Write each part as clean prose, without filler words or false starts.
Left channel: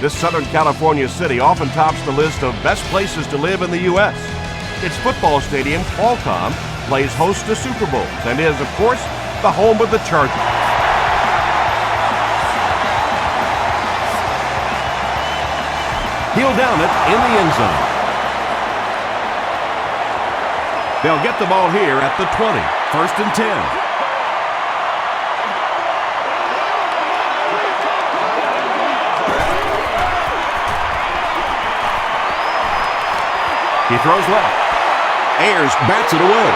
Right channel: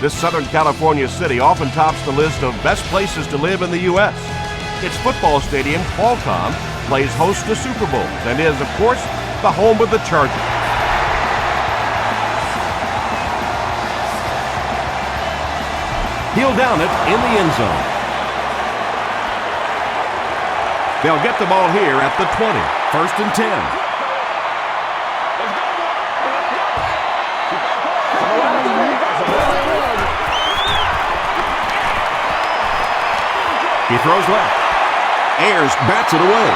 This Southern California city often tops the list of best places to live in the U.S. Its football stadium, Qualcomm, plays host to Super Bowls and is, of course, the home of the Chargers. He'll down it in the end zone. They'll get the ball here at the 20, 1st and 10. He throws left. Ayers bats it away.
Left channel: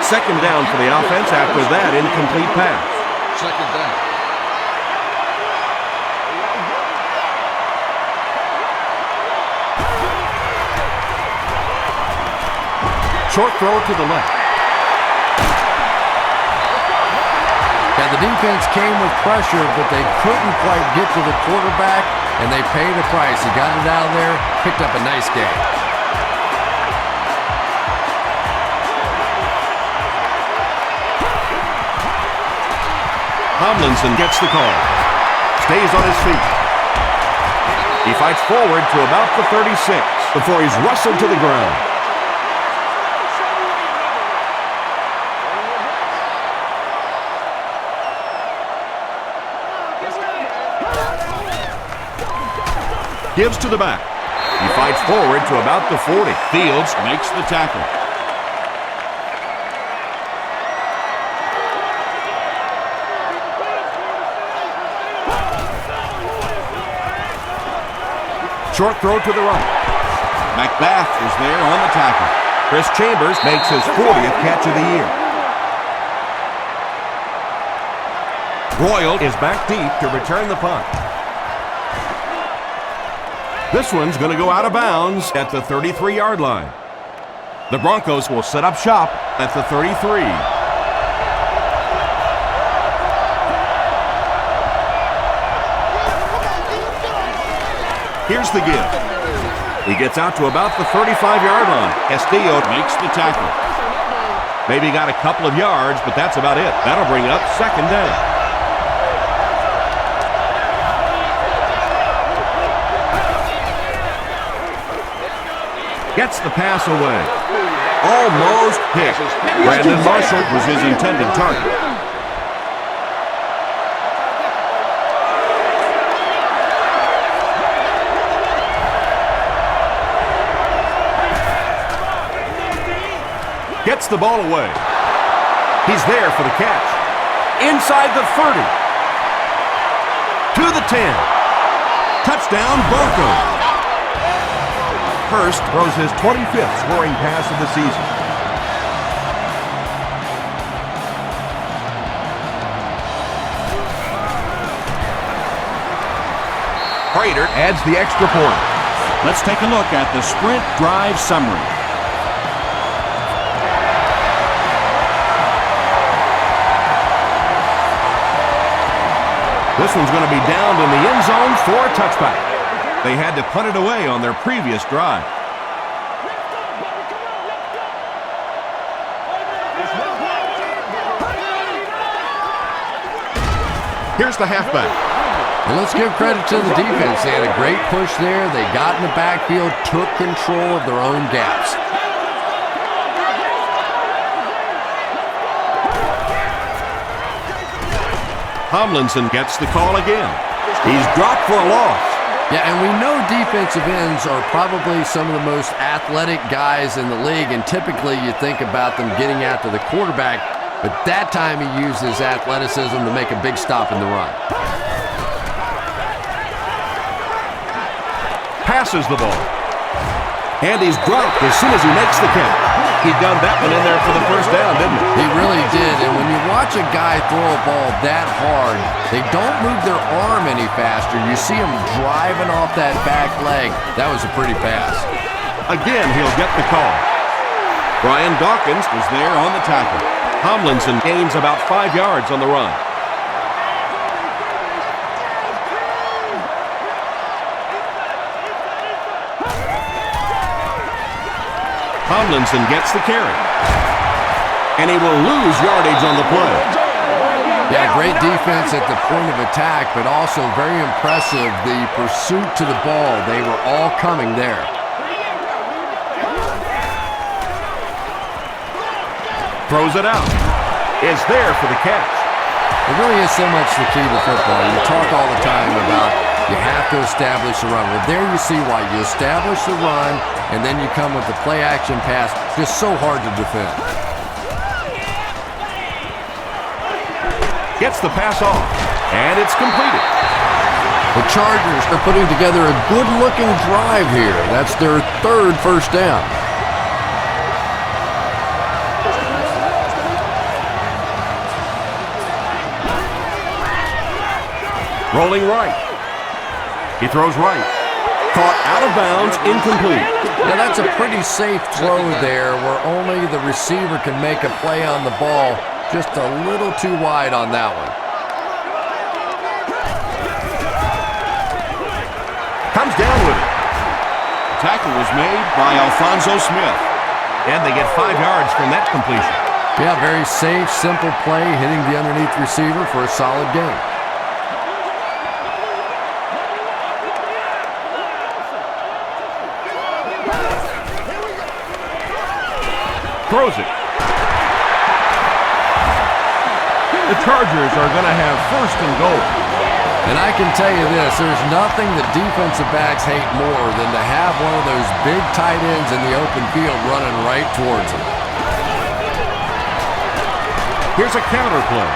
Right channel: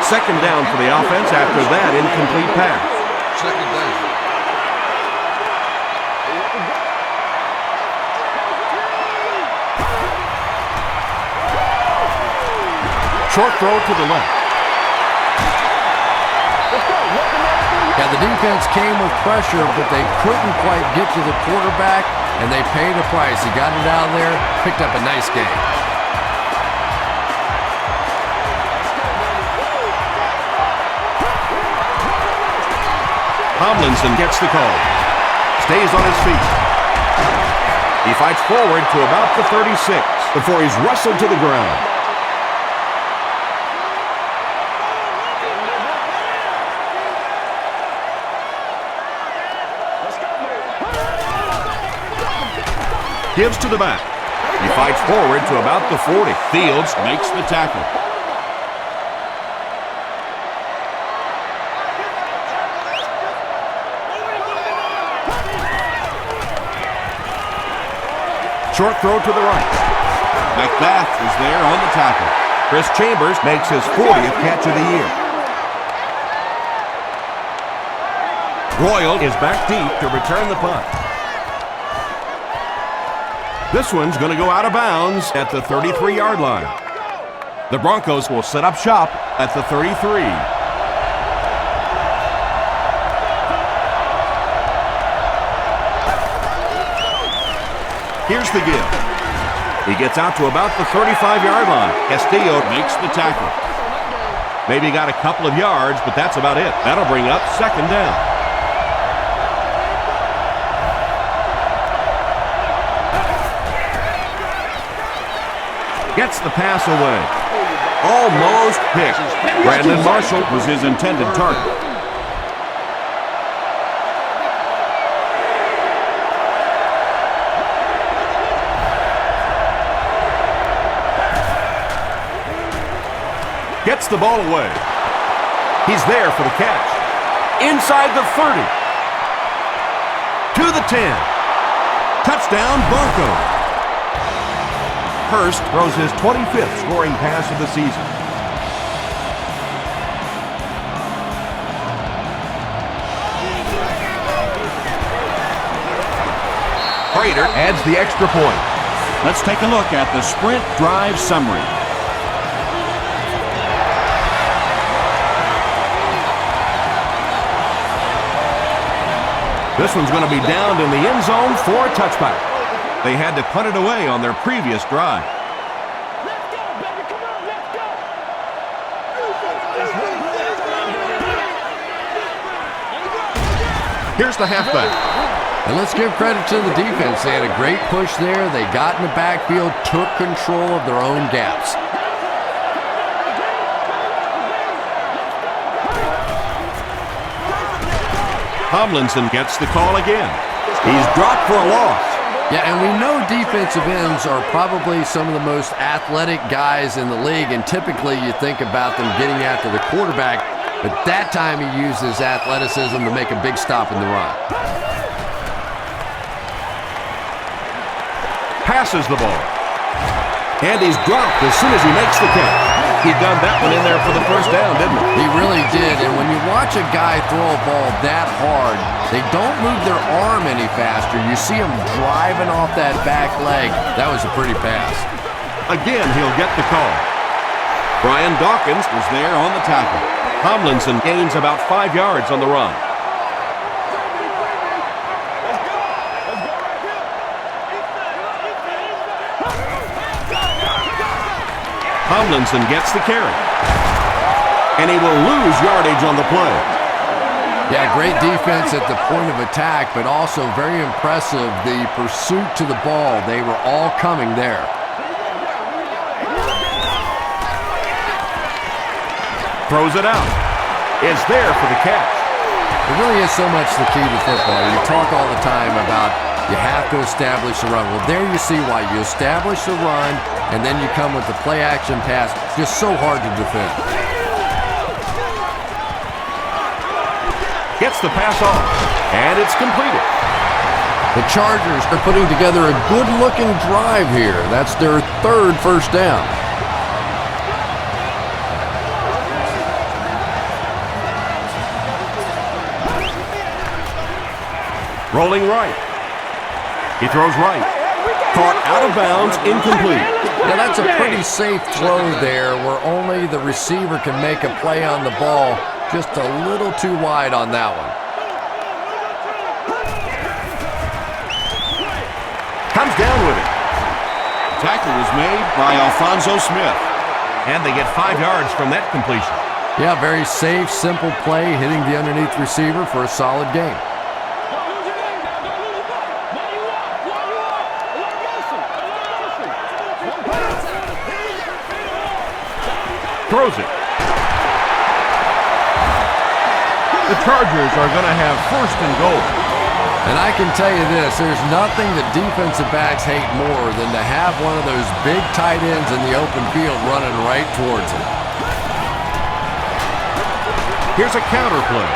2nd down for the offense after that incomplete pass. 2nd down. Short throw to the left. Yeah, the defense came with pressure, but they couldn't quite get to the quarterback, and they paid a price. He got it out of there, picked up a nice game. Tomlinson gets the call. Stays on his feet. He fights forward to about the 36 before he's wrestled to the ground. Gives to the back. He fights forward to about the 40. Fields makes the tackle. Short throw to the right. McBath is there on the tackle. Chris Chambers makes his 40th catch of the year. Royal is back deep to return the punt. This one's going to go out of bounds at the 33-yard line. The Broncos will set up shop at the 33. Here's the give. He gets out to about the 35-yard line. Castillo makes the tackle. Maybe got a couple of yards, but that's about it. That'll bring up 2nd down. Gets the pass away. Almost hit. Brandon Marshall was his intended target. Gets the ball away. He's there for the catch. Inside the 30. To the 10. Touchdown, Broncos. Hurst throws his 25th scoring pass of the season. Prater adds the extra point. Let's take a look at the sprint drive summary. This one's going to be downed in the end zone for a touchback. They had to punt it away on their previous drive. Let's go, baby. Come on, let's go. Here's the halfback. And let's give credit to the defense. They had a great push there. They got in the backfield, took control of their own gaps. Tomlinson gets the call again. He's dropped for a loss. Yeah, and we know defensive ends are probably some of the most athletic guys in the league, and typically you think about them getting after the quarterback, but that time he used his athleticism to make a big stop in the run. Passes the ball. And he's dropped as soon as he makes the catch. He gunned that one in there for the first down, didn't he? He really did, and when you watch a guy throw a ball that hard, they don't move their arm any faster. You see him driving off that back leg. That was a pretty pass. Again, he'll get the call. Brian Dawkins was there on the tackle. Tomlinson gains about 5 yards on the run. Tomlinson gets the carry. And he will lose yardage on the play. Yeah, great defense at the point of attack, but also very impressive the pursuit to the ball. They were all coming there. Throws it out. Is there for the catch. It really is so much the key to football. You talk all the time about you have to establish the run. Well, there you see why. You establish the run, and then you come with the play-action pass. Just so hard to defend. Gets the pass off, and it's completed. The Chargers are putting together a good-looking drive here. That's their third first down. Rolling right. He throws right. Caught out of bounds, incomplete. Now that's a pretty safe throw there where only the receiver can make a play on the ball. Just a little too wide on that one. Comes down with it. The tackle was made by Alfonso Smith. And they get 5 yards from that completion. Yeah, very safe, simple play, hitting the underneath receiver for a solid game. Throws it. The Chargers are going to have first and goal. And I can tell you this, there's nothing that defensive backs hate more than to have one of those big tight ends in the open field running right towards them. Here's a counter play.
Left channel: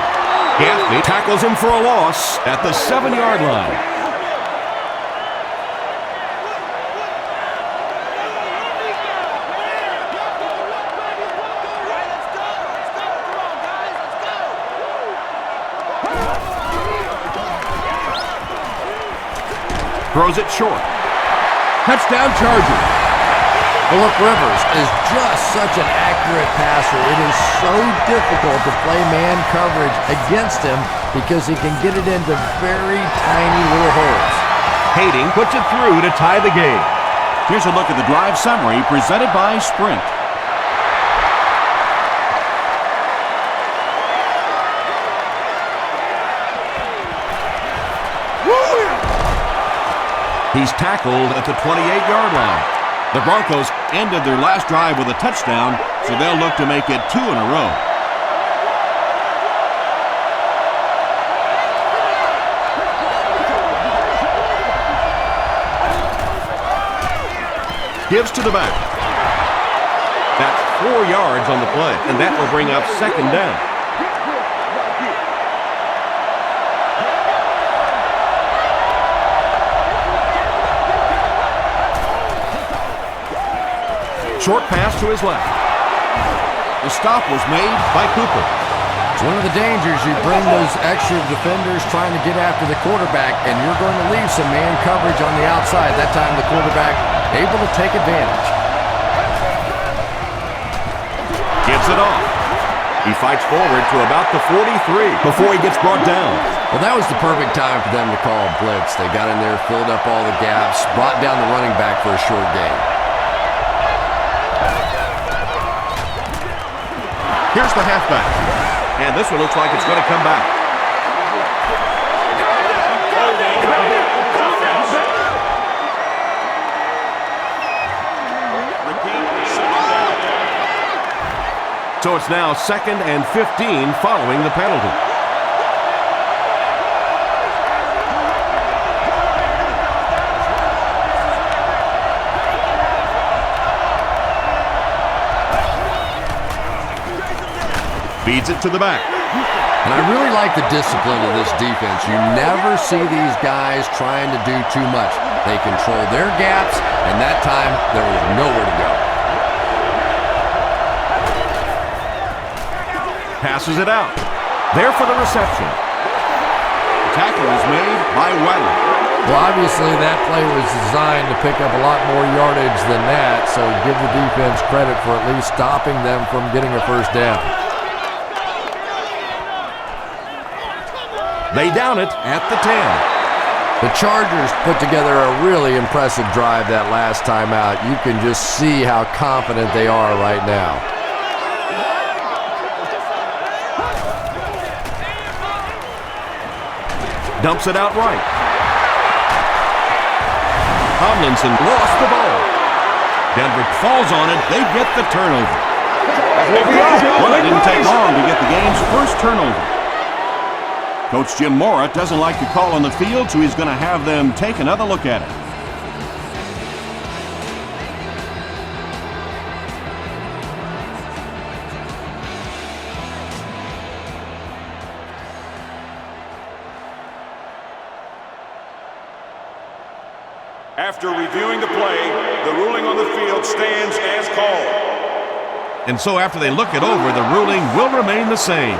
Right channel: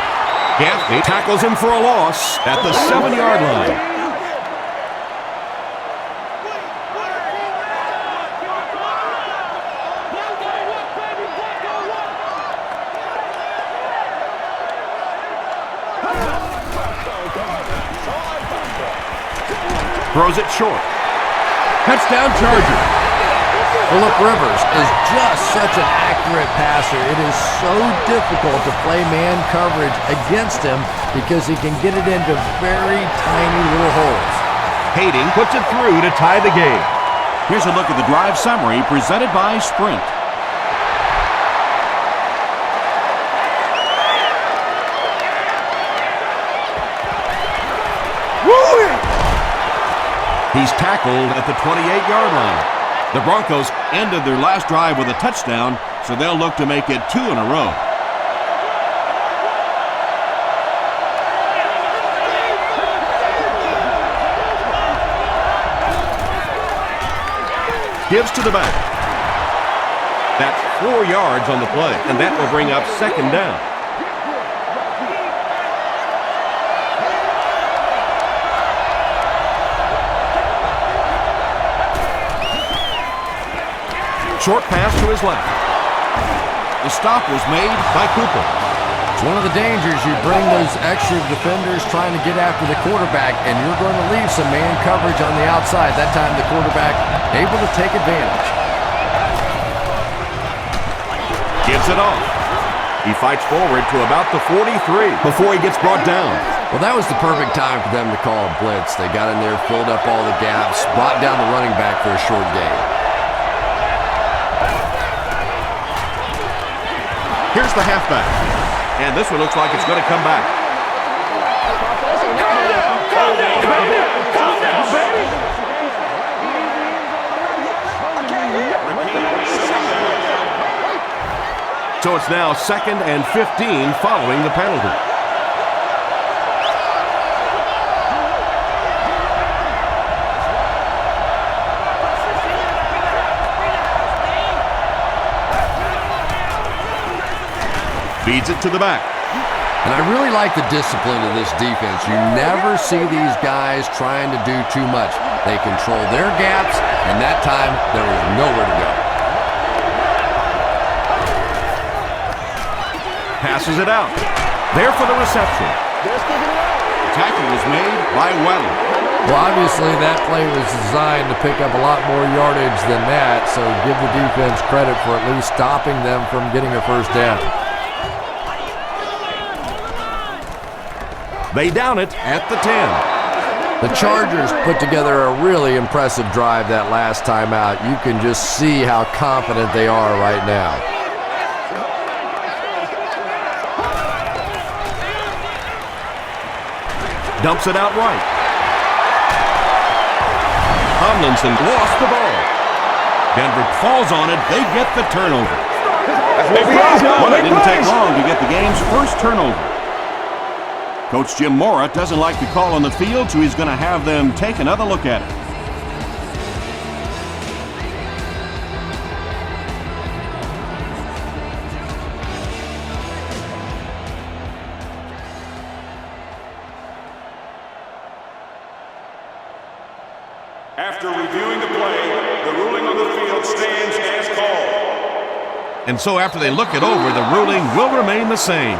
Gaffney tackles him for a loss at the 7-yard line. Throws it short. Touchdown Chargers. Phillip Rivers is just such an accurate passer. It is so difficult to play man coverage against him because he can get it into very tiny little holes. Hayden puts it through to tie the game. Here's a look at the drive summary presented by Sprint. He's tackled at the 28-yard line. The Broncos ended their last drive with a touchdown, so they'll look to make it 2 in a row. Gives to the back. That's 4 yards on the play, and that will bring up second down. Short pass to his left. The stop was made by Cooper. It's one of the dangers. You bring those extra defenders trying to get after the quarterback, and you're going to leave some man coverage on the outside. That time the quarterback able to take advantage. Gives it off. He fights forward to about the 43 before he gets brought down. Well, that was the perfect time for them to call a blitz. They got in there, filled up all the gaps, brought down the running back for a short gain. Here's the halfback. And this one looks like it's going to come back. So it's now 2nd and 15 following the penalty. Feeds it to the back. And I really like the discipline of this defense. You never see these guys trying to do too much. They control their gaps, and that time there was nowhere to go. Passes it out. There for the reception. The tackle was made by Weddle. Well, obviously that play was designed to pick up a lot more yardage than that, so give the defense credit for at least stopping them from getting a first down. They down it at the 10. The Chargers put together a really impressive drive that last time out. You can just see how confident they are right now. Dumps it out right. Tomlinson lost the ball. Denver falls on it. They get the turnover. Well, it didn't take long to get the game's first turnover. Coach Jim Mora doesn't like the call on the field, so he's going to have them take another look at it. After reviewing the play, the ruling on the field stands as called. And so after they look it over, the ruling will remain the same.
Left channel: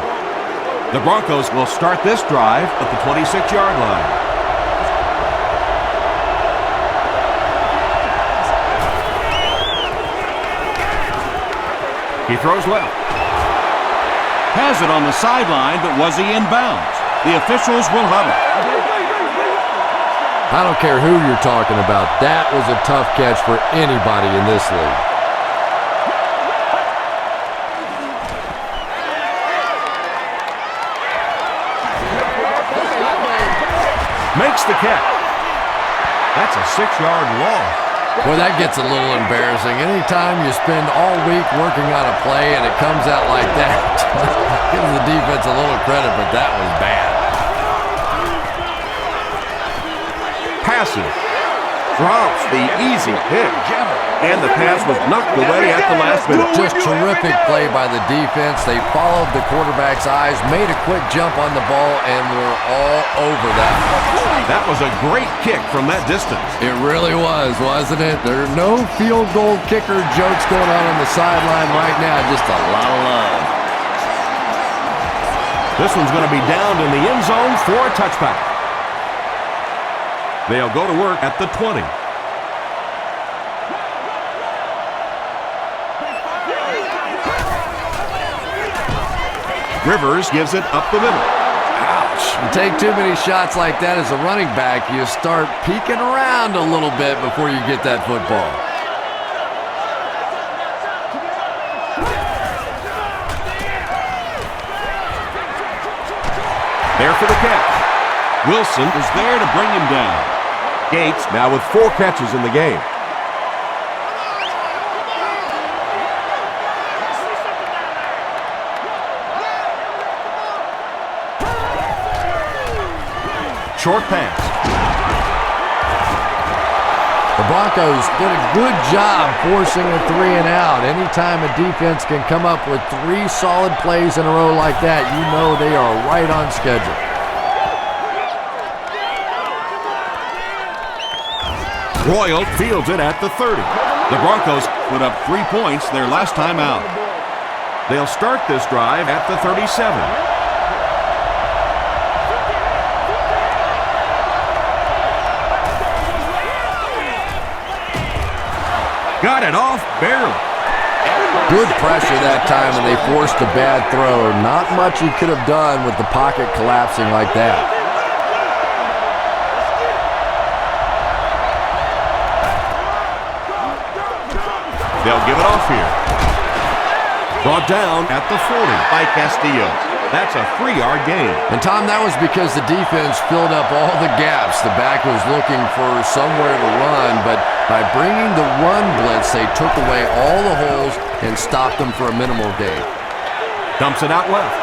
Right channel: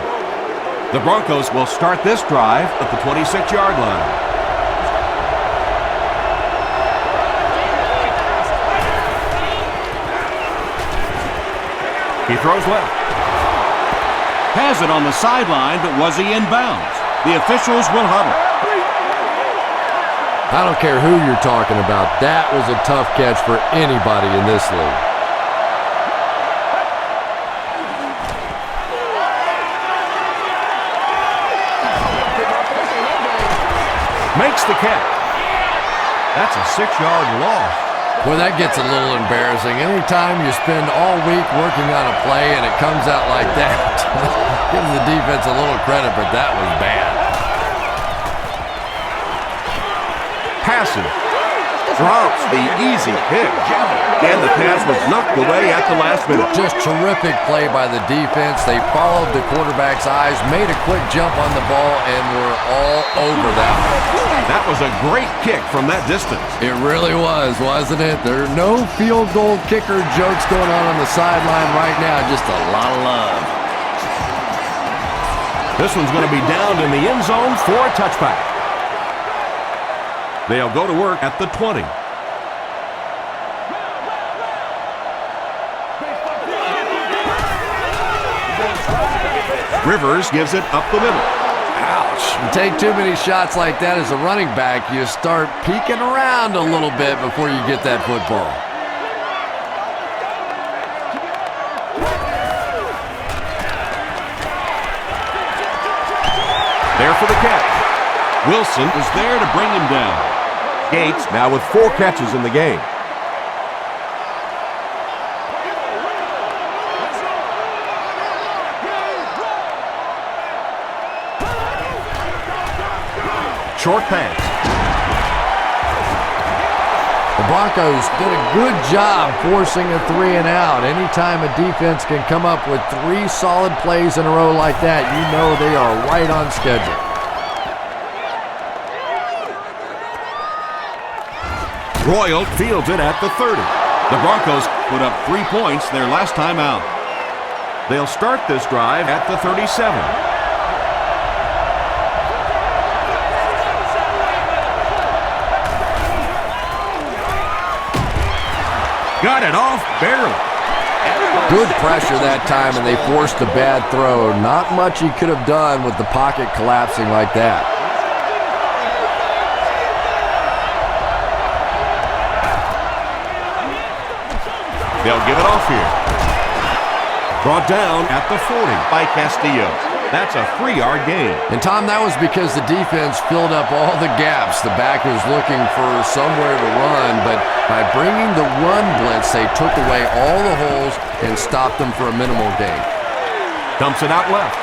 The Broncos will start this drive at the 26-yard line. He throws left. Has it on the sideline, but was he in bounds? The officials will huddle. I don't care who you're talking about. That was a tough catch for anybody in this league. Makes the catch. That's a 6-yard loss. Boy, that gets a little embarrassing. Anytime you spend all week working on a play and it comes out like that, give the defense a little credit, but that was bad. Passes. Drops the easy pick. And the pass was knocked away at the last minute. Just terrific play by the defense. They followed the quarterback's eyes, made a quick jump on the ball, and were all over that one. That was a great kick from that distance. It really was, wasn't it? There are no field goal kicker jokes going on the sideline right now. Just a lot of love. This one's going to be down in the end zone for a touchback. They'll go to work at the 20. Rivers gives it up the middle. Ouch. You take too many shots like that as a running back, you start peeking around a little bit before you get that football. There for the catch. Wilson is there to bring him down. Gates now with 4 catches in the game. Short pass. The Broncos did a good job forcing a 3 and out. Anytime a defense can come up with 3 solid plays in a row like that, you know they are right on schedule. Royal fields it at the 30. The Broncos put up 3 points their last time out. They'll start this drive at the 37. Got it off barely. Good pressure that time, and they forced a bad throw. Not much he could have done with the pocket collapsing like that. They'll give it off here. Brought down at the 40 by Castillo. That's a 3-yard gain. And Tom, that was because the defense filled up all the gaps. The back was looking for somewhere to run, but by bringing the run blitz, they took away all the holes and stopped them for a minimal gain. Dumps it out left.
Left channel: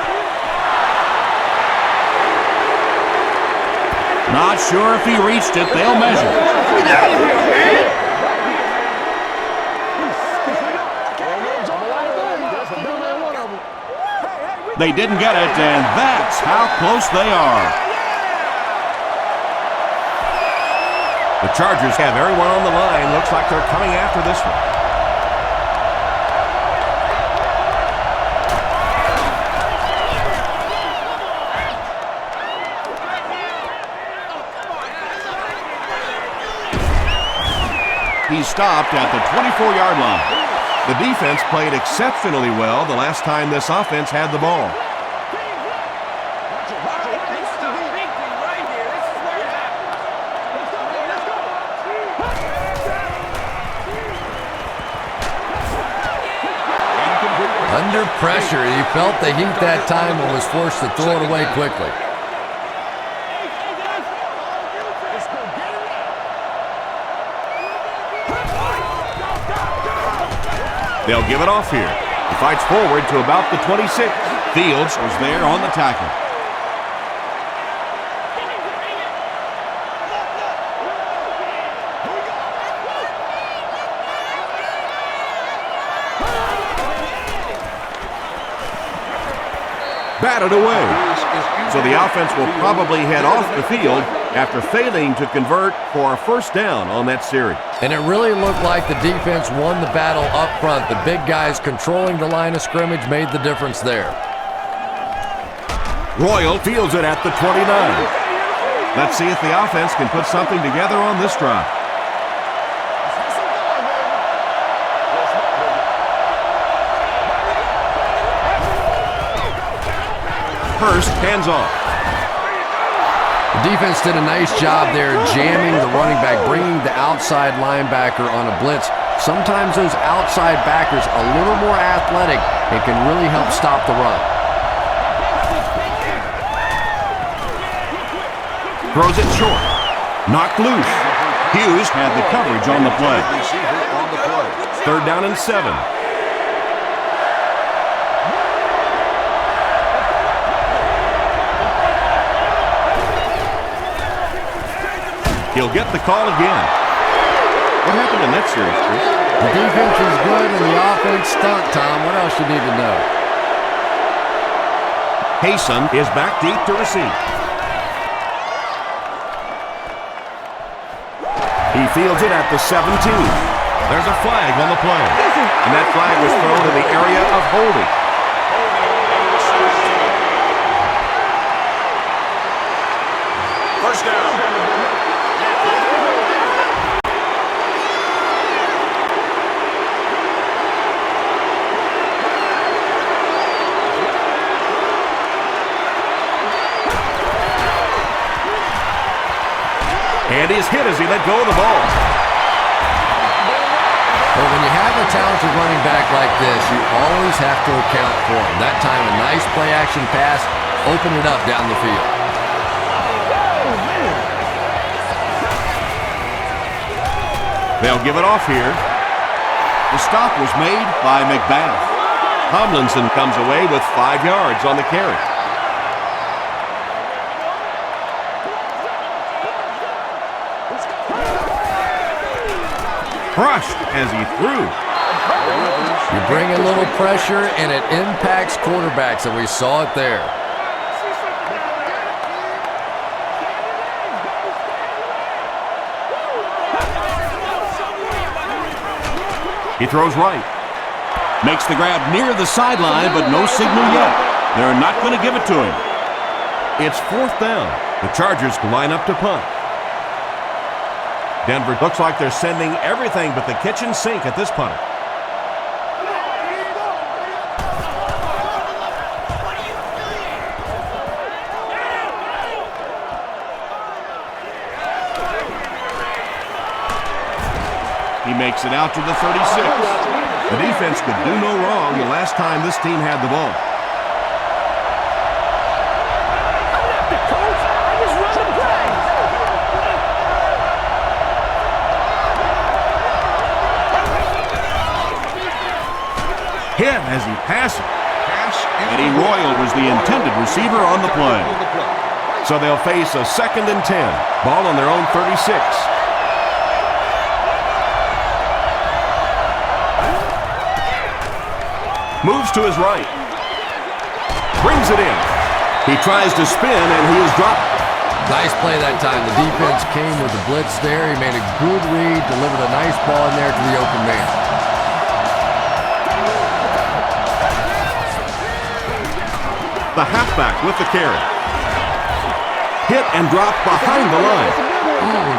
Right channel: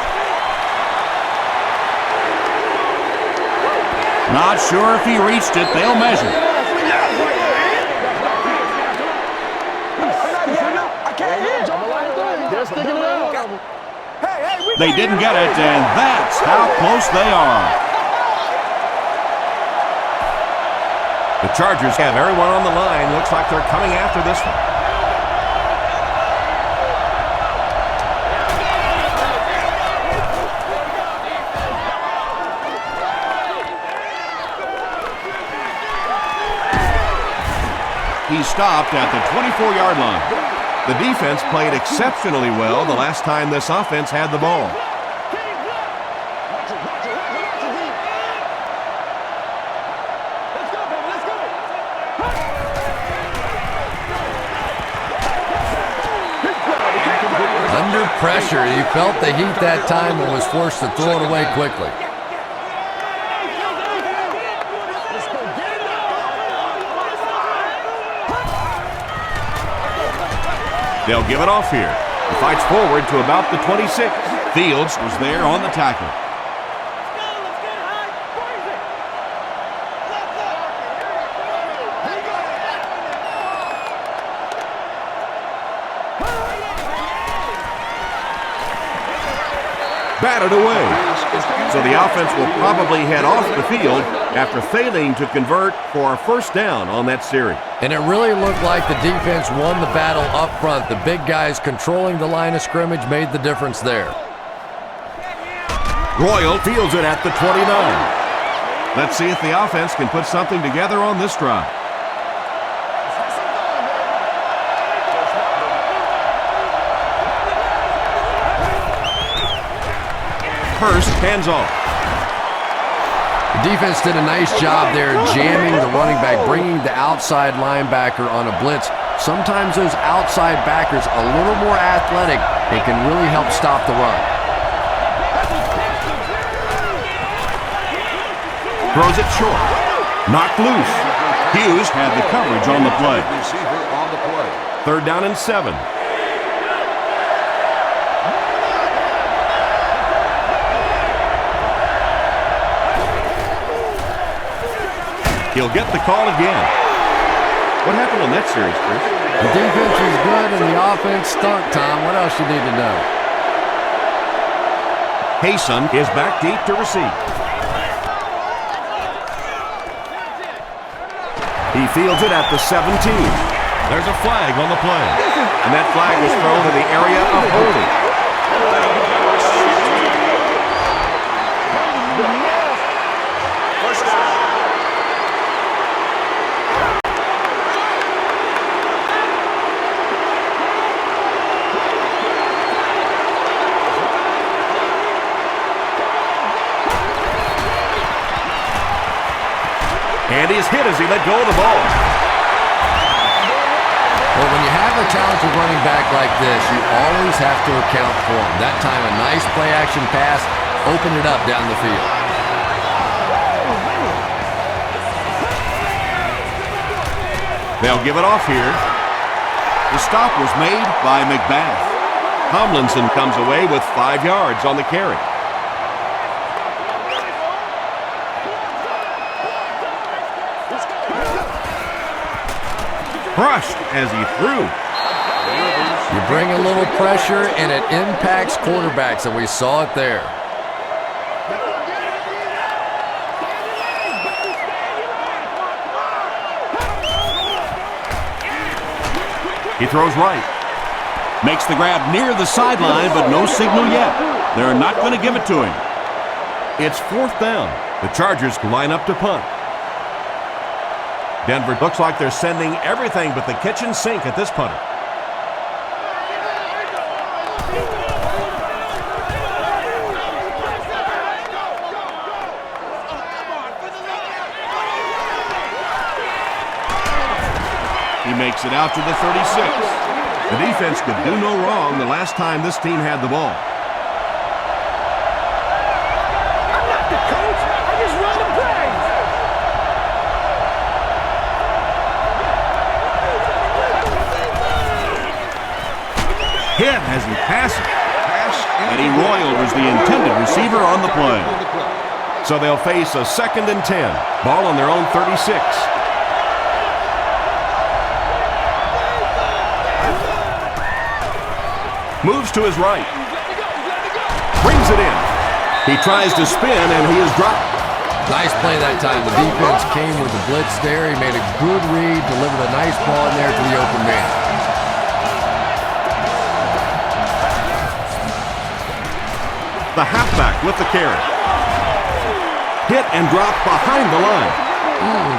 Not sure if he reached it. They'll measure. They didn't get it, and that's how close they are. The Chargers have everyone on the line. Looks like they're coming after this one. He stopped at the 24-yard line. The defense played exceptionally well the last time this offense had the ball. Under pressure, he felt the heat that time and was forced to throw it away quickly. They'll give it off here. He fights forward to about the 26. Fields was there on the tackle. Batted away. So the offense will probably head off the field after failing to convert for a first down on that series. And it really looked like the defense won the battle up front. The big guys controlling the line of scrimmage made the difference there. Royal fields it at the 29. Let's see if the offense can put something together on this drive. Let's have some fun, baby. Just not, baby. Hurst hands off. The defense did a nice job there jamming the running back, bringing the outside linebacker on a blitz. Sometimes those outside backers a little more athletic and can really help stop the run. Throws it short. Knocked loose. Hughes had the coverage on the play. 3rd down and 7. He'll get the call again. What happened in that series, Chris? The defense was good and the offense stunk, Tom. What else you need to know? Hayson is back deep to receive. He fields it at the 17. There's a flag on the play. And that flag was thrown in the area of holding. First down. And he's hit as he let go of the ball. Well, when you have a talented running back like this, you always have to account for him. That time, a nice play-action pass opened it up down the field. They'll give it off here. The stop was made by McBath. Tomlinson comes away with 5 yards on the carry. Crushed as he threw. You bring a little pressure, and it impacts quarterbacks, and we saw it there. He throws right. Makes the grab near the sideline, but no signal yet. They're not going to give it to him. It's 4th down. The Chargers line up to punt. Denver looks like they're sending everything but the kitchen sink at this punter. He makes it out to the 36. The defense could do no wrong the last time this team had the ball. I'm not the coach. I just run the plays. Hit as he passes. Eddie Royal was the intended receiver on the play. So they'll face a 2nd and 10. Ball on their own 36. Moves to his right. Brings it in. He tries to spin and he is dropped. Nice play that time. The defense came with the blitz there. He made a good read, delivered a nice ball in there to the open man. The halfback with the carry. Hit and dropped behind the line.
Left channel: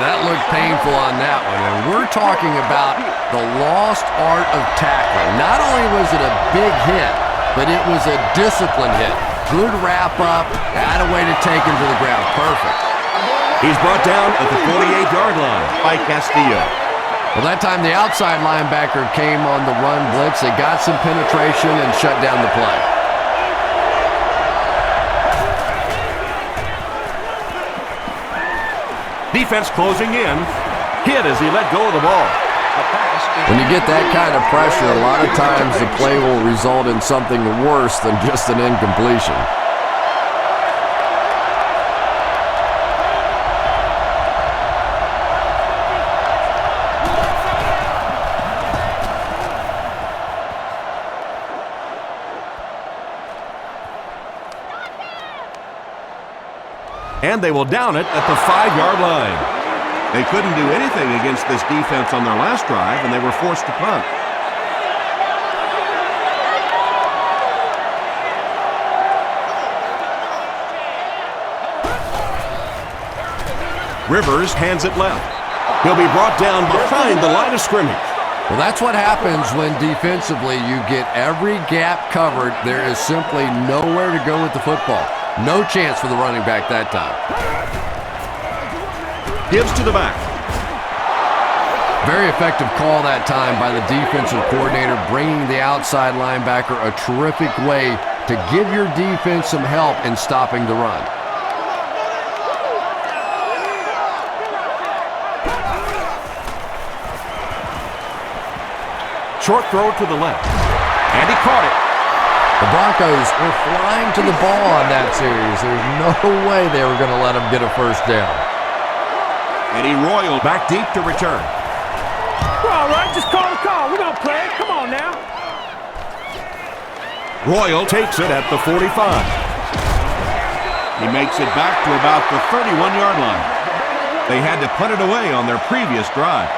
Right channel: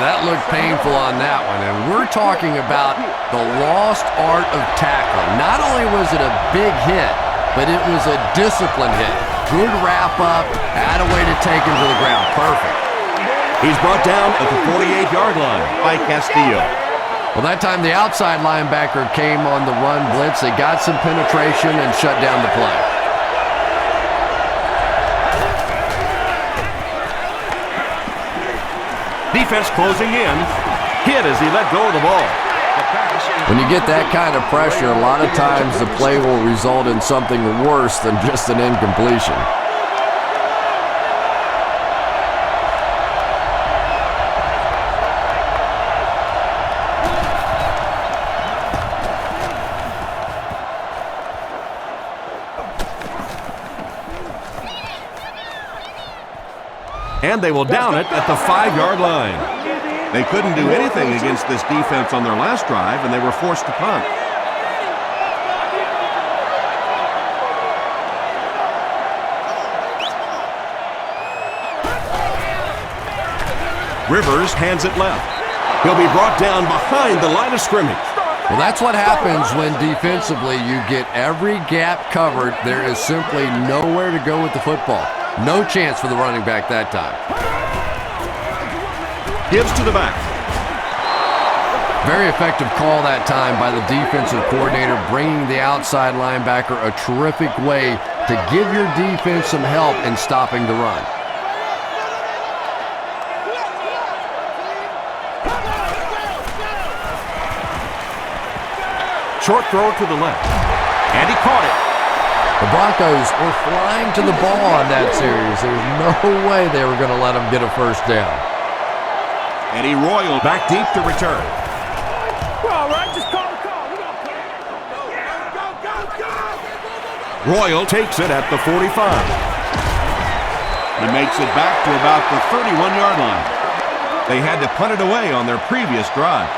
That looked painful on that one. And we're talking about the lost art of tackling. Not only was it a big hit, but it was a disciplined hit. Good wrap up, had a way to take him to the ground. Perfect. He's brought down at the 48-yard line by Castillo. Well, that time the outside linebacker came on the run blitz. They got some penetration and shut down the play. Defense closing in. Hit as he let go of the ball. When you get that kind of pressure, a lot of times the play will result in something worse than just an incompletion. And they will down it at the 5-yard line. They couldn't do anything against this defense on their last drive, and they were forced to punt. Rivers hands it left. He'll be brought down behind the line of scrimmage. Well, that's what happens when defensively you get every gap covered. There is simply nowhere to go with the football. No chance for the running back that time. Gives to the back. Very effective call that time by the defensive coordinator, bringing the outside linebacker a terrific way to give your defense some help in stopping the run. Short throw to the left. And he caught it. The Broncos were flying to the ball on that series. There's no way they were going to let them get a first down. Eddie Royal back deep to return. We're all right. Just call the call. We're going to play. Come on now. Royal takes it at the 45. He makes it back to about the 31-yard line. They had to punt it away on their previous drive.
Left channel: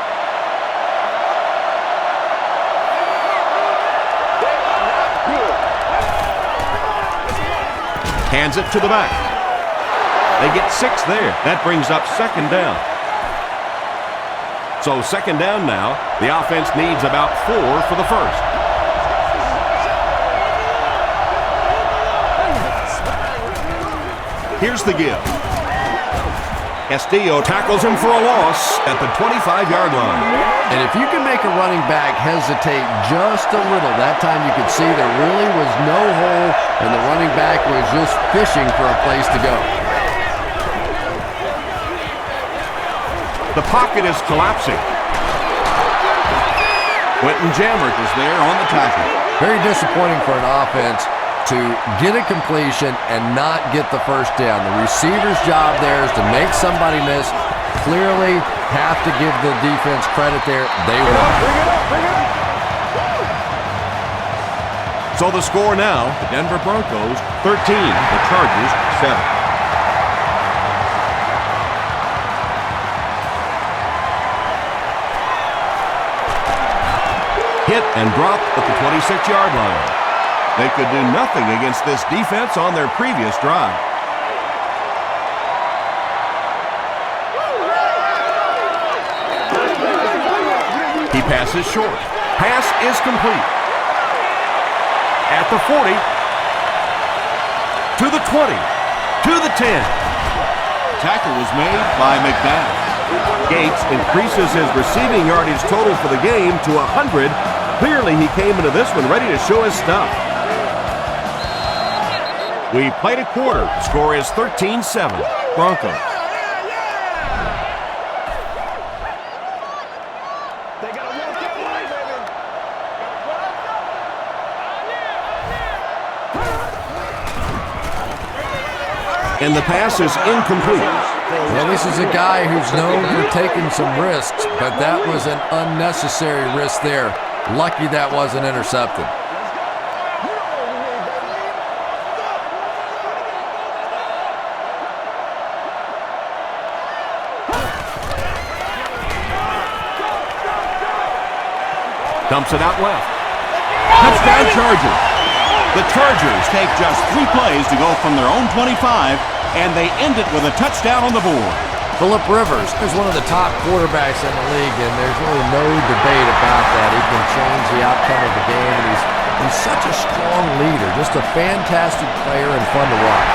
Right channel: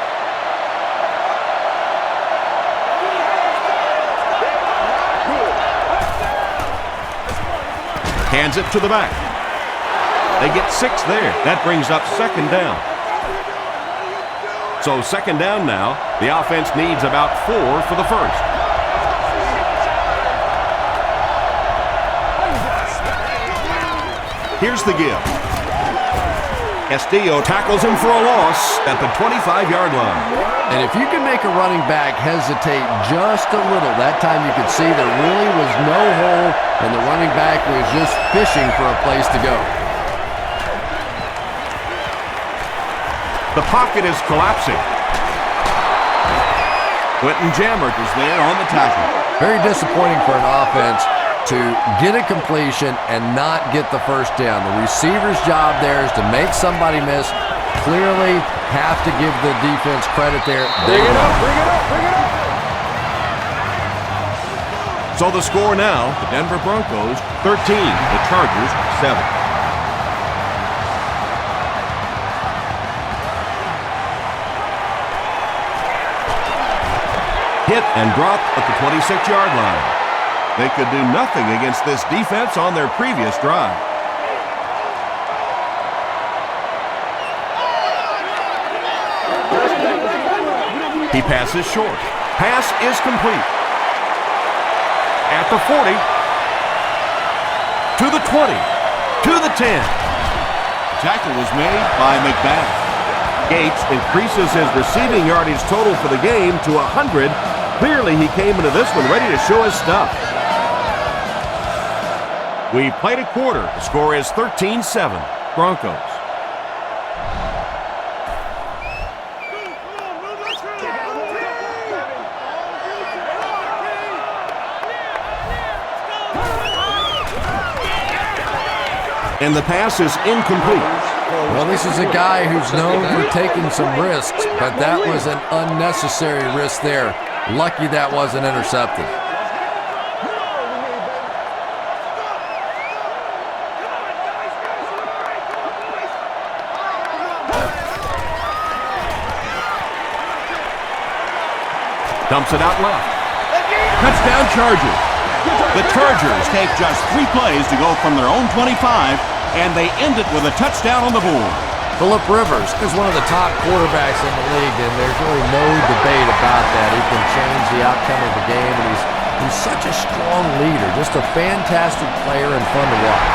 Hands it to the back. They get 6 there. That brings up second down. So second down now. The offense needs about 4 for the first. Here's the give. Castillo tackles him for a loss at the 25-yard line. And if you can make a running back hesitate just a little, that time you could see there really was no hole and the running back was just fishing for a place to go. The pocket is collapsing. Quentin Jammert is there on the tackle. Very disappointing for an offense to get a completion and not get the first down. The receiver's job there is to make somebody miss. Clearly have to give the defense credit there. They won. Bring it up, bring it up. So the score now, the Denver Broncos 13, the Chargers 7. Hit and drop at the 26-yard line. They could do nothing against this defense on their previous drive. He passes short. Pass is complete. At the 40. To the 20. To the 10. Tackle was made by McBath. Gates increases his receiving yardage total for the game to 100. Clearly he came into this one ready to show his stuff. We played a quarter. The score is 13-7. Broncos. They got to walk that way, baby. And the pass is incomplete. Well, this is a guy who's known for taking some risks, but that was an unnecessary risk there. Lucky that wasn't intercepted. You know what we need, baby. Dumps it out left. Touchdown Chargers. The Chargers take just 3 plays to go from their own 25, and they end it with a touchdown on the board. Phillip Rivers is one of the top quarterbacks in the league, and there's really no debate about that. He can change the outcome of the game, and he's such a strong leader, just a fantastic player and fun to watch.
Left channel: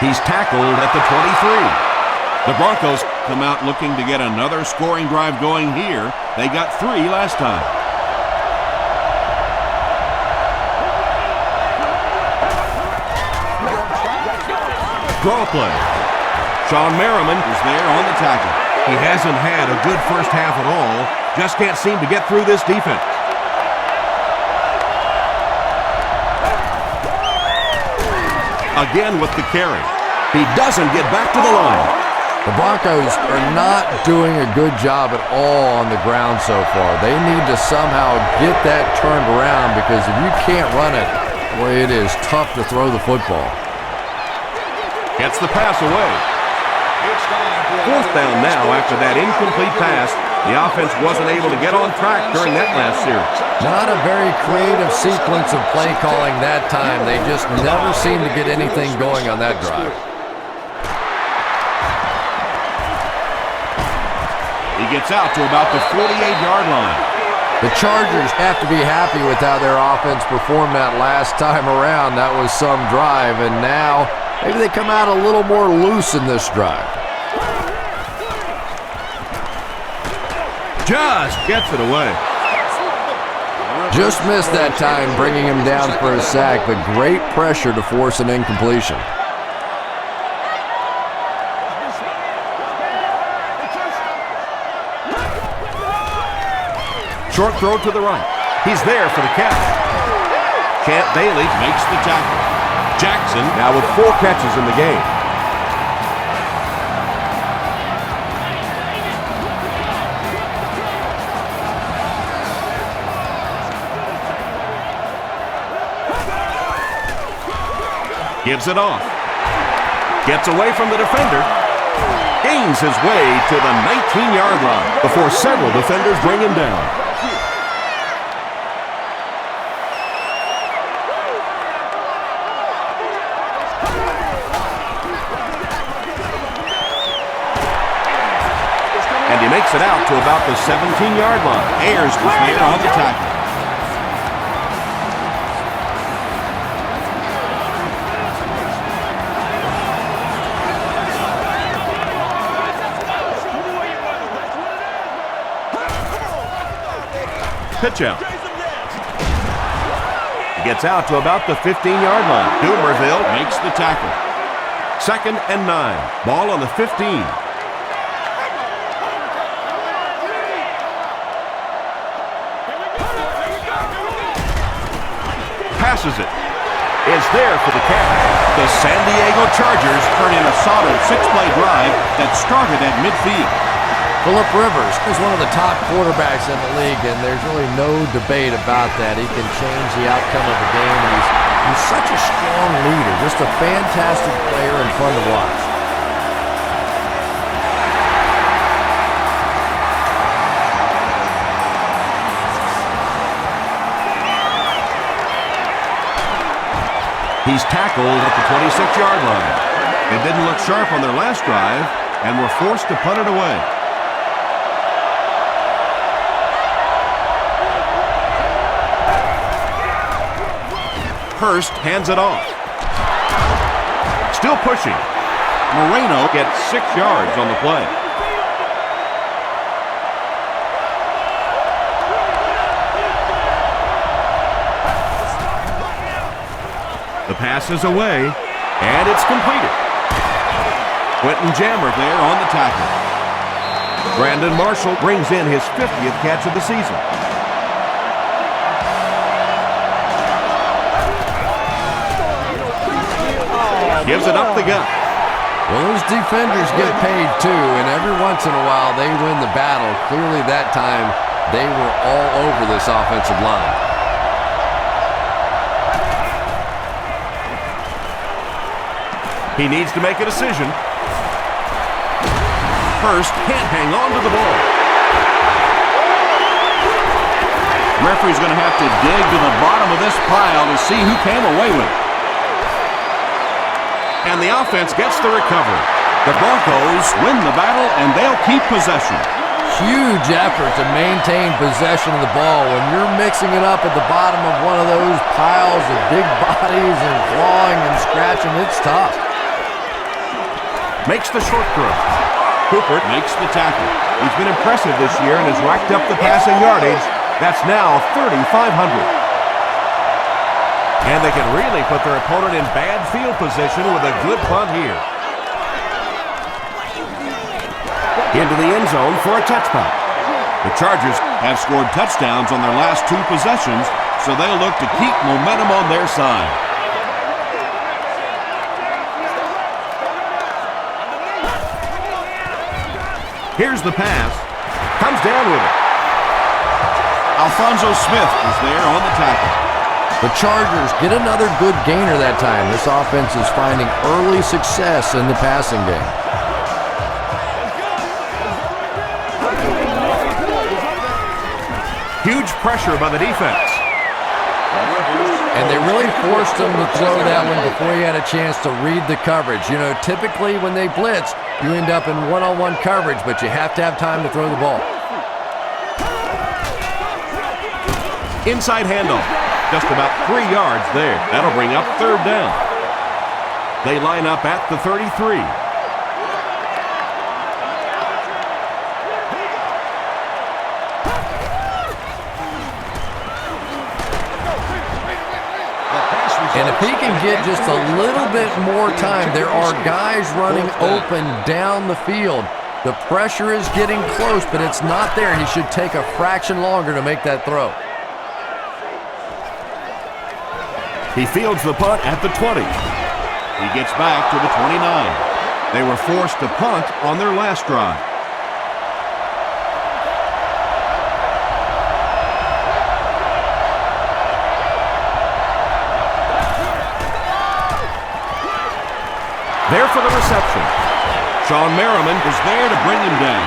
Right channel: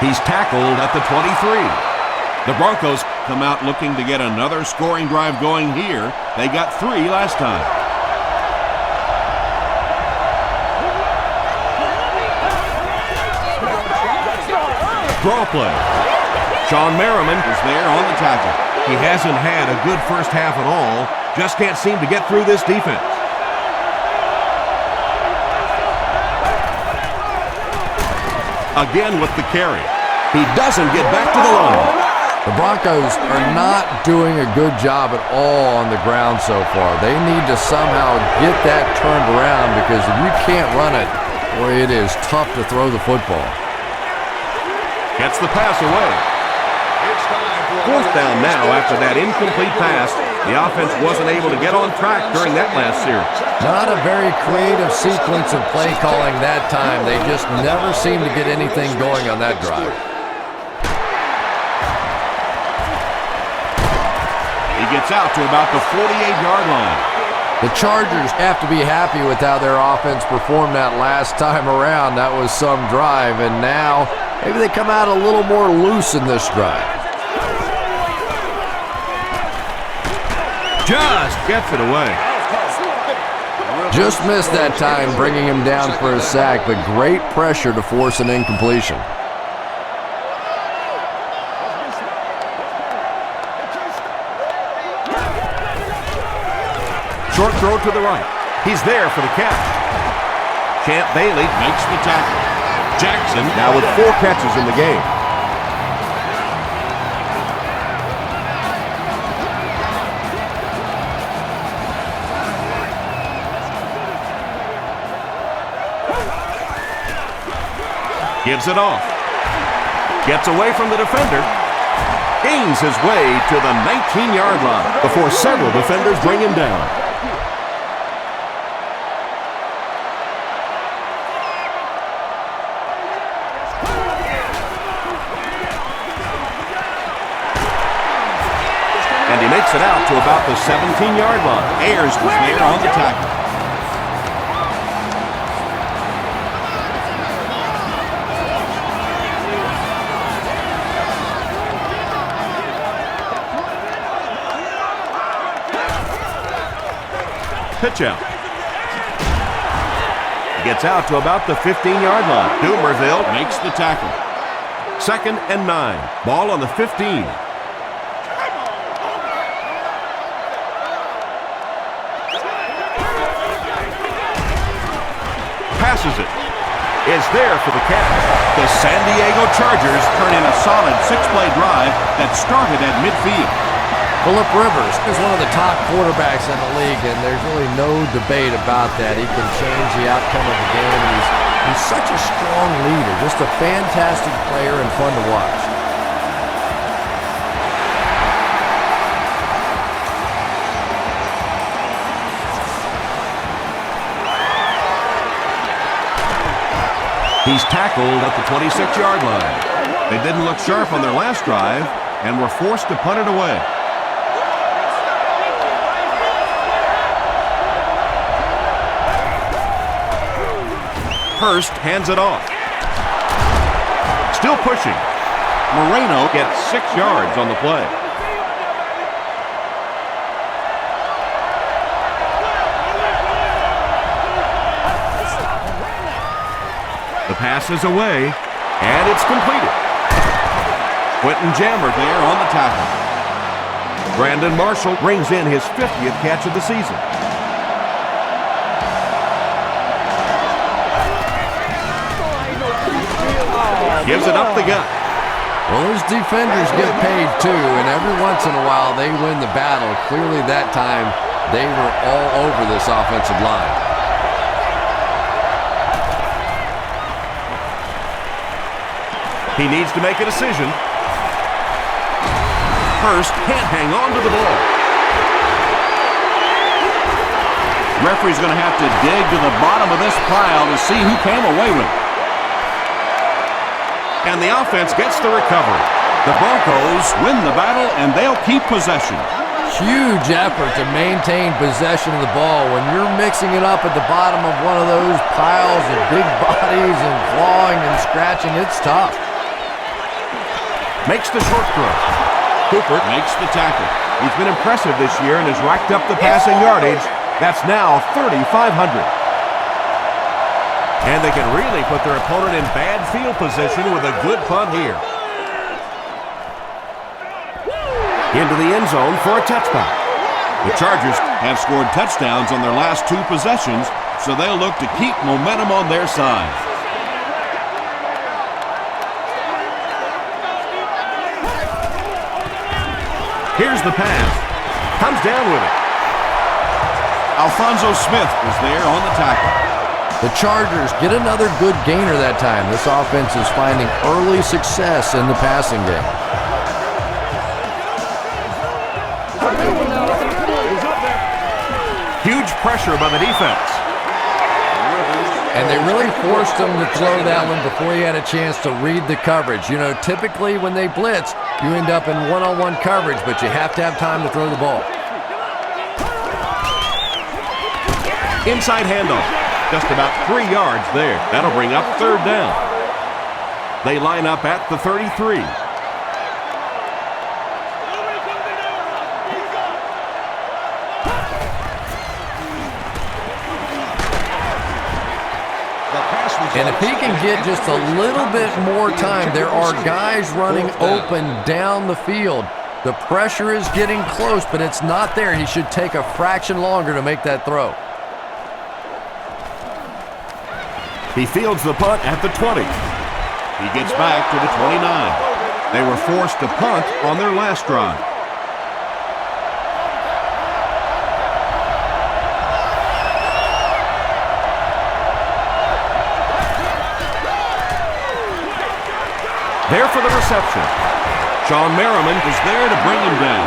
He's tackled at the 23. The Broncos come out looking to get another scoring drive going here. They got 3 last time. Draw play. Sean Merriman is there on the tackle. He hasn't had a good first half at all. Just can't seem to get through this defense. Again with the carry. He doesn't get back to the line. The Broncos are not doing a good job at all on the ground so far. They need to somehow get that turned around, because if you can't run it, boy, it is tough to throw the football. Gets the pass away. Fourth down now after that incomplete pass. The offense wasn't able to get on track during that last series. Not a very creative sequence of play calling that time. They just never seem to get anything going on that drive. He gets out to about the 48-yard line. The Chargers have to be happy with how their offense performed that last time around. That was some drive, and now maybe they come out a little more loose in this drive. Just gets it away. Just missed that time, bringing him down for a sack, but great pressure to force an incompletion. Short throw to the right. He's there for the catch. Champ Bailey makes the tackle. Jackson now with 4 catches in the game. Gives it off. Gets away from the defender. Gains his way to the 19-yard line before several defenders bring him down. And he makes it out to about the 17-yard line. Ayers was there on the tackle. Pitch out. He gets out to about the 15-yard line. Dumerville makes the tackle. 2nd and 9. Ball on the 15. Passes it. Is there for the catch. The San Diego Chargers turn in a solid 6-play drive that started at midfield. Phillip Rivers is one of the top quarterbacks in the league, and there's really no debate about that. He can change the outcome of a game, and he's such a strong leader, just a fantastic player and fun to watch. He's tackled at the 26-yard line. They didn't look sharp on their last drive and were forced to punt it away. Hurst hands it off. Still pushing. Moreno gets 6 yards on the play. The pass is away, and it's completed. Quentin Jammer there on the tackle. Brandon Marshall brings in his 50th catch of the season. Gives it up the gut. Well, those defenders get paid too, and every once in a while they win the battle. Clearly that time they were all over this offensive line. He needs to make a decision. Hurst can't hang on to the ball. Referee's going to have to dig to the bottom of this pile to see who came away with it. And the offense gets the recovery. The Broncos win the battle, and they'll keep possession. Huge effort to maintain possession of the ball. When you're mixing it up at the bottom of one of those piles of big bodies and clawing and scratching, it's tough. Makes the short throw. Cooper makes the tackle. He's been impressive this year and has racked up the passing yardage. That's now 3,500. And they can really put their opponent in bad field position with a good punt here. Into the end zone for a touchback. The Chargers have scored touchdowns on their last 2 possessions, so they'll look to keep momentum on their side. Here's the pass. Comes down with it. Alfonso Smith was there on the tackle. The Chargers get another good gainer that time. This offense is finding early success in the passing game. Huge pressure by the defense. And they really forced him to throw that one before he had a chance to read the coverage. You know, typically when they blitz, you end up in one-on-one coverage, but you have to have time to throw the ball. Inside handoff. Just about 3 yards there. That'll bring up 3rd down. They line up at the 33. And if he can get just a little bit more time, there are guys running open down the field. The pressure is getting close, but it's not there. He should take a fraction longer to make that throw. He fields the punt at the 20. He gets back to the 29. They were forced to punt on their last drive. There for the reception. Sean Merriman was there to bring him down.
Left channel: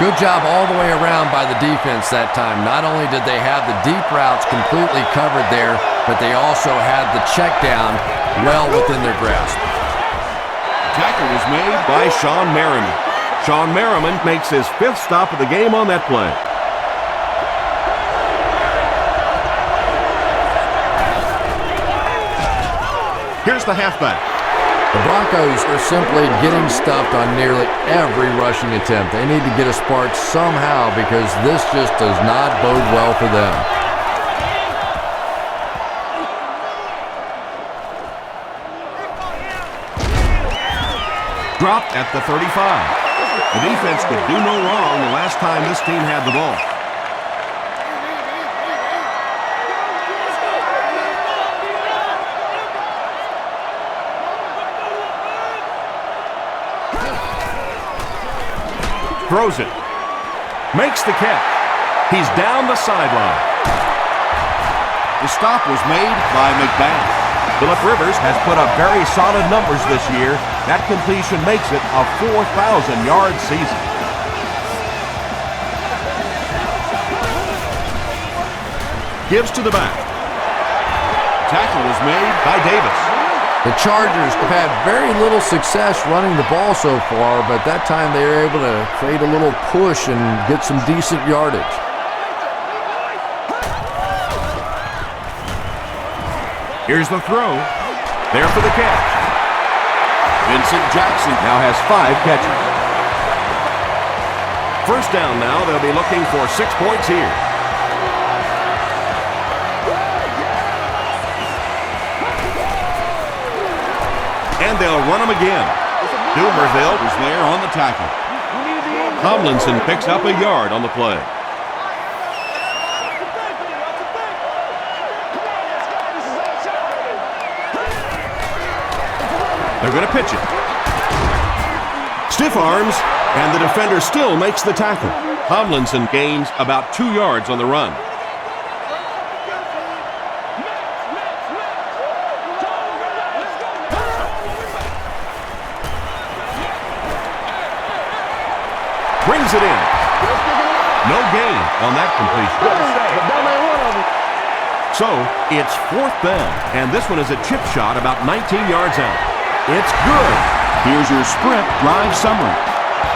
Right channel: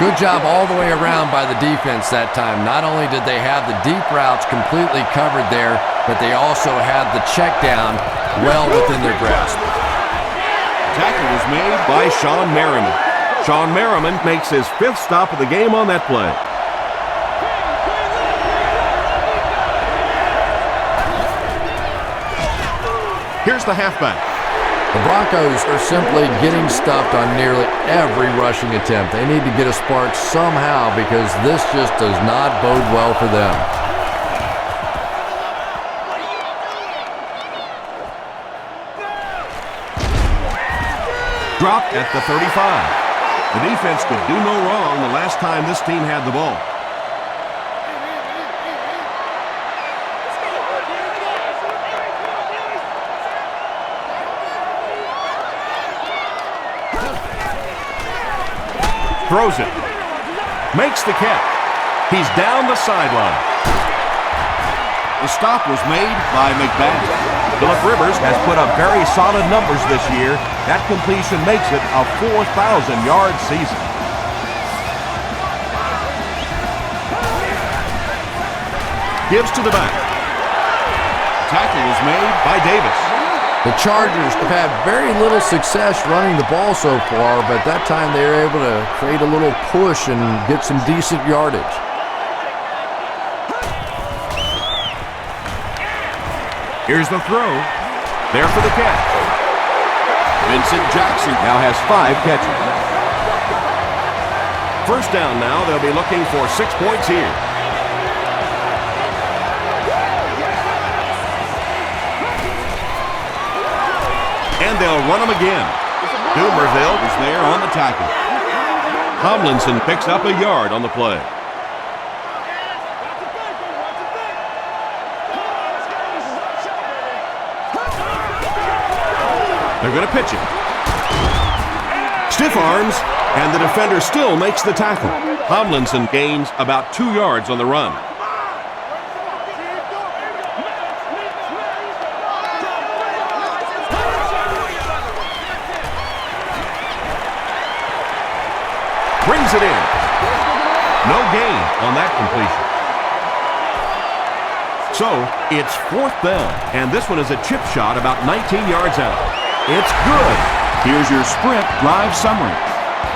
Good job all the way around by the defense that time. Not only did they have the deep routes completely covered there, but they also had the check down well within their grasp. Tackle was made By Sean Merriman. Sean Merriman makes his 5th stop of the game on that play. Here's the halfback. The Broncos are simply getting stuffed on nearly every rushing attempt. They need to get a spark somehow because this just does not bode well for them. Dropped at the 35. The defense could do no wrong the last time this team had the ball. Throws it. Makes the catch. He's down the sideline. The stop was made by McBath. Phillip Rivers has put up very solid numbers this year. That completion makes it a 4,000-yard season. Gives to the back. Tackle was made by Davis. The Chargers have had very little success running the ball so far, but that time they were able to create a little push and get some decent yardage. Here's the throw. There for the catch. Vincent Jackson Now has 5 catches. First down now. They'll be looking for 6 points here. And they'll run him again. Dumerville was there on the tackle. Tomlinson picks up a yard on the play. They're going to pitch it. Stiff arms, and the defender still makes the tackle. Tomlinson gains about 2 yards on the run. Brings it in. No gain on that completion. So, it's 4th down, and this one is a chip shot about 19 yards out. It's good. Here's your sprint drive summary.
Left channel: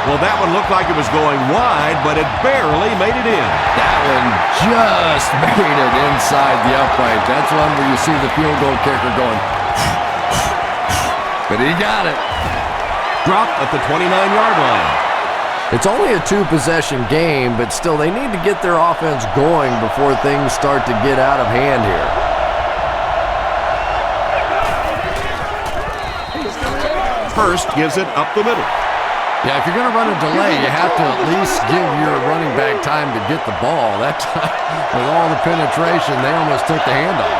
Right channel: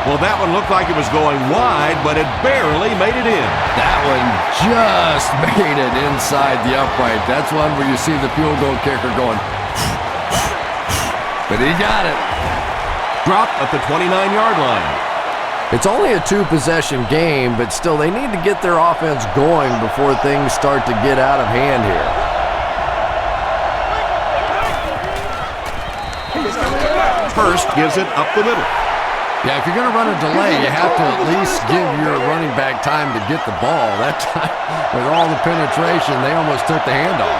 Well, that one looked like it was going wide, but it barely made it in. That one just made it inside the upright. That's one where you see the field goal kicker going, but he got it. Dropped at the 29-yard line. It's only a 2-possession game, but still they need to get their offense going before things start to get out of hand here. Hurst gives it up the middle. Yeah, if you're going to run a delay, you have to at least give your running back time to get the ball. That time, with all the penetration, they almost took the handoff.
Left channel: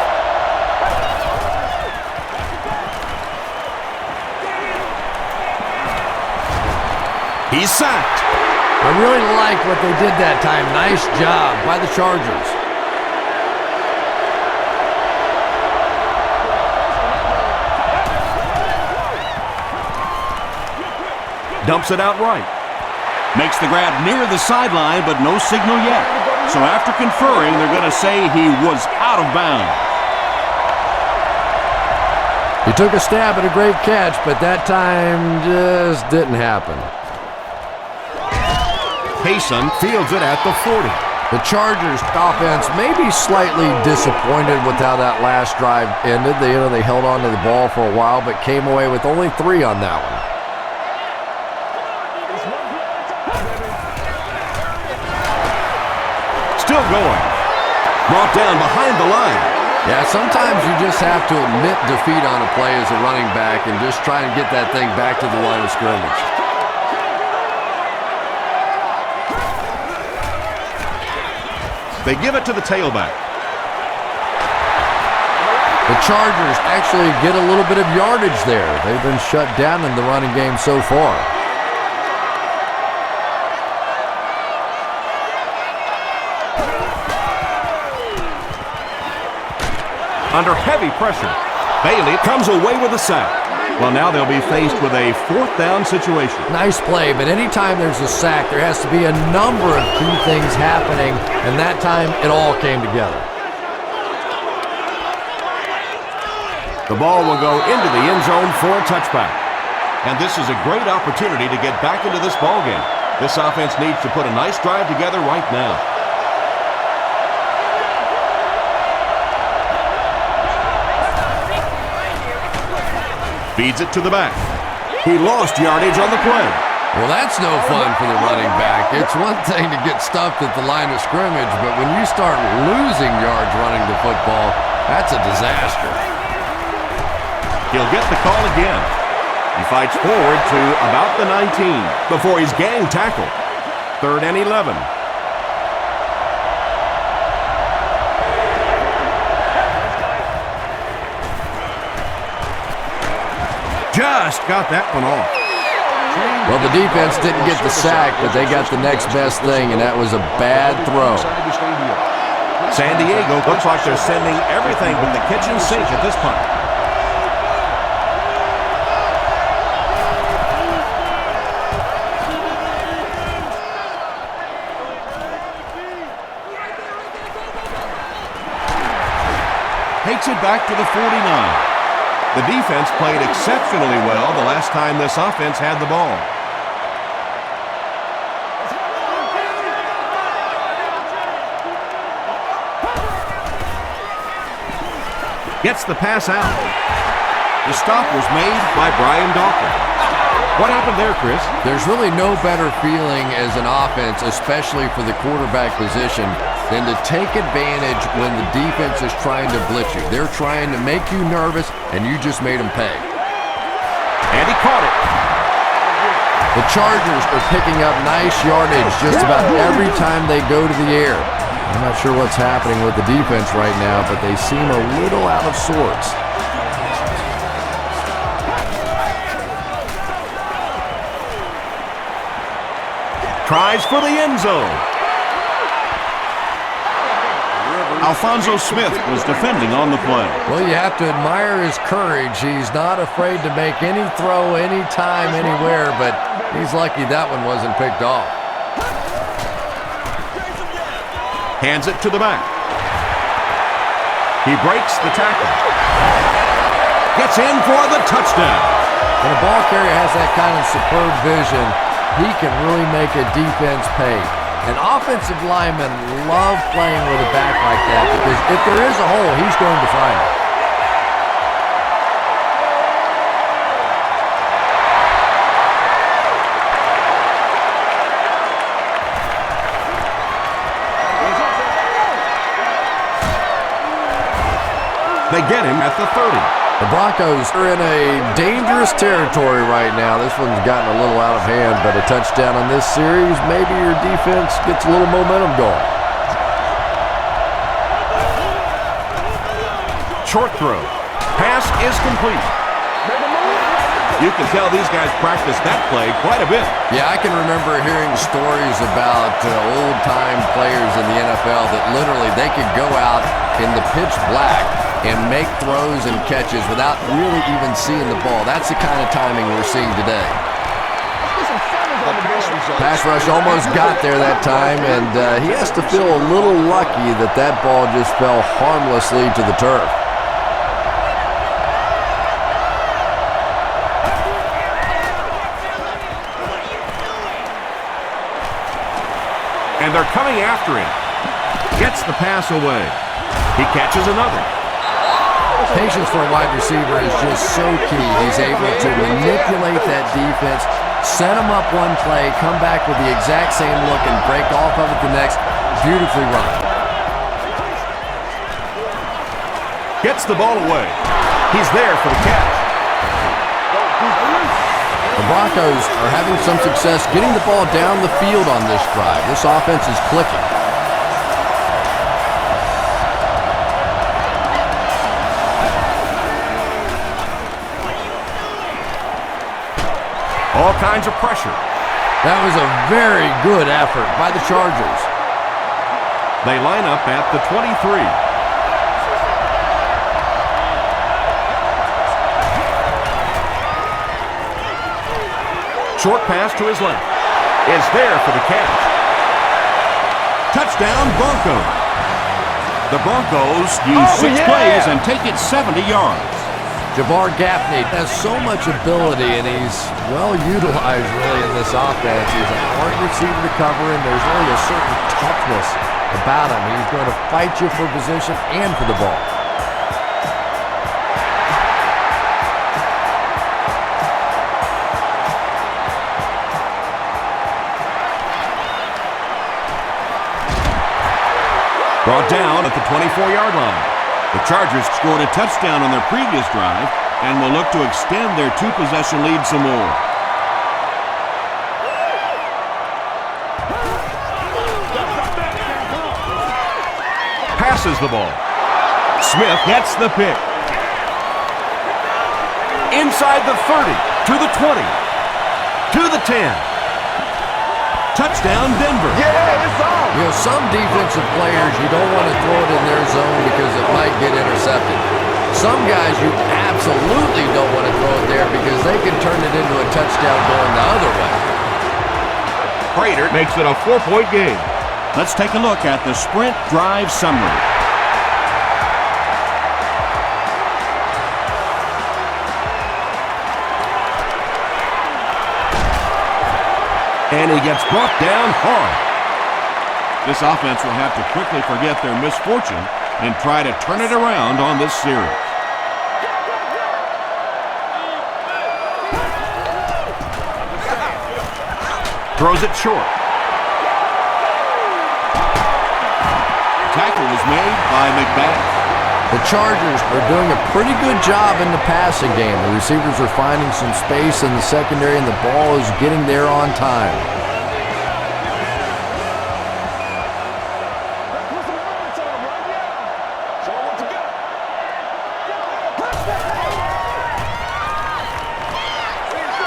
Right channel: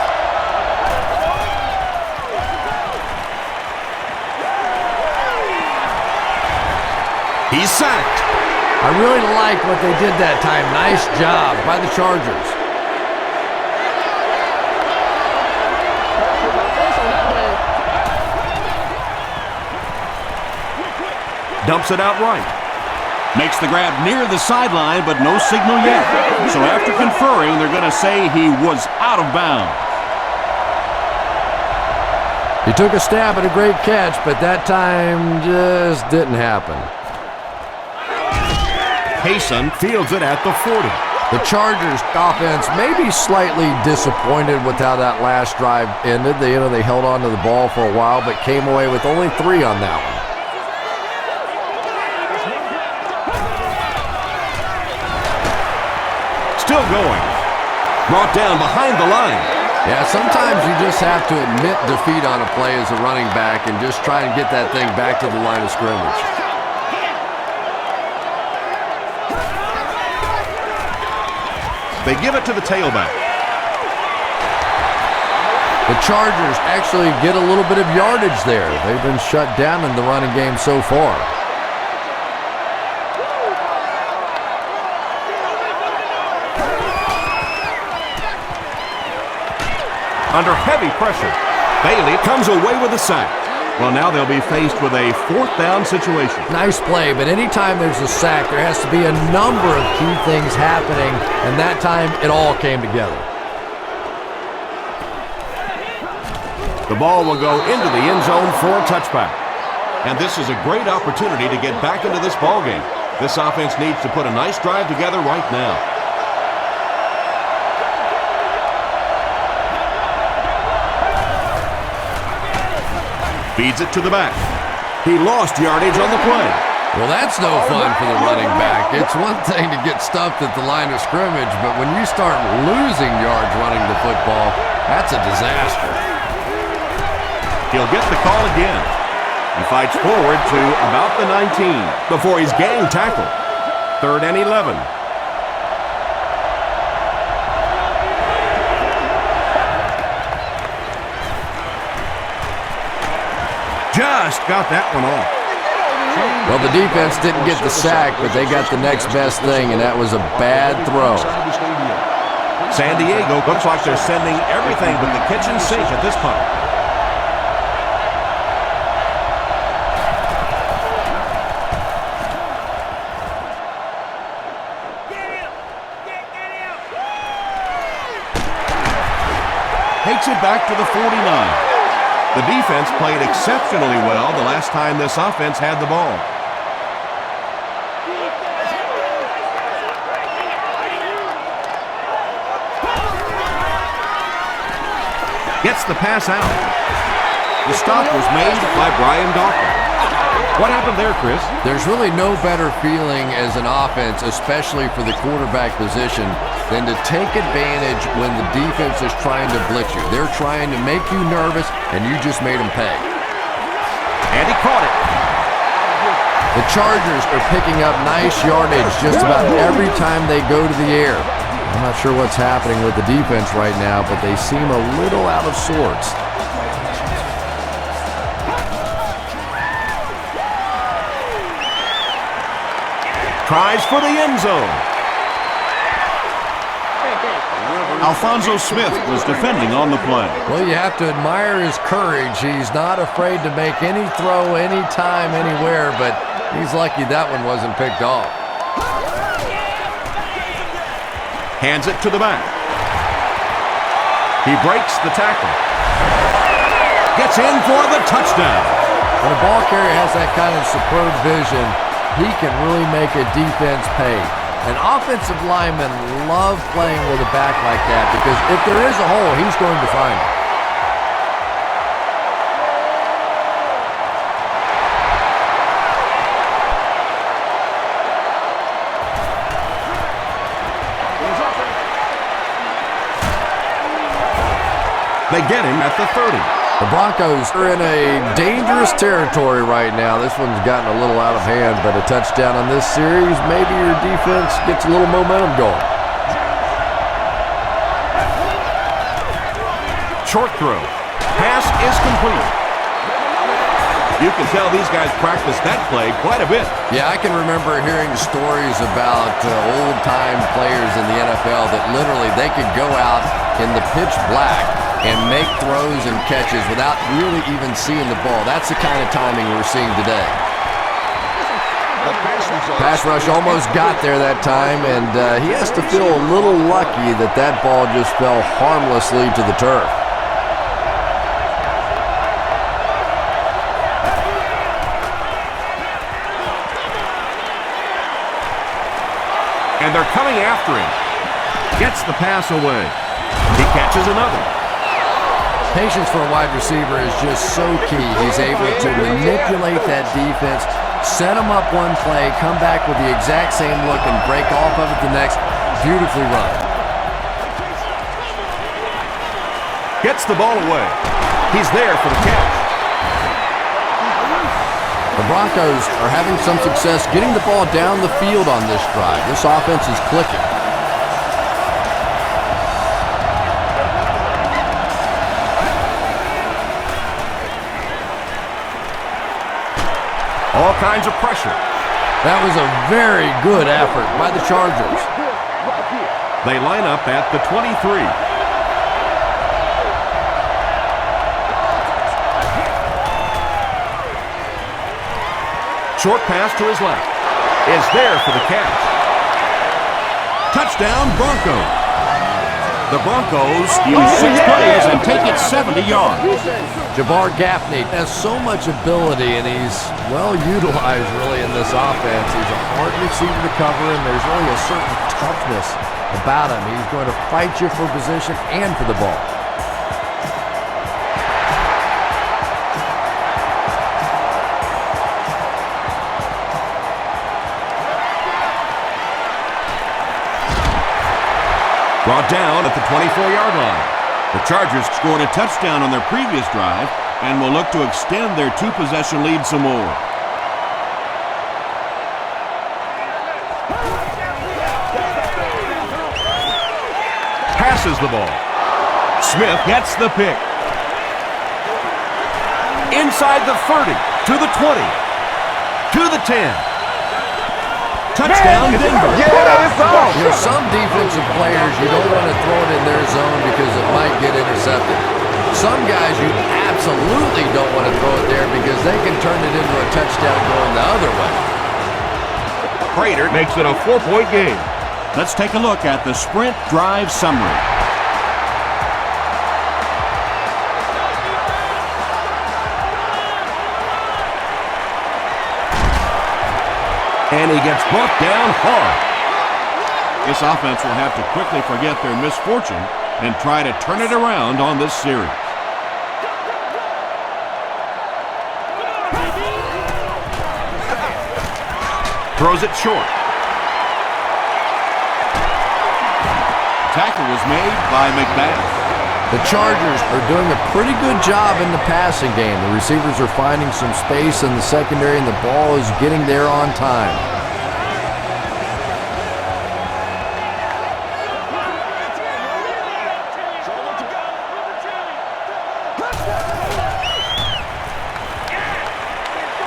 He's sacked. I really like what they did that time. Nice job by the Chargers. Dumps it out right. Makes the grab near the sideline, but no signal yet. So after conferring, they're going to say he was out of bounds. He took a stab at a great catch, but that time just didn't happen. Payson fields it at the 40. The Chargers offense may be slightly disappointed with how that last drive ended. They held on to the ball for a while, but came away with only 3 on that one. Still going. Brought down behind the line. Yeah, sometimes you just have to admit defeat on a play as a running back and just try and get that thing back to the line of scrimmage. They give it to the tailback. The Chargers actually get a little bit of yardage there. They've been shut down in the running game so far. Under heavy pressure, Bailey comes away with a sack. Well, now they'll be faced with a 4th down situation. Nice play, but anytime there's a sack, there has to be a number of key things happening, and that time it all came together. The ball will go into the end zone for a touchback. And this is a great opportunity to get back into this ballgame. This offense needs to put a nice drive together right now. Feeds it to the back. He lost yardage on the play. Well, that's no fun for the running back. It's one thing to get stuffed at the line of scrimmage, but when you start losing yards running the football, that's a disaster. He'll get the call again. He fights forward to about the 19 before he's gang tackled. 3rd and 11. Just got that one off. Well, the defense didn't get the sack, but they got the next best thing, and that was a bad throw. San Diego looks like they're sending everything but the kitchen sink at this point. Takes it back to the 49. The defense played exceptionally well the last time this offense had the ball. Gets the pass out. The stop was made by Brian Dawkins. What happened there, Chris? There's really no better feeling as an offense, especially for the quarterback position, than to take advantage when the defense is trying to blitz you. They're trying to make you nervous, and you just made them pay. And he caught it. The Chargers are picking up nice yardage just about every time they go to the air. I'm not sure what's happening with the defense right now, but they seem a little out of sorts. Tries for the end zone. Alphonso Smith was defending on the play. Well, you have to admire his courage. He's not afraid to make any throw, anytime, anywhere, but he's lucky that one wasn't picked off. Hands it to the back. He breaks the tackle. Gets in for the touchdown. When a ball carrier has that kind of superb vision, he can really make a defense pay. And offensive linemen love playing with a back like that because if there is a hole, he's going to find it. They get him at the 30. The Broncos are in a dangerous territory right now. This one's gotten a little out of hand, but a touchdown on this series, maybe your defense gets a little momentum going. Short throw. Pass is complete. You can tell these guys practice that play quite a bit. Yeah, I can remember hearing stories about old-time players in the NFL that literally they could go out in the pitch black and make throws and catches without really even seeing the ball. That's the kind of timing we're seeing today. Pass rush almost got there that time, and he has to feel a little lucky that that ball just fell harmlessly to the turf. And they're coming after him. Gets the pass away. He catches another. Patience for a wide receiver is just so key. He's able to manipulate that defense, set him up one play, come back with the exact same look, and break off of it the next. Beautifully run. Gets the ball away. He's there for the catch. The Broncos are having some success getting the ball down the field on this drive. This offense is clicking. All kinds of pressure. That was a very good effort by the Chargers. They line up at the 23. Short pass to his left. Is there for the catch. Touchdown, Broncos. The Broncos use 6 plays and take it 70 yards. Jabbar Gaffney has so much ability, and he's well utilized really in this offense. He's a hard receiver to cover, and there's really a certain toughness about him. He's going to fight you for position and for the ball. Brought down at the 24-yard line. The Chargers scored a touchdown on their previous drive and will look to extend their 2-possession lead some more. Passes the ball. Smith gets the pick. Inside the 30, to the 20, to the 10. Touchdown, Denver. Yeah, it's on. You know, some defensive players, you don't want to throw it in their zone because it might get intercepted. Some guys, you absolutely don't want to throw it there because they can turn it into a touchdown going the other way. Prater makes it a 4-point game. Let's take a look at the sprint drive summary. And he gets brought down hard. This offense will have to quickly forget their misfortune and try to turn it around on this series. Throws it short. The tackle was made by McBath. The Chargers are doing a pretty good job in the passing game. The receivers are finding some space in the secondary, and the ball is getting there on time.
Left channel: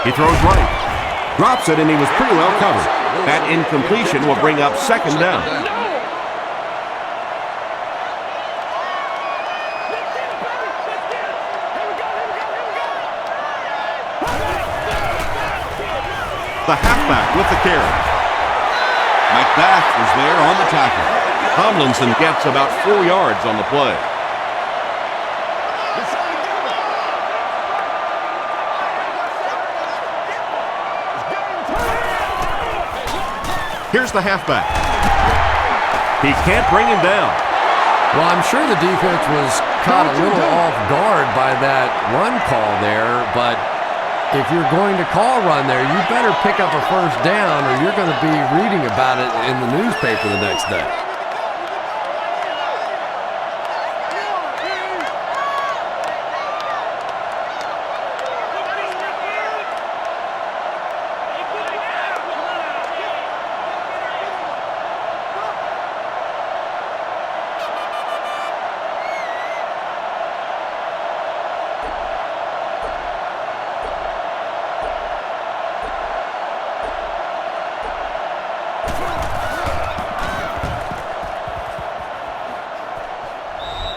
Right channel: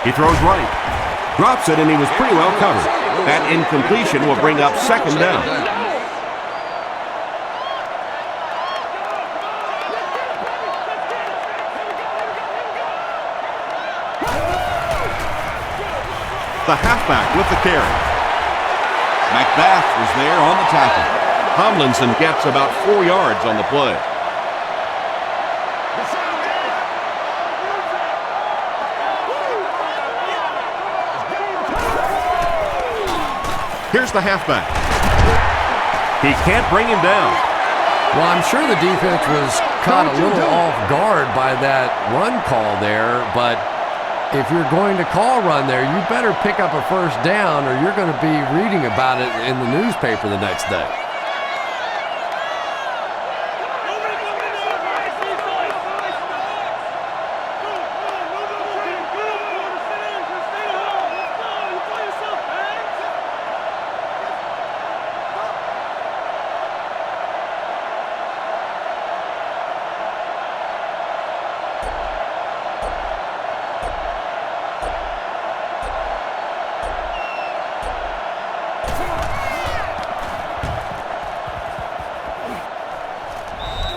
He throws right. Drops it, and he was pretty well covered. That incompletion will bring up second down. The halfback with the carry. McBath was there on the tackle. Tomlinson gets about 4 yards on the play. Here's the halfback. He can't bring him down. Well, I'm sure the defense was caught a little off guard by that run call there, but if you're going to call run there, you better pick up a first down or you're going to be reading about it in the newspaper the next day.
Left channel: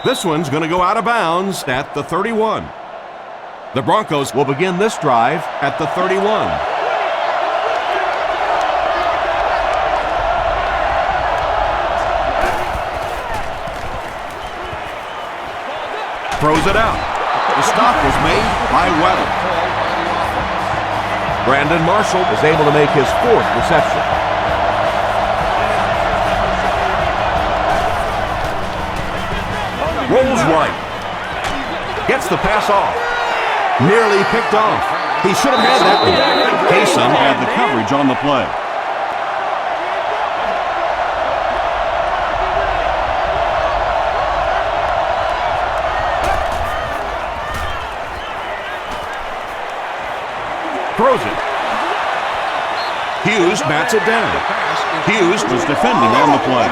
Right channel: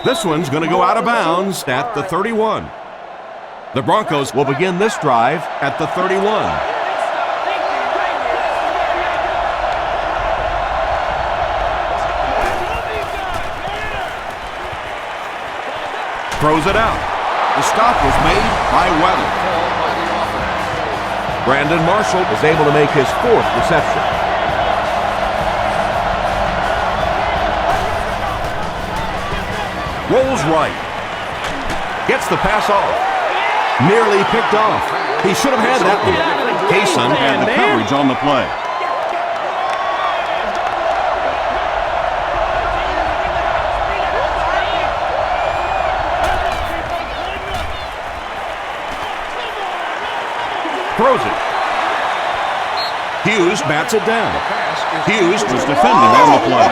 This one's going to go out of bounds at the 31. The Broncos will begin this drive at the 31. Throws it out. The stop was made by Weddle. Brandon Marshall is able to make his 4th reception. Rolls right. Gets the pass off. Nearly picked off. He should have had that one. Kaysen had the coverage on the play. Throws it. Hughes bats it down. Hughes was defending on the play.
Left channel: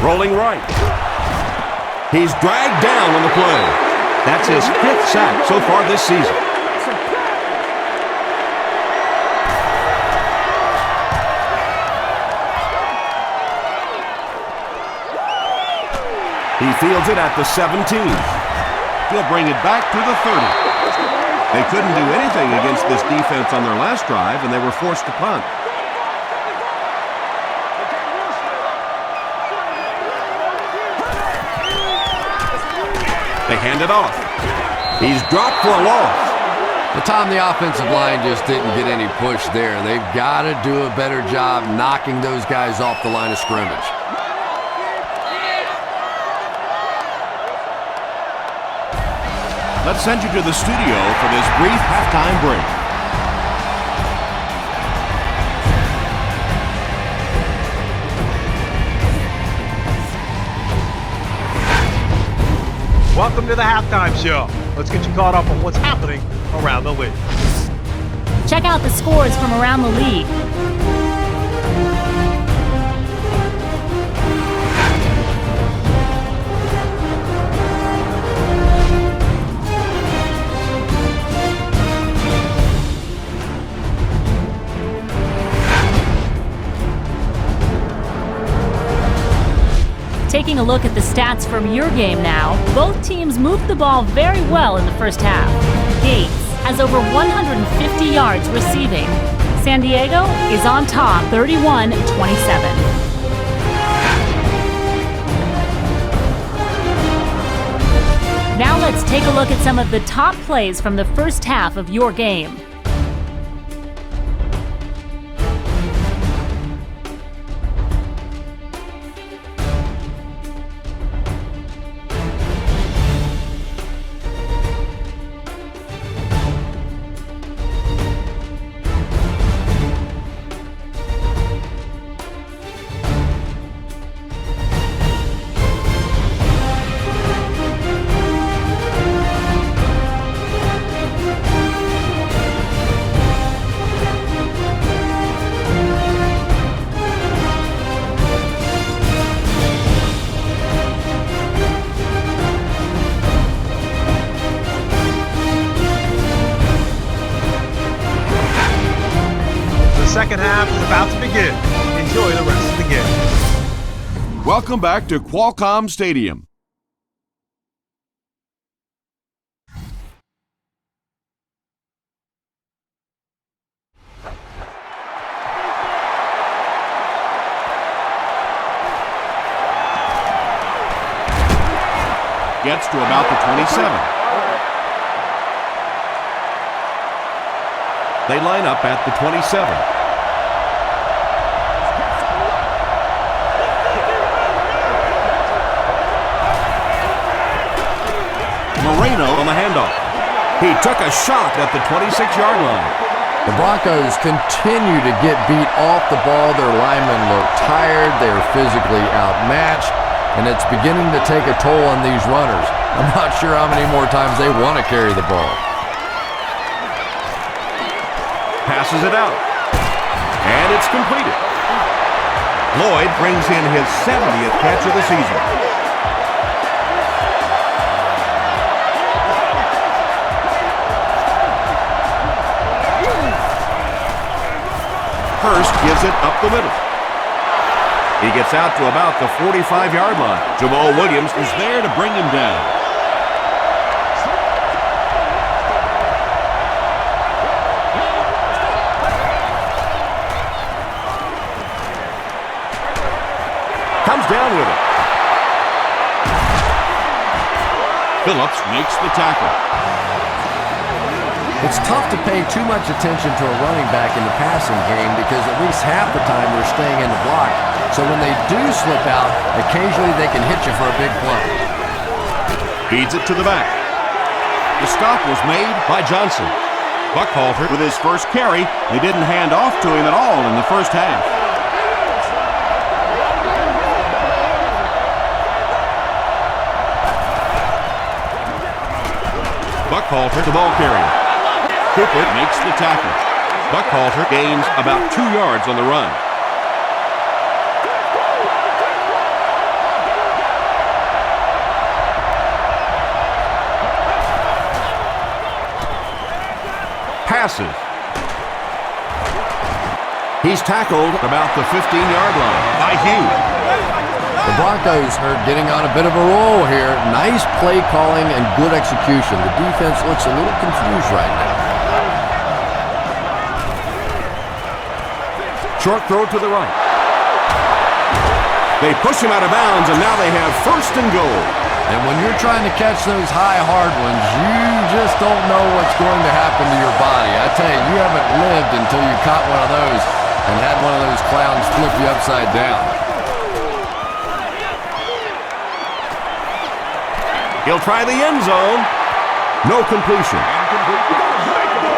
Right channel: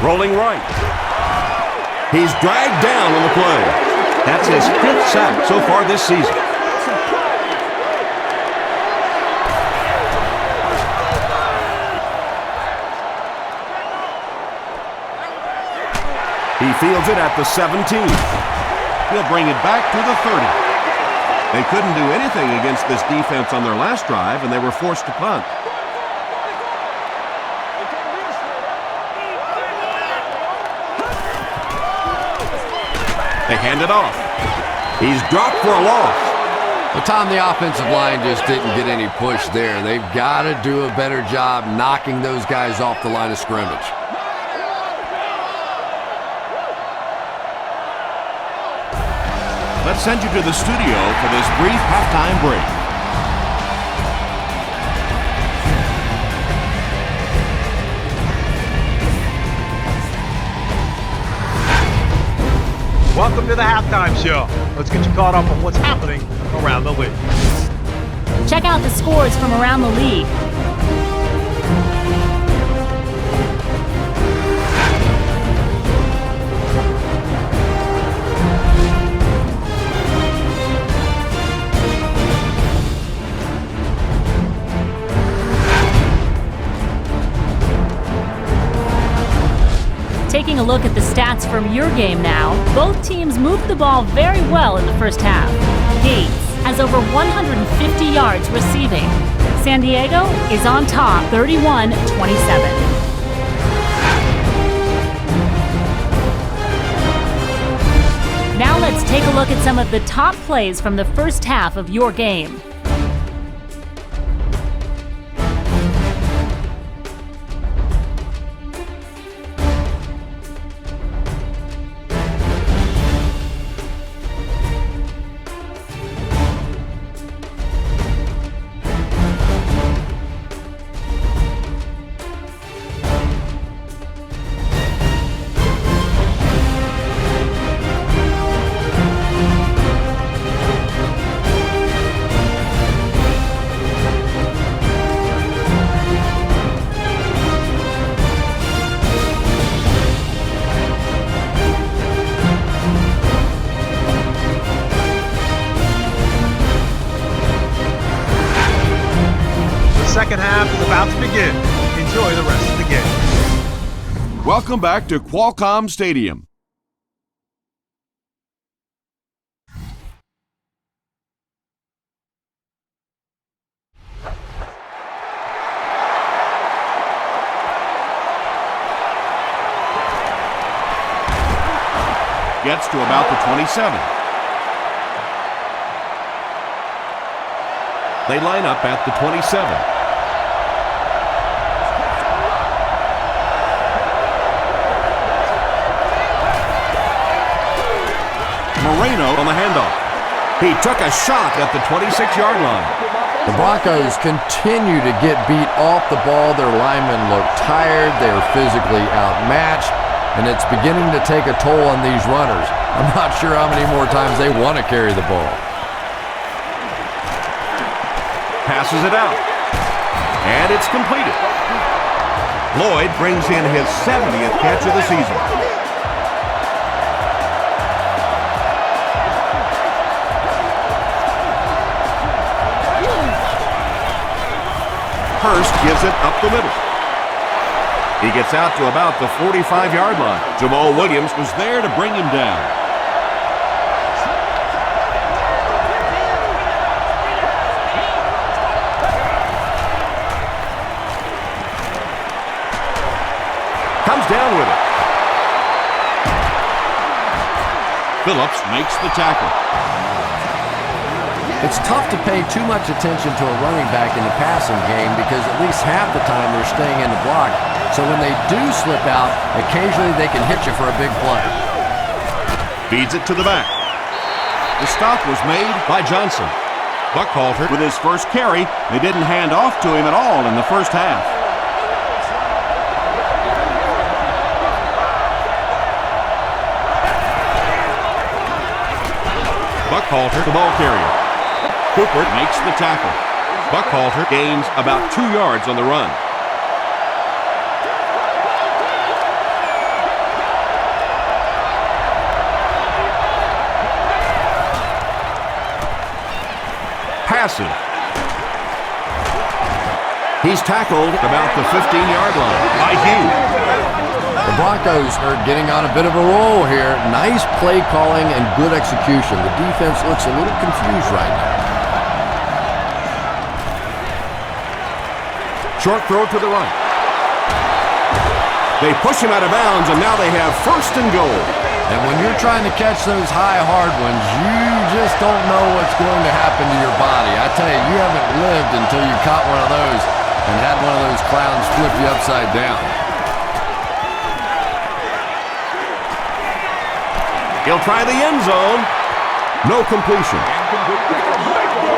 Rolling right. He's dragged down on the play. That's his 5th sack so far this season. He fields it at the 17. He'll bring it back to the 30. They couldn't do anything against this defense on their last drive, and they were forced to punt. They hand it off. He's dropped for a loss. Well, Tom, the offensive line just didn't get any push there. They've got to do a better job knocking those guys off the line of scrimmage. Let's send you to the studio for this brief halftime break. Welcome to the halftime show. Let's get you caught up on what's happening around the league. Check out the scores from around the league. Taking a look at the stats from your game now, both teams moved the ball very well in the first half. Gates has over 150 yards receiving. San Diego is on top 31-27. Now let's take a look at some of the top plays from the first half of your game. Second half is about to begin. Enjoy the rest of the game. Welcome back to Qualcomm Stadium. Gets to about the 27. They line up at the 27. Moreno on the handoff. He took a shot at the 26-yard line. The Broncos continue to get beat off the ball. Their linemen look tired. They're physically outmatched, and it's beginning to take a toll on these runners. I'm not sure how many more times they want to carry the ball. Passes it out. And it's completed. Lloyd brings in his 70th catch of the season. Hurst gives it up the middle. He gets out to about the 45-yard line. Jamal Williams Was there to bring him down. comes down with it. Phillips makes the tackle. It's tough to pay too much attention to a running back in the passing game because at least half the time they're staying in the block. So when they do slip out, occasionally they can hit you for a big play. Feeds it to the back. The stop was made by Johnson. Buckhalter with his first carry. They didn't hand off to him at all in the first half. Buckhalter, the ball carrier. Cooper makes the tackle. Buckhalter gains about 2 yards on the run. Passes. He's tackled about the 15-yard line by Hughes. The Broncos are getting on a bit of a roll here. Nice play calling and good execution. The defense looks a little confused right now. Short throw to the right. They push him out of bounds, and now they have first and goal. And when you're trying to catch those high, hard ones, you just don't know what's going to happen to your body. I tell you, you haven't lived until you caught one of those and had one of those clowns flip you upside down. He'll try the end zone. No completion.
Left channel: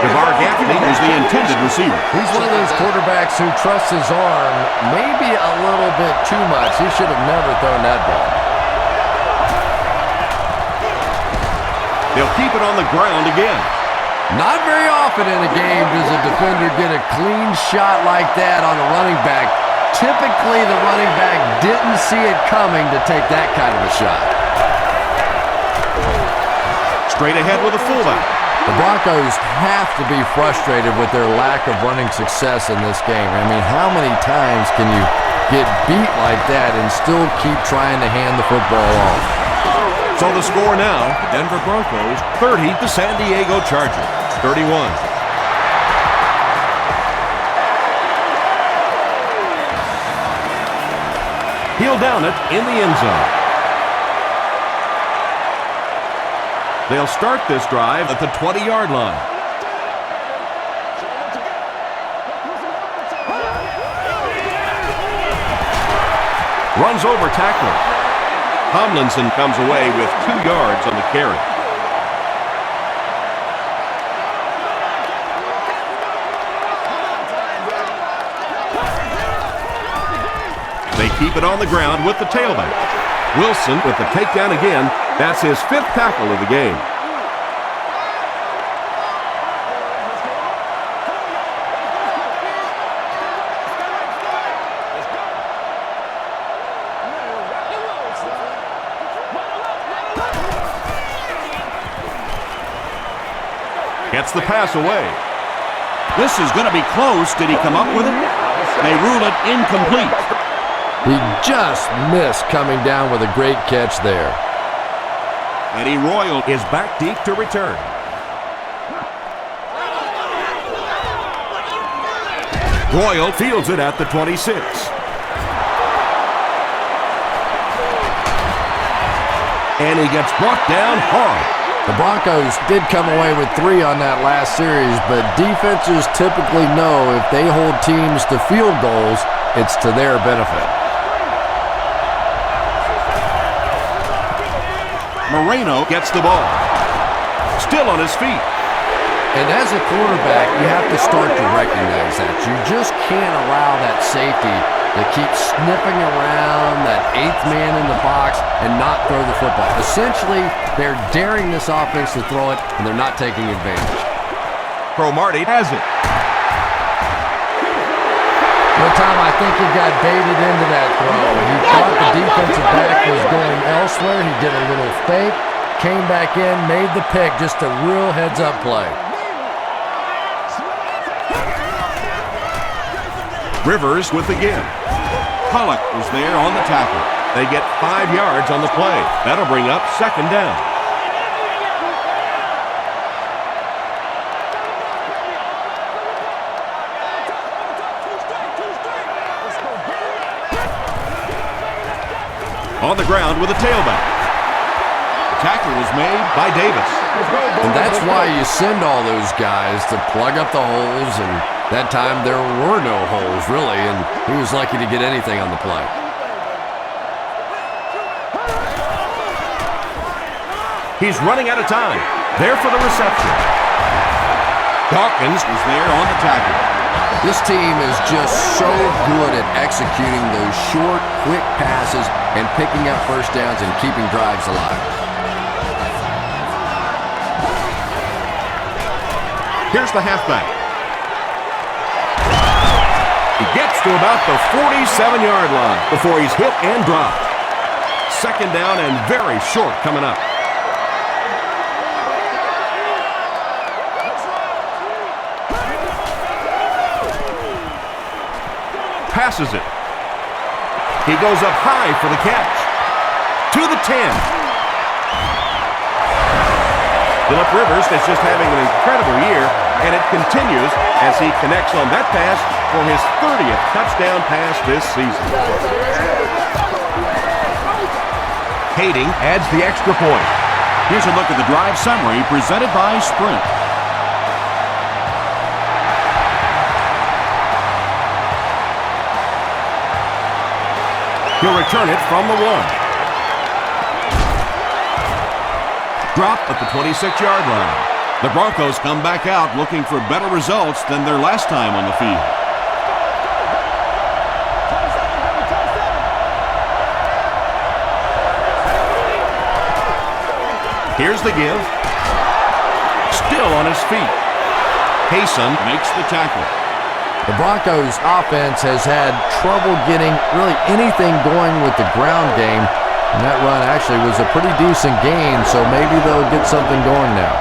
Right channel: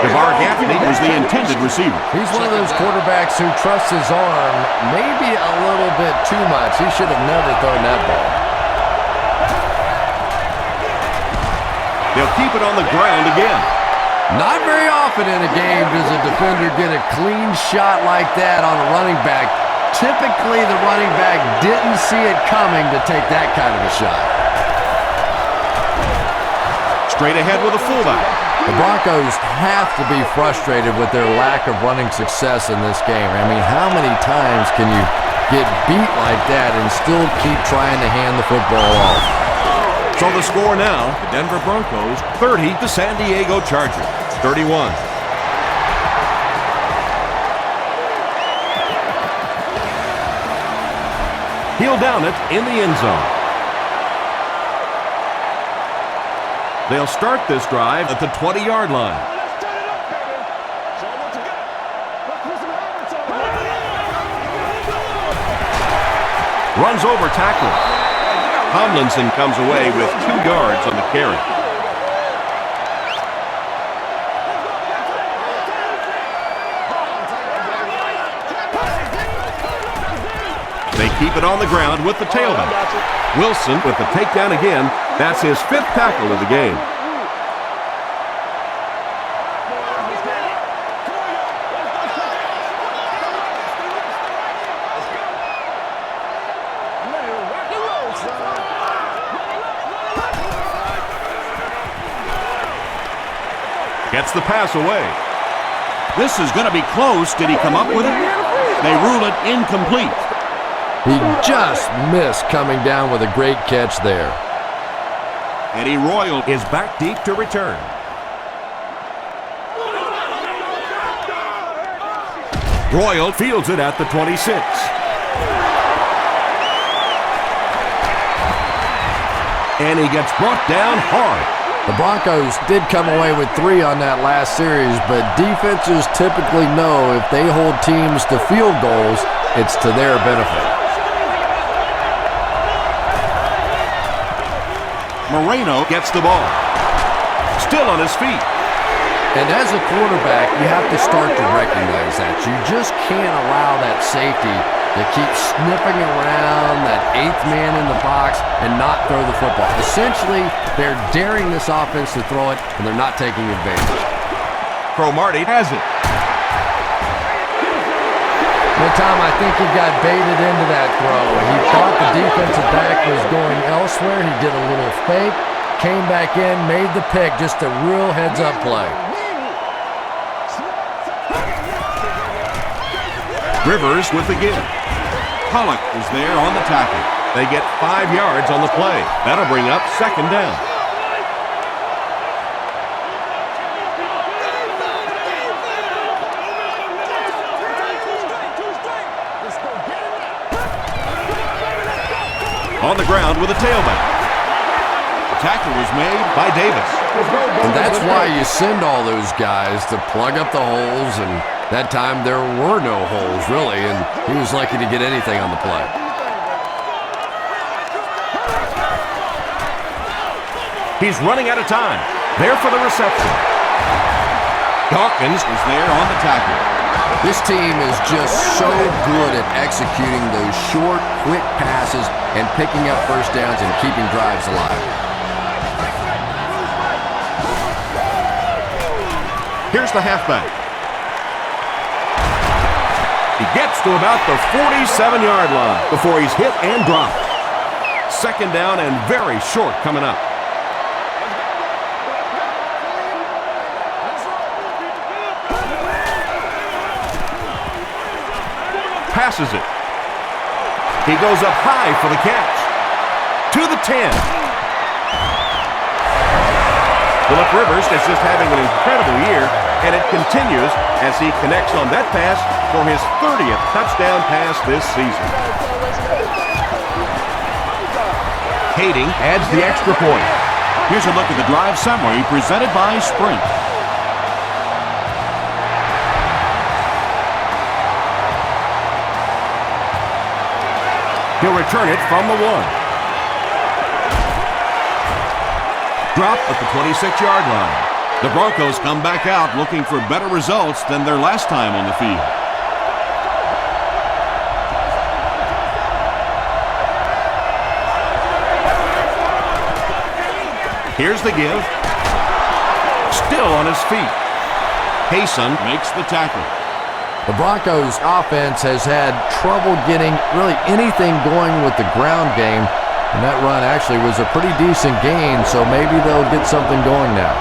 DeVar Gaffney was the intended receiver. He's one of those quarterbacks who trusts his arm maybe a little bit too much. He should have never thrown that ball. They'll keep it on the ground again. Not very often in a game does a defender get a clean shot like that on a running back. Typically, the running back didn't see it coming to take that kind of a shot. Straight ahead with a fullback. The Broncos have to be frustrated with their lack of running success in this game. I mean, how many times can you get beat like that and still keep trying to hand the football off? So the score now, the Denver Broncos 30, the San Diego Chargers 31. He'll down it in the end zone. They'll start this drive at the 20-yard line. Let's turn it up, baby. Show them what you got. Let's put some helmets on them. Runs over tackler. Tomlinson comes away with 2 yards on the carry. They keep it on the ground with the tailback. Wilson with the takedown again. That's his 5th tackle of the game. Gets the pass away. This is going to be close. Did he come up with it? They rule it incomplete. He just missed coming down with a great catch there. Eddie Royal is back deep to return. Royal fields it at the 26. And he gets brought down hard. The Broncos did come away with 3 on that last series, but defenses typically know if they hold teams to field goals, it's to their benefit. Moreno gets the ball. Still on his feet. And as a quarterback, you have to start to recognize that. You just can't allow that safety to keep sniffing around that 8th man in the box and not throw the football. Essentially, they're daring this offense to throw it, and they're not taking advantage. Cromartie has it. One time, I think he got baited into that throw. He thought the defensive back was going elsewhere. He did a little fake, came back in, made the pick. Just a real heads-up play. Rivers with the give. Pollock was there on the tackle. They get 5 yards on the play. That'll bring up 2nd down. On the ground with a tailback. The tackle was made by Davis. And that's why you send all those guys to plug up the holes, and that time there were no holes, really, and he was lucky to get anything on the play. He's running out of time. There for the reception. Dawkins was there on the tackle. This team is just so good at executing those short, quick passes and picking up first downs and keeping drives alive. Here's the halfback. He gets to about the 47-yard line before he's hit and dropped. 2nd down and very short coming up. Passes it. He goes up high for the catch. To the 10. Phillip Rivers is just having an incredible year, and it continues as he connects on that pass for his 30th touchdown pass this season. Kading adds the extra point. Here's a look at the drive summary presented by Sprint. He'll return it from the 1. Drop at the 26-yard line. The Broncos come back out looking for better results than their last time on the field. Here's the give. Still on his feet. Payson Makes the tackle. The Broncos offense has had trouble getting really anything going with the ground game, and that run actually was a pretty decent gain, so maybe they'll get something going now.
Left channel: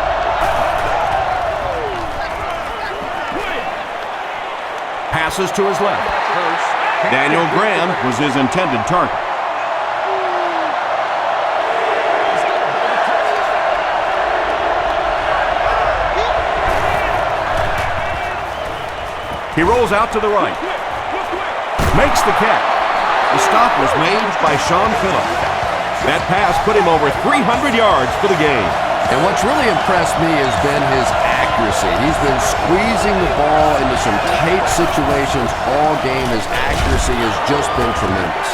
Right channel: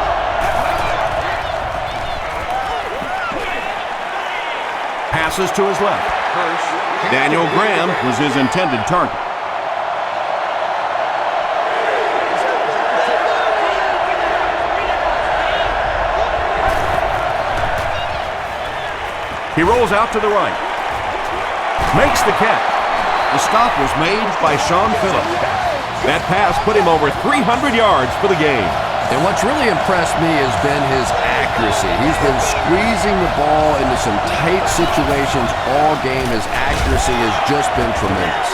passes to his left. Daniel Graham Was his intended target. He rolls out to the right. Makes the catch. The stop was made by Sean Phillips. That pass put him over 300 yards for the game. And what's really impressed me has been his accuracy. He's been squeezing the ball into some tight situations all game. His accuracy has just been tremendous.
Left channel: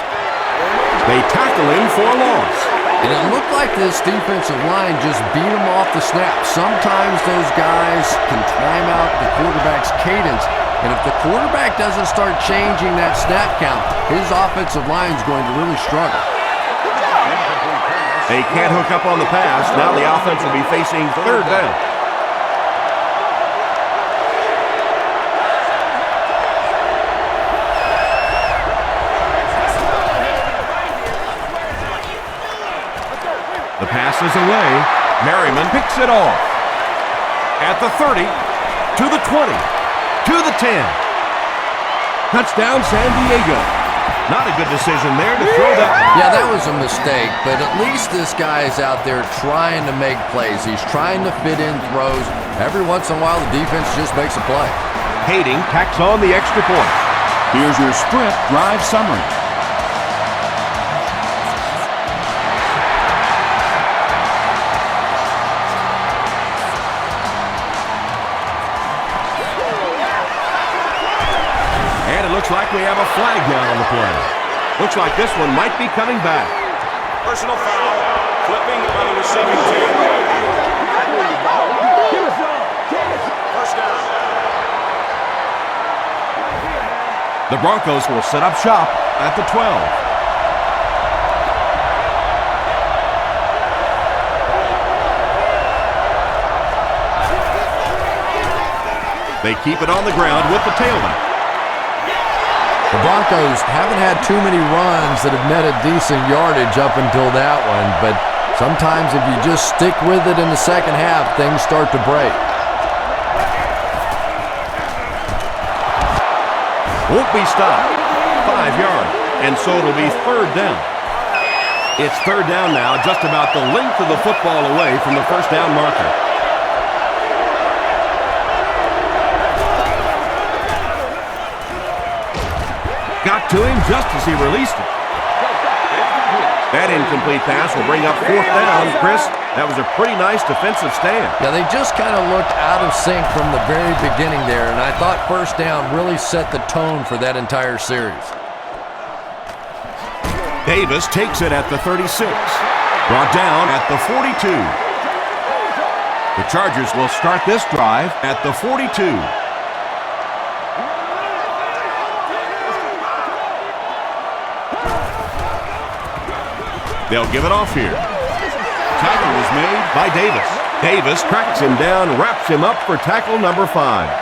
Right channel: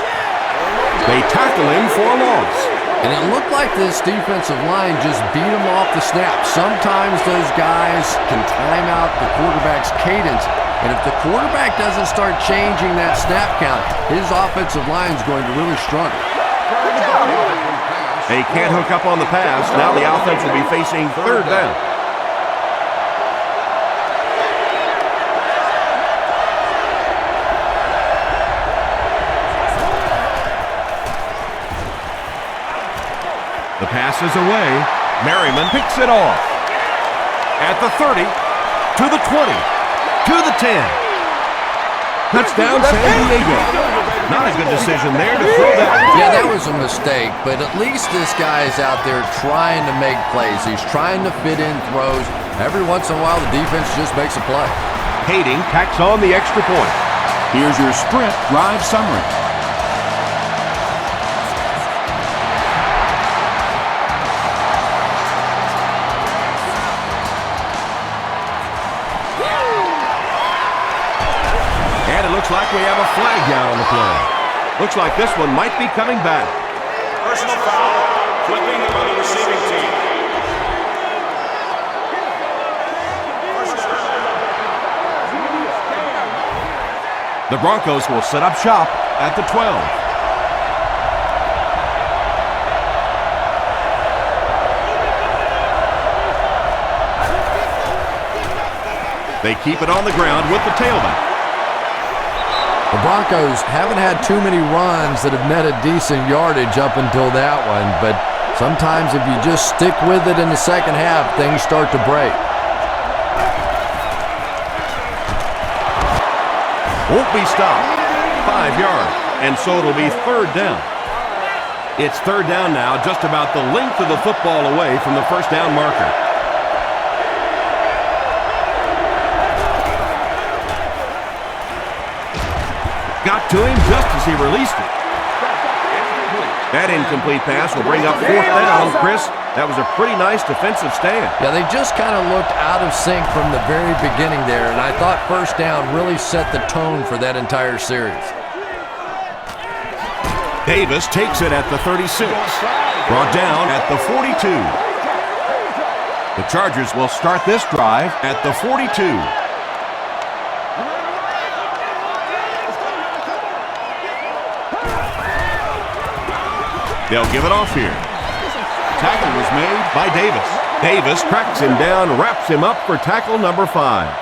They tackle him for a loss. And it looked like this defensive line just beat him off the snap. Sometimes those guys can time out the quarterback's cadence. And if the quarterback doesn't start changing that snap count, his offensive line is going to really struggle. They can't hook up on the pass. Now the offense will be facing third down. The pass is away. Merriman picks it off. At the 30, to the 20, to the 10. Touchdown, San Diego. Not a good decision there to throw that. Yeah, that was a mistake, but at least this guy's out there trying to make plays. He's trying to fit in throws. Every once in a while, the defense just makes a play. Kading tacks on the extra point. Here's your Sprint drive summary. Looks like we have a flag down on the play. Looks like this one might be coming back. Personal foul, flipping by the receiving team. First down. The Broncos will set up shop at the 12. They keep it on the ground with the tailback. The Broncos haven't had too many runs that have netted decent yardage up until that one, but sometimes if you just stick with it in the second half, things start to break. Won't be stopped. 5 yards. And so it'll be third down. It's third down now, just about the length of the football away from the first down marker. Got to him just as he released it. That incomplete pass will bring up fourth down. Chris, that was a pretty nice defensive stand. Yeah, they just kind of looked out of sync from the very beginning there, and I thought first down really set the tone for that entire series. Davis takes it at the 36. Brought down at the 42. The Chargers will start this drive at the 42. They'll give it off here. Tackle was made by Davis. Davis tracks him down, wraps him up for tackle number 5.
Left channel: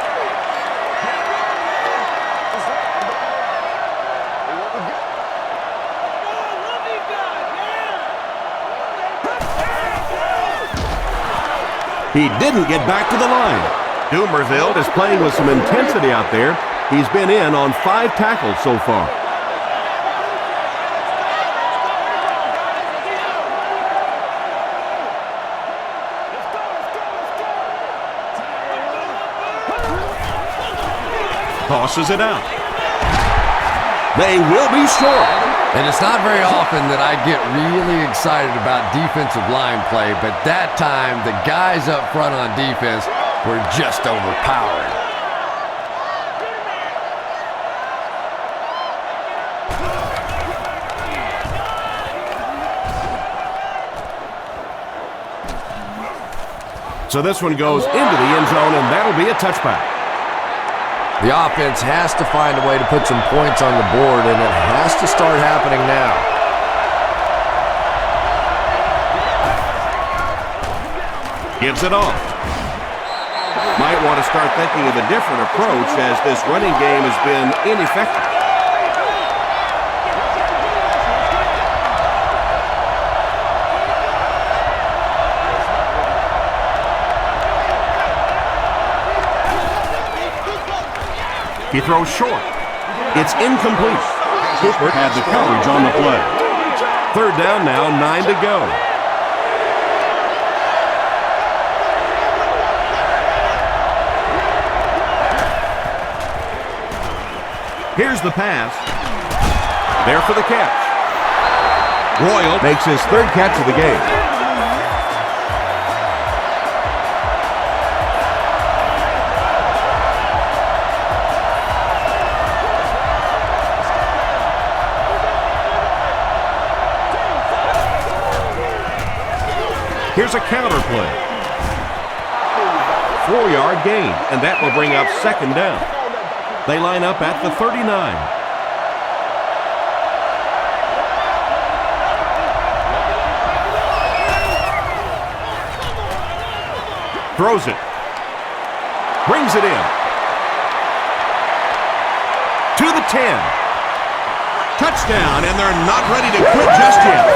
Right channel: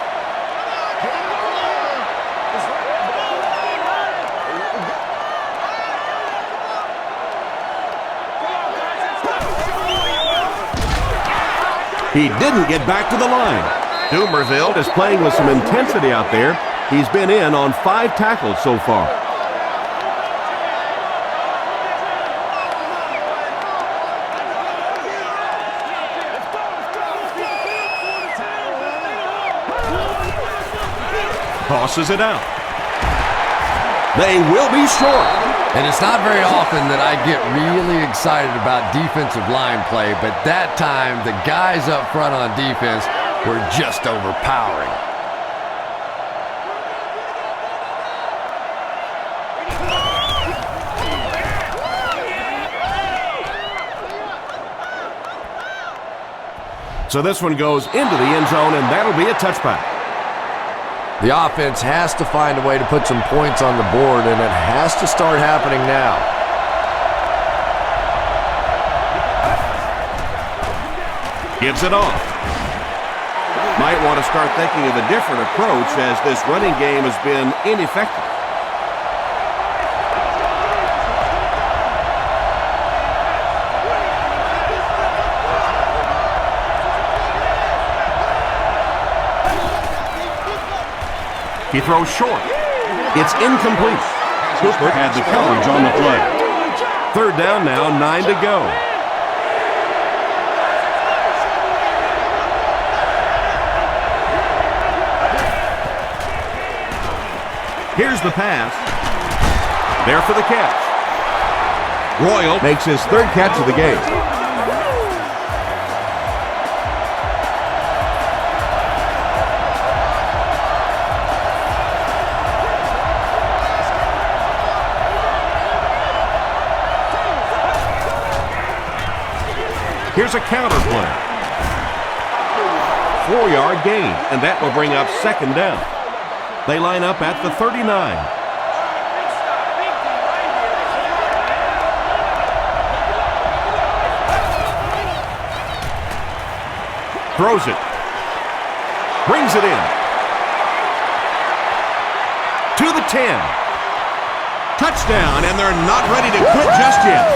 He didn't get back to the line. Dumerville is playing with some intensity out there. He's been in on 5 tackles so far. Tosses it out. They will be short. And it's not very often that I get really excited about defensive line play, but that time the guys up front on defense were just overpowering. So this one goes into the end zone, and that'll be a touchback. The offense has to find a way to put some points on the board, and it has to start happening now. Gives it off. Might want to start thinking of a different approach as this running game has been ineffective. He throws short. It's incomplete. Cooper had the coverage on the play. Third down now, 9 to go. Here's the pass. There for the catch. Royal makes his third catch of the game. Here's a counter play. 4-yard gain, and that will bring up second down. They line up at the 39. Throws it. Brings it in. To the 10. Touchdown, and they're not ready to quit just yet.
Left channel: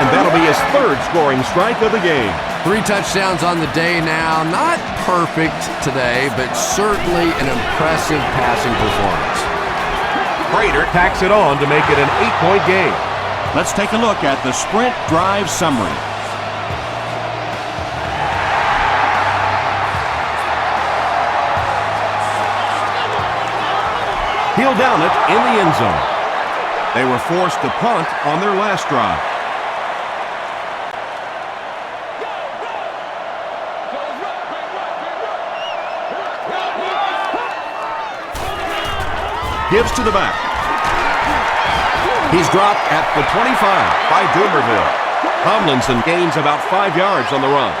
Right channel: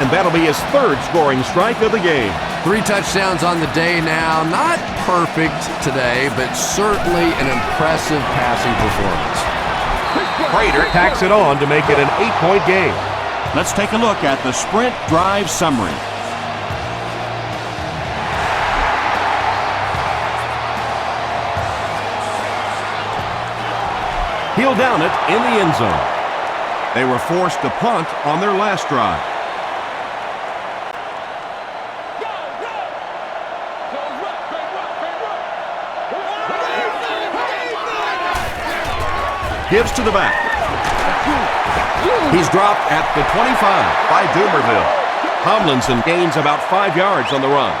And that'll be his third scoring strike of the game. 3 touchdowns on the day now. Not perfect today, but certainly an impressive passing performance. Prater tacks it on to make it an 8-point game. Let's take a look at the sprint drive summary. He'll down it in the end zone. They were forced to punt on their last drive. Gives to the back. He's dropped at the 25 by Dumerville. Tomlinson gains about 5 yards on the run.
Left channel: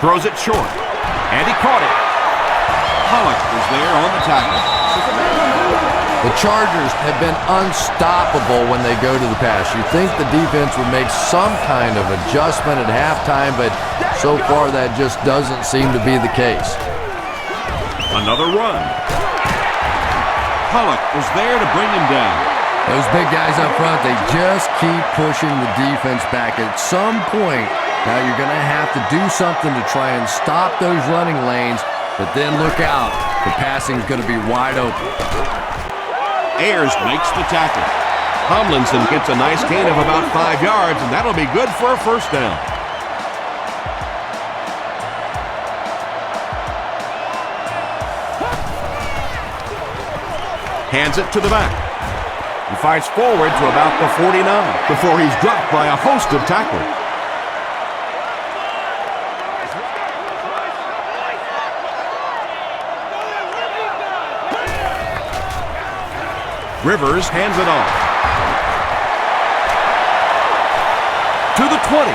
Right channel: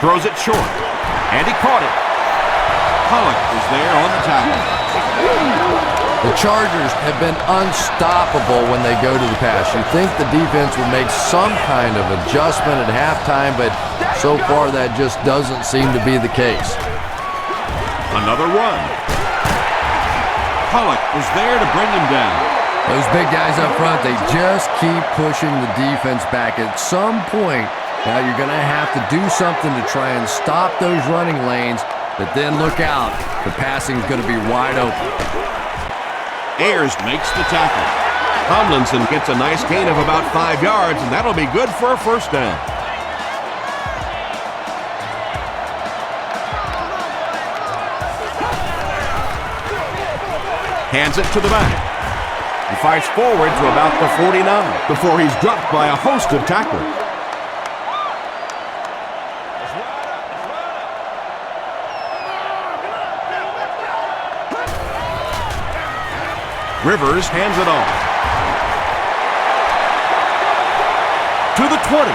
Throws it short, and he caught it. Pollock was there on the tackle. The Chargers have been unstoppable when they go to the pass. You think the defense would make some kind of adjustment at halftime, but so far that just doesn't seem to be the case. Another run. Pollock was there to bring him down. Those big guys up front, they just keep pushing the defense back. At some point, now you're going to have to do something to try and stop those running lanes, but then look out. The passing is going to be wide open. Ayers makes the tackle. Tomlinson gets a nice gain of about 5 yards, and that'll be good for a first down. Hands it to the back. He fights forward to about the 49 before he's dropped by a host of tacklers. Rivers hands it off. To the 20.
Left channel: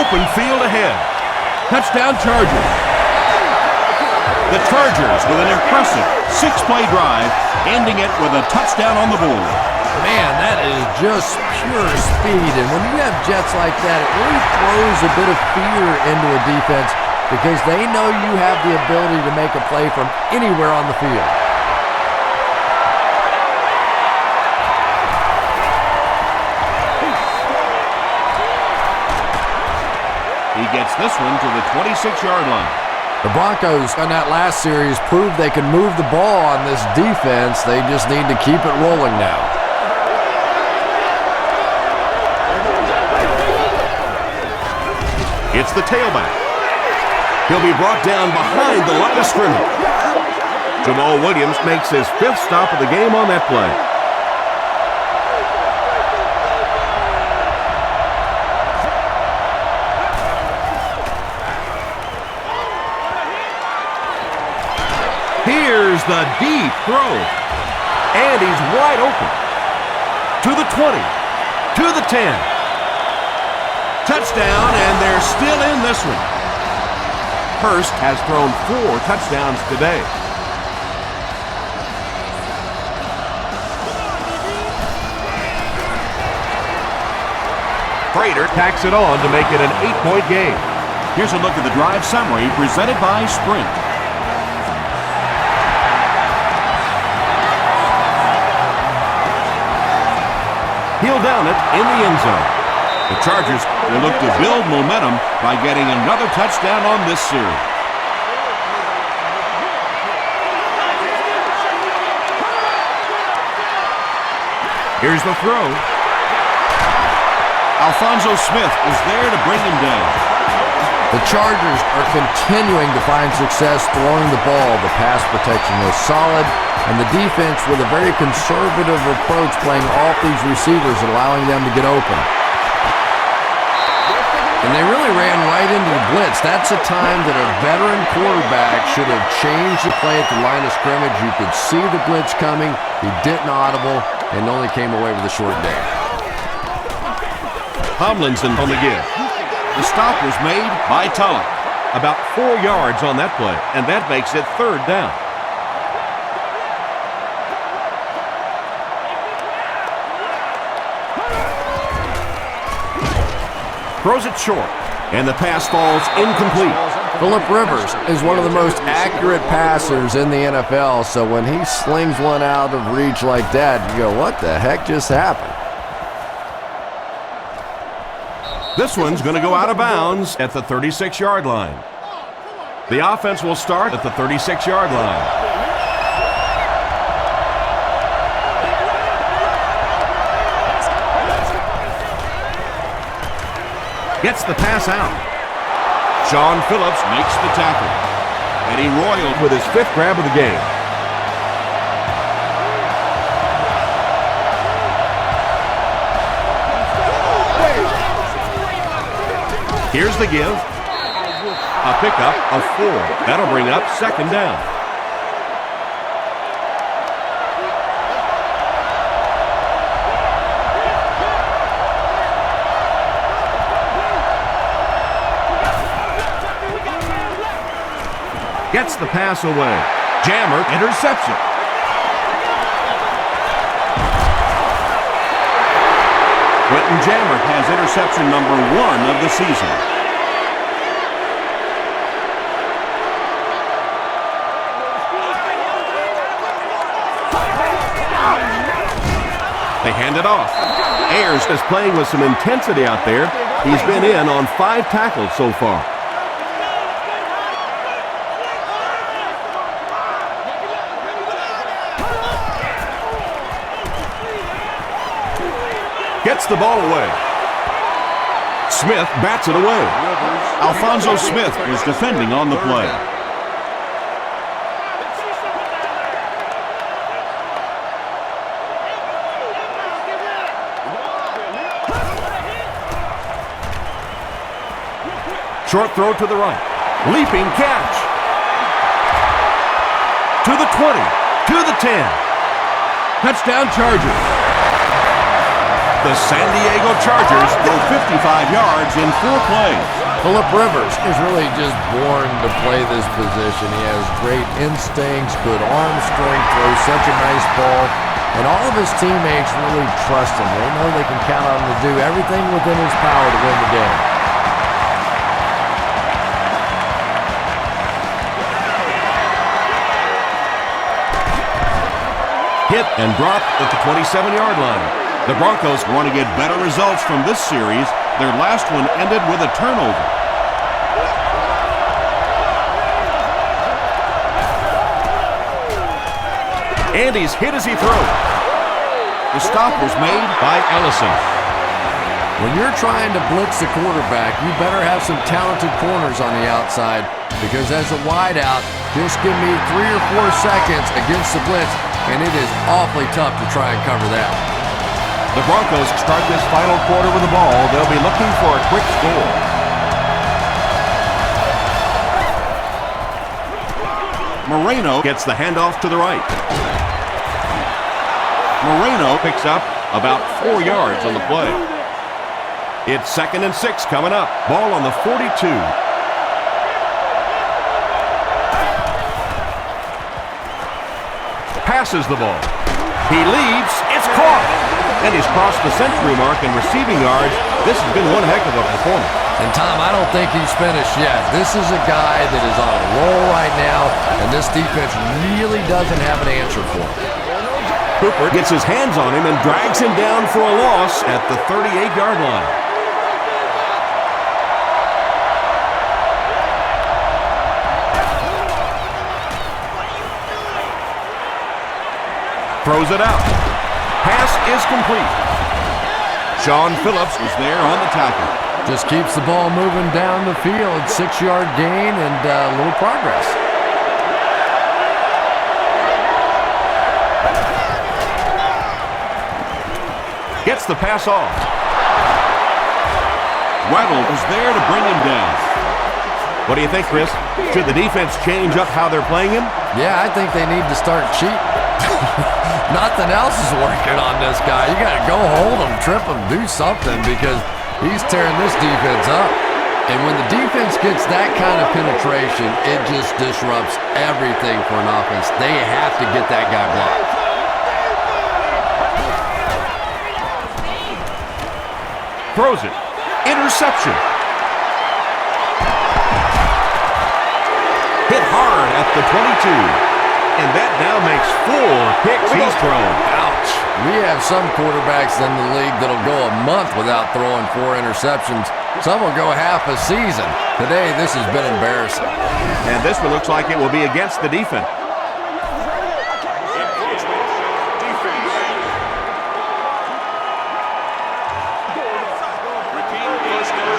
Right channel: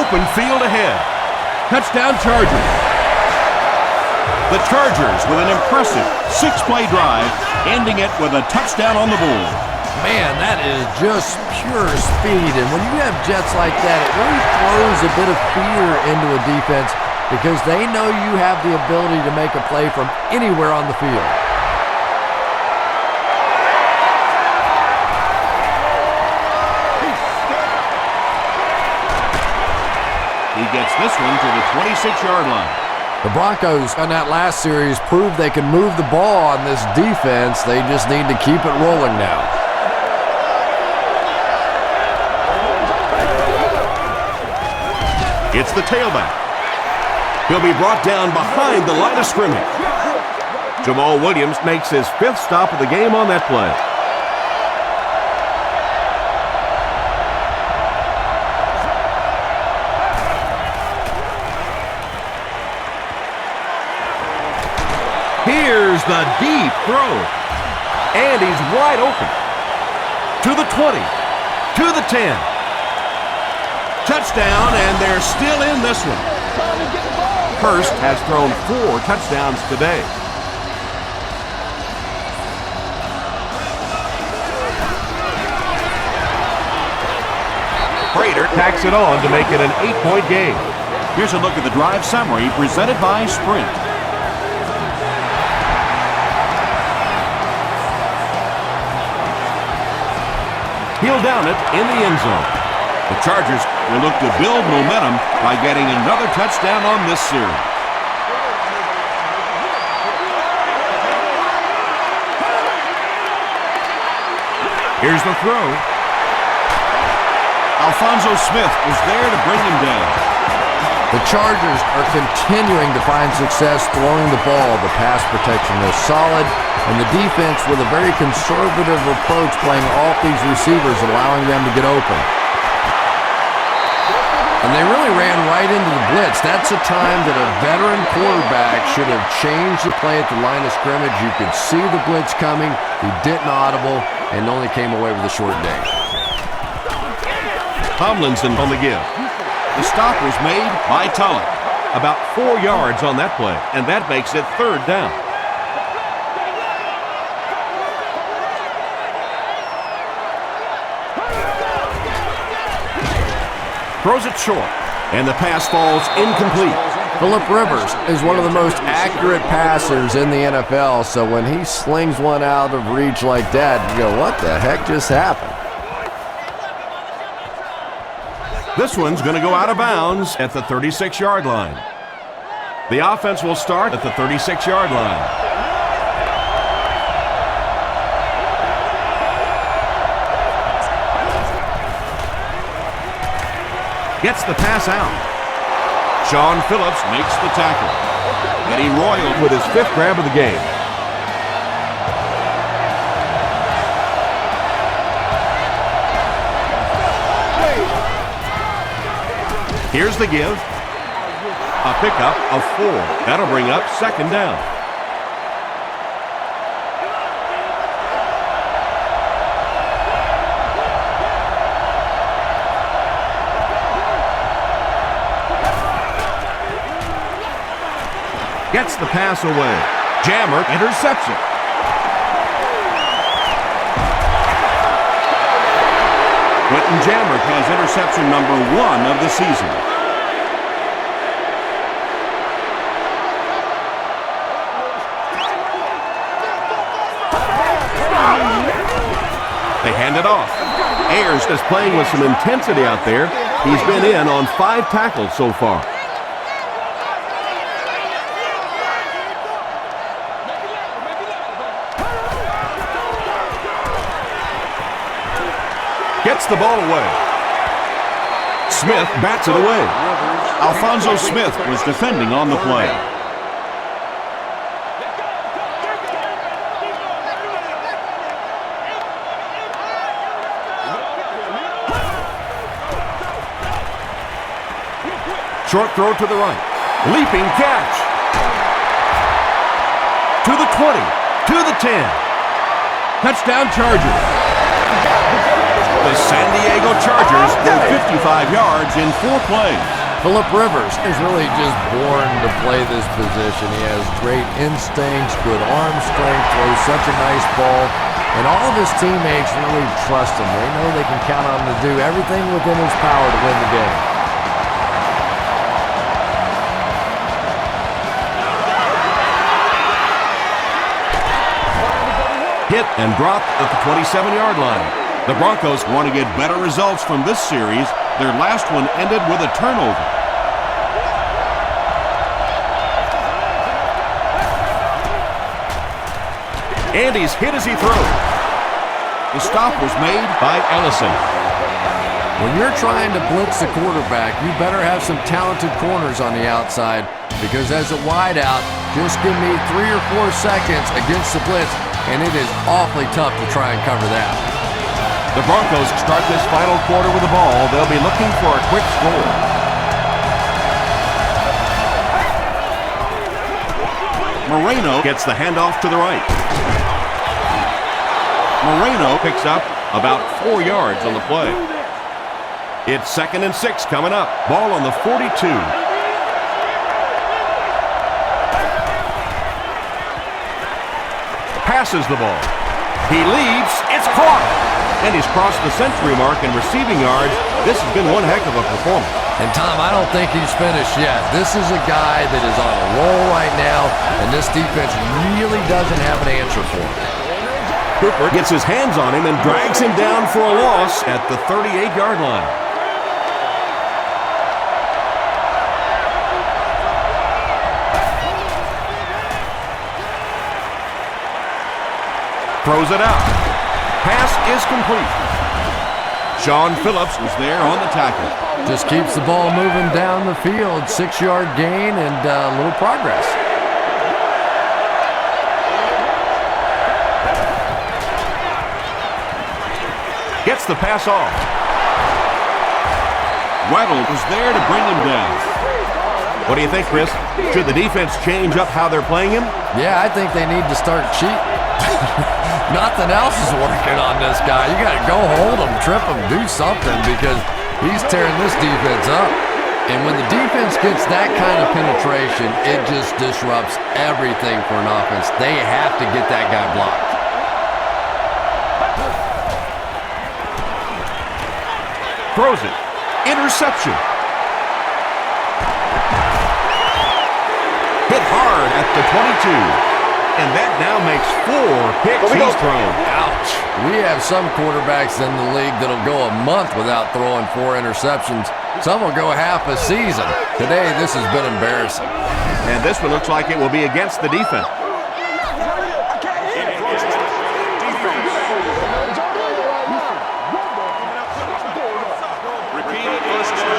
Open field ahead. Touchdown Chargers. The Chargers with an impressive 6-play drive, ending it with a touchdown on the board. Man, that is just pure speed. And when you have jets like that, it really throws a bit of fear into a defense because they know you have the ability to make a play from anywhere on the field. He gets this one to the 26-yard line. The Broncos on that last series proved they can move the ball on this defense. They just need to keep it rolling now. It's the tailback. He'll be brought down behind the line of scrimmage. Jamal Williams makes his 5th stop of the game on that play. Here's the deep throw. And he's wide open. To the 20. To the 10. Touchdown, and they're still in this one. Hurst has thrown 4 touchdowns today. Prater tacks it on to make it an 8-point game. Here's a look at the drive summary presented by Sprint. He'll down it in the end zone. The Chargers will look to build momentum by getting another touchdown on this series. Here's the throw. Alphonso Smith was there to bring him down. The Chargers are continuing to find success throwing the ball. The pass protection is solid, and the defense with a very conservative approach playing off these receivers, allowing them to get open. And they really ran right into the blitz. That's a time that a veteran quarterback should have changed the play at the line of scrimmage. You could see the blitz coming. He didn't audible and only came away with a short day. Tomlinson on the give. The stop was made by Tulloch. About 4 yards on that play, and that makes it 3rd down. Throws it short, and the pass falls incomplete. Phillip Rivers is one of the most accurate passers in the NFL, so when he slings one out of reach like that, you go, what the heck just happened? This one's going to go out of bounds at the 36-yard line. The offense will start at the 36-yard line. Gets the pass out. Sean Phillips Makes the tackle. Eddie Royal with his 5th grab of the game. Here's the give. A pickup of 4. That'll bring up 2nd down. Gets the pass away. Jammer interception. Quentin Jammer has interception number 1 of the season. They hand it off. Ayers is playing with some intensity out there. He's been in on 5 tackles so far. Gets the ball away. Smith bats it away. Alfonso Smith was defending on the play. Short throw to the right. Leaping catch. To the 20. To the 10. Touchdown Chargers. The San Diego Chargers Go 55 yards in 4 plays. Phillip Rivers is really just born to play this position. He has great instincts, good arm strength, throws such a nice ball, and all of his teammates really trust him. They know they can count on him to do everything within his power to win the game. hit and dropped at the 27-yard line. The Broncos want to get better results from this series. Their last one ended with a turnover. And he's hit as he throws. The stop was made by Ellison. When you're trying to blitz the quarterback, you better have some talented corners on the outside, because as a wideout, just give me 3 or 4 seconds against the blitz, and it is awfully tough to try and cover that. The Broncos start this final quarter with the ball. They'll be looking for a quick score. Moreno gets the handoff to the right. Moreno picks up about 4 yards on the play. It's 2nd and 6 coming up. Ball on the 42. Passes the ball. He leaps. It's caught. And he's crossed the century mark in receiving yards. This has been one heck of a performance. And Tom, I don't think he's finished yet. This is a guy that is on a roll right now, and this defense really doesn't have an answer for him. Cooper gets his hands on him and drags him down for a loss at the 38-yard line. Throws it out. Pass is complete. Sean Phillips was there on the tackle. Just keeps the ball moving down the field. 6-yard gain and a little progress. Gets the pass off. Weddle was there to bring him down. What do you think, Chris? Should the defense change up how they're playing him? Yeah, I think they need to start cheating. Nothing else is working on this guy. You got to go hold him, trip him, do something, because he's tearing this defense up. And when the defense gets that kind of penetration, it just disrupts everything for an offense. They have to get that guy blocked. Throws it. Interception. Hit hard at the 22. And that now makes 4 picks he's thrown. Ouch. We have some quarterbacks in the league that'll go a month without throwing 4 interceptions. Some will go half a season. Today, this has been embarrassing. And this one looks like it will be against the defense. Encroachment. Defense. Repeat first down.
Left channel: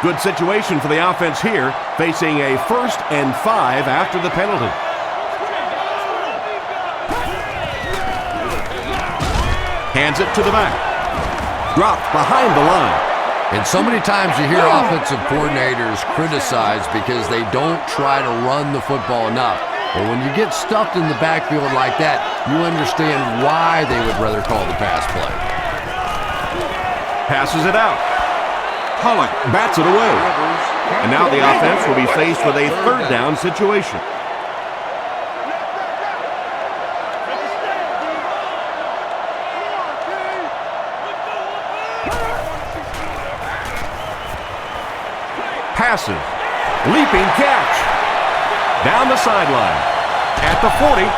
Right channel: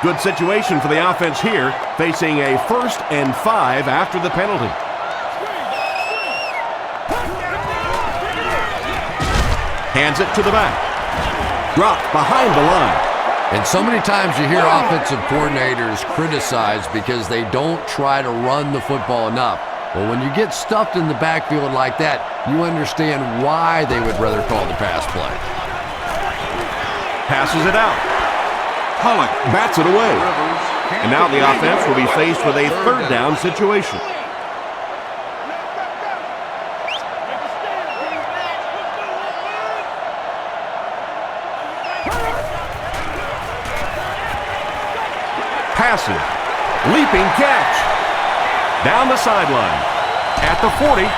Good situation for the offense here, facing a 1st and 5 after the penalty. Hands it to the back. Dropped behind the line. And so many times you hear offensive coordinators criticized because they don't try to run the football enough. Well, when you get stuffed in the backfield like that, you understand why they would rather call the pass play. Passes it out. Pollock bats it away. And now the offense will be faced with a 3rd down situation. Passes. Leaping catch. Down the sideline. At the 40.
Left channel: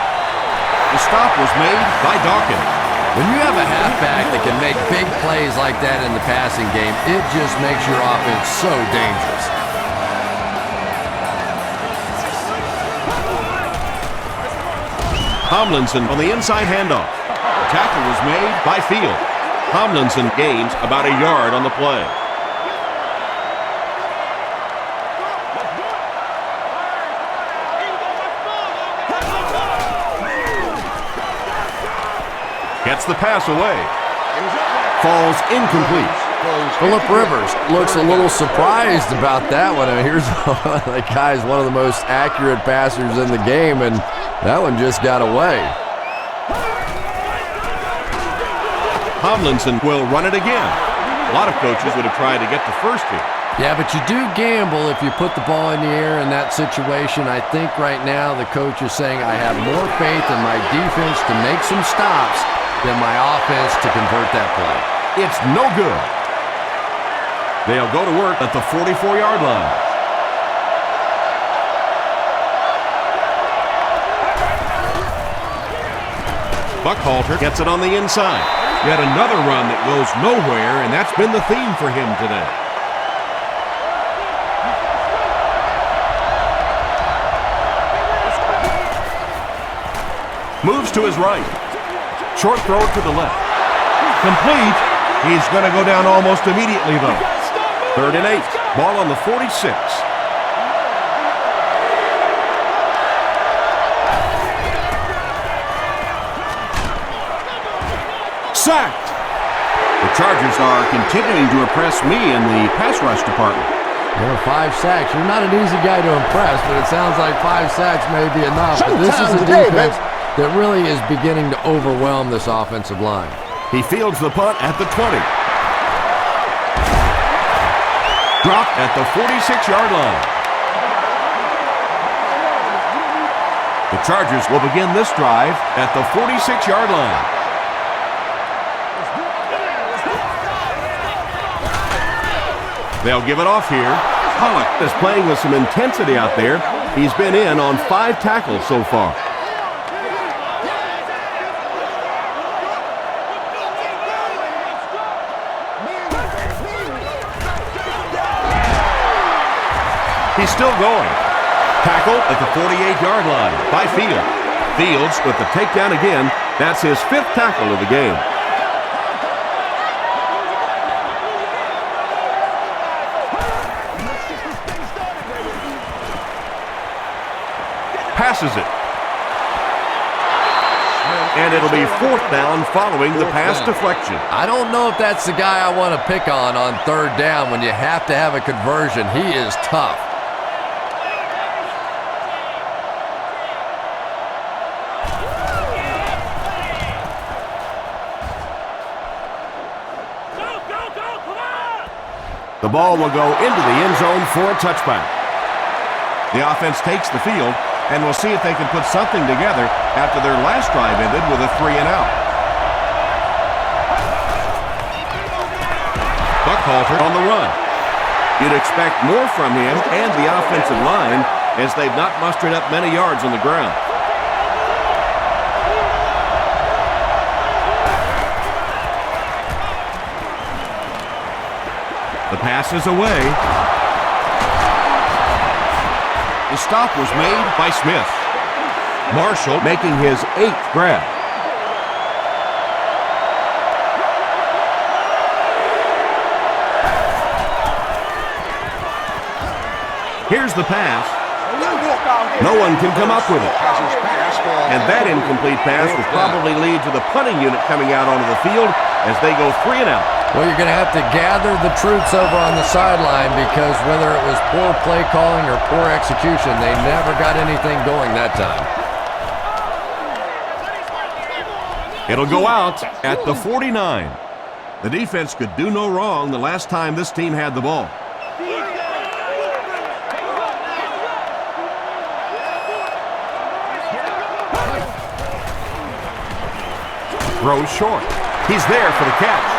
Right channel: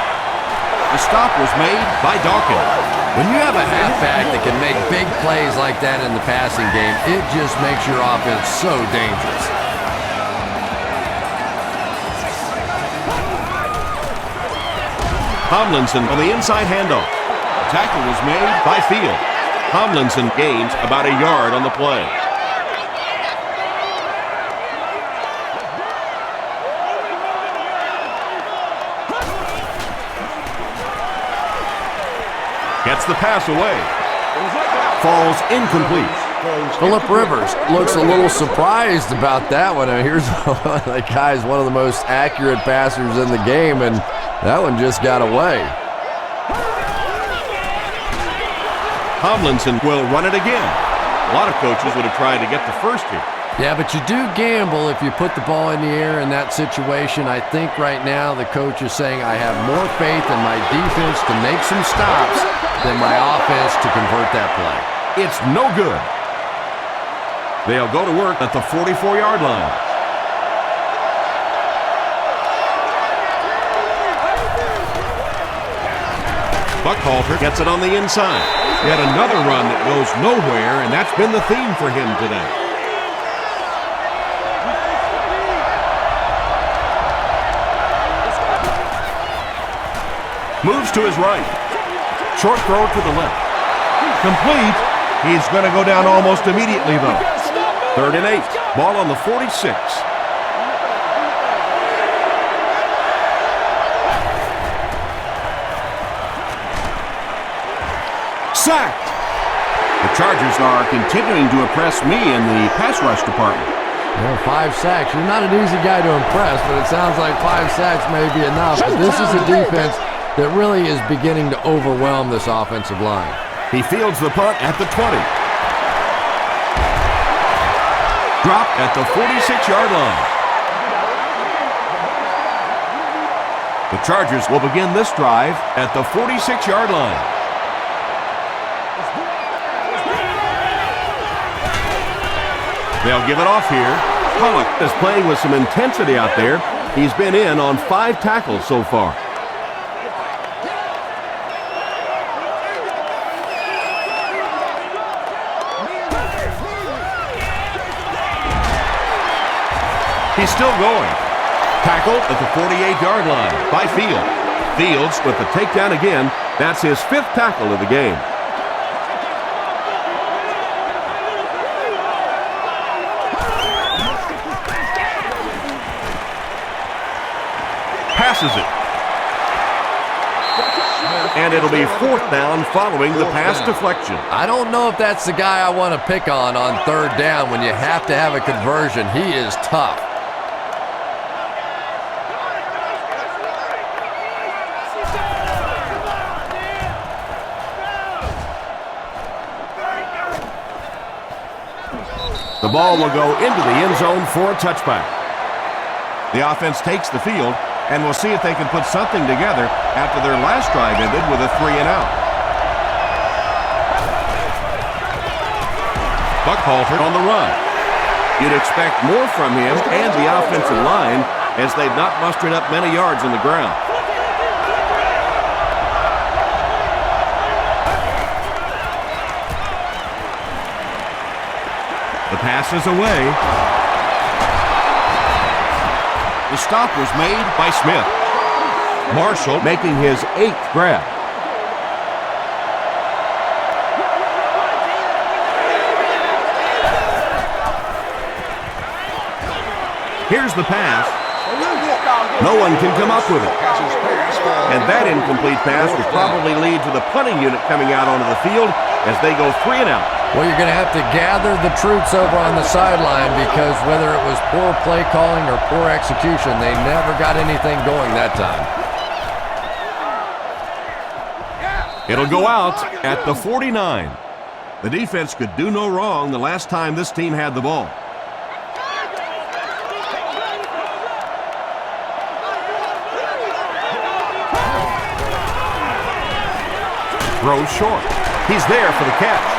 The stop was made by Dawkins. When you have a halfback that can make big plays like that in the passing game, it just makes your offense so dangerous. Tomlinson on the inside handoff. Tackle was made by Field. Tomlinson gains about a yard on the play. Gets the pass away. Falls incomplete. Phillip Rivers looks a little surprised about that one. I mean, here's the guy's one of the most accurate passers in the game, and that one just got away. Tomlinson will run it again. A lot of coaches would have tried to get the first here. Yeah, but you do gamble if you put the ball in the air in that situation. I think right now the coach is saying I have more faith in my defense to make some stops than my offense to convert that play. It's no good. They'll go to work at the 44-yard line. Buckhalter gets it on the inside. Yet another run that goes nowhere, and that's been the theme for him today. Moves to his right. Short throw to the left. Complete. He's going to go down almost immediately, though. 3rd and 8. Ball on the 46. Sacked. The Chargers are continuing to impress me in the pass rush department. You know, 5 sacks. You're not an easy guy to impress, but it sounds like 5 sacks may be enough. But this is a defense that really is beginning to overwhelm this offensive line. He fields the punt at the 20. Dropped at the 46-yard line. The Chargers will begin this drive at the 46-yard line. They'll give it off here. Pollock is playing with some intensity out there. He's been in on 5 tackles so far. He's still going. Tackle at the 48-yard line by Field. Fields with the takedown again. That's his 5th tackle of the game. Passes it. And it'll be 4th down following the pass deflection. I don't know if that's the guy I want to pick on 3rd down when you have to have a conversion. He is tough. The ball will go into the end zone for a touchback. The offense takes the field, and we'll see if they can put something together after their last drive ended with a 3-and-out. Buckhalter on the run. You'd expect more from him and the offensive line as they've not mustered up many yards on the ground. The pass is away. The stop was made by Smith. Marshall making his 8th grab. Here's the pass. No one can come up with it. And that incomplete pass will probably lead to the punting unit coming out onto the field as they go 3-and-out. Well, you're going to have to gather the troops over on the sideline because whether it was poor play calling or poor execution, they never got anything going that time. It'll go out at the 49. The defense could do no wrong the last time this team had the ball. Throws short. He's there for the catch.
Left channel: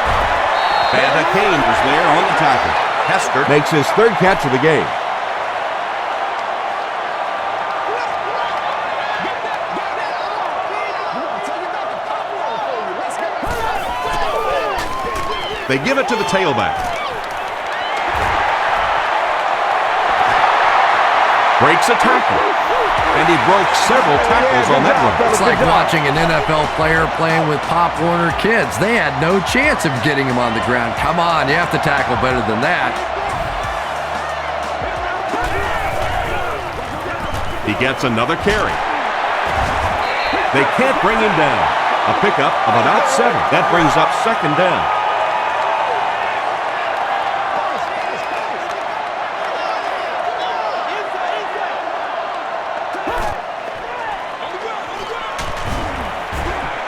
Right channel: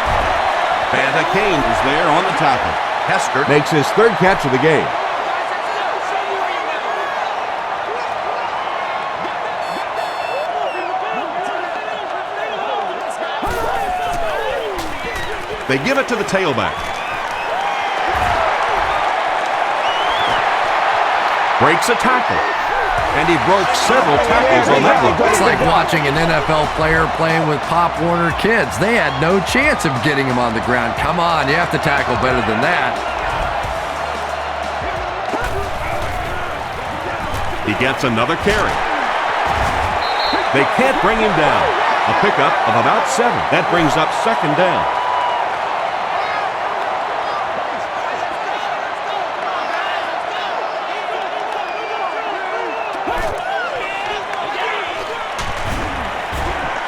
Banta Kane is there on the tackle. Hester makes his 3rd catch of the game. They give it to the tailback. Breaks a tackle. And he broke several tackles on that one. It's like watching an NFL player playing with Pop Warner kids. They had no chance of getting him on the ground. Come on, you have to tackle better than that. He gets another carry. They can't bring him down. A pickup of about 7. That brings up second down.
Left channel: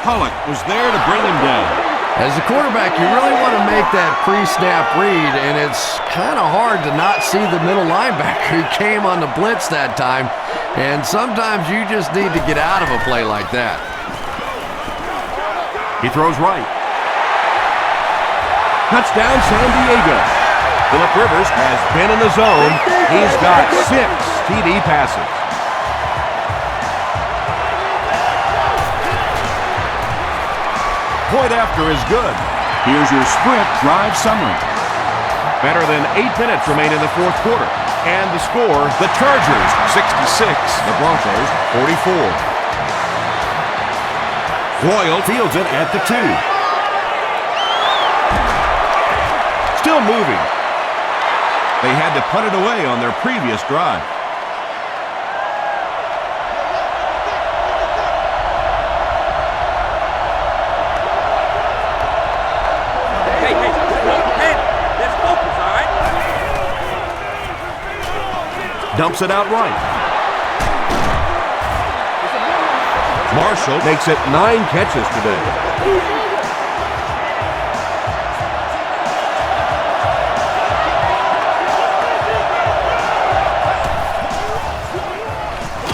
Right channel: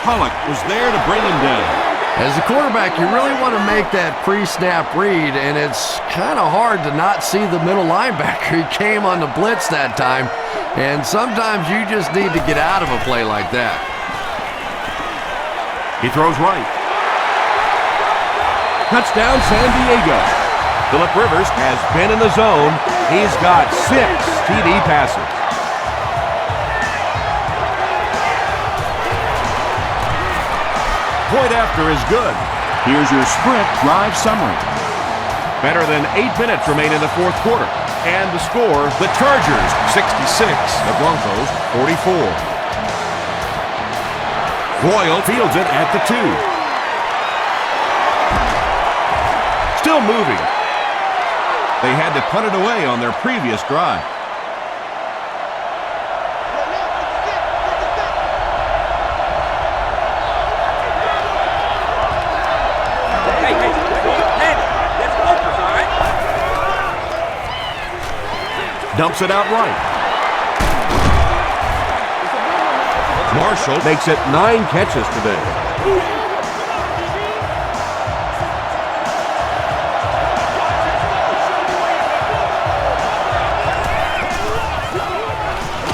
Pollock was there to bring him down. As a quarterback, you really want to make that pre-snap read, and it's kind of hard to not see the middle linebacker. He came on the blitz that time, and sometimes you just need to get out of a play like that. He throws right. Touchdown, San Diego. Phillip Rivers has been in the zone. He's got 6 TD passes. Point after is good. Here's your sprint drive summary. Better than 8 minutes remain in the fourth quarter. And the score, the Chargers 66, the Broncos 44. Royal fields it at the 2. Still moving. They had to punt it away on their previous drive. Dumps it out right. Marshall makes it 9 catches today.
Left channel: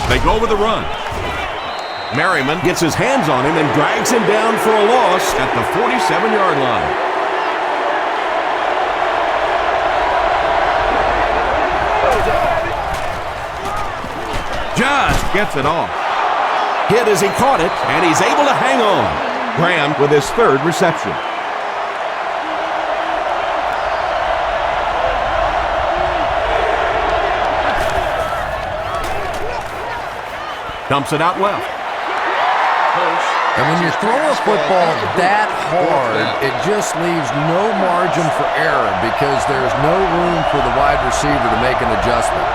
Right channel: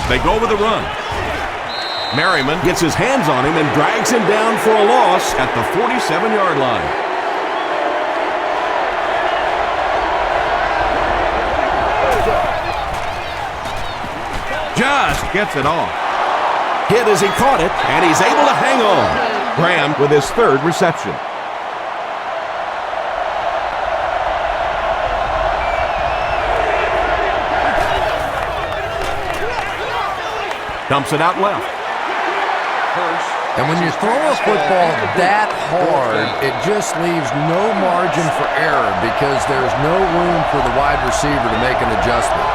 They go with the run. Merriman gets his hands on him and drags him down for a loss at the 47-yard line. Just gets it off. Hit as he caught it, and he's able to hang on. Graham with his 3rd reception. Dumps it out left. And when you throw a football that hard, it just leaves no margin for error because there's no room for the wide receiver to make an adjustment.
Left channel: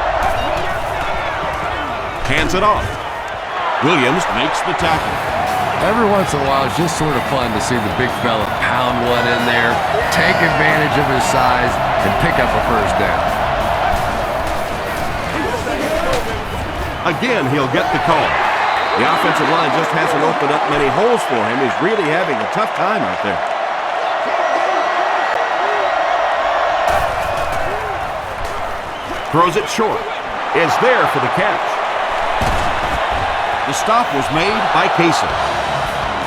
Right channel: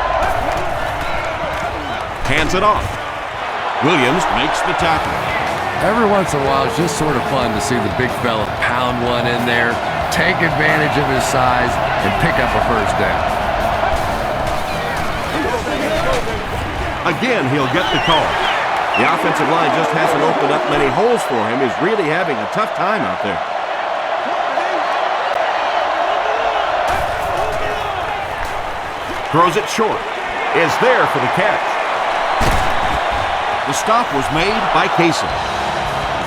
Hands it off. Williams makes the tackle. Every once in a while, it's just sort of fun to see the big fella pound one in there, take advantage of his size, and pick up a first down. Again, he'll get the call. The offensive line just hasn't opened up many holes for him. He's really having a tough time out there. Throws it short. Is there for the catch. The stop was made by Casey.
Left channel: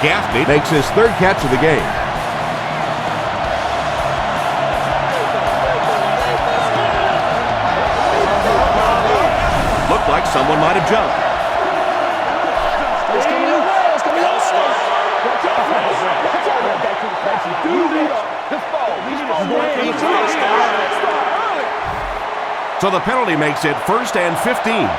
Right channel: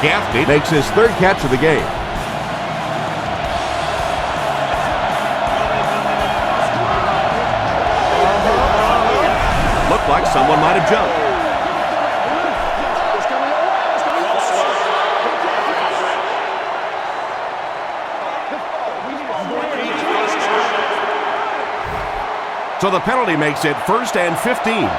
Gaffney makes his 3rd catch of the game. Looked like someone might have jumped. It's coming your way. It's coming your way. So the penalty makes it 1st and 15.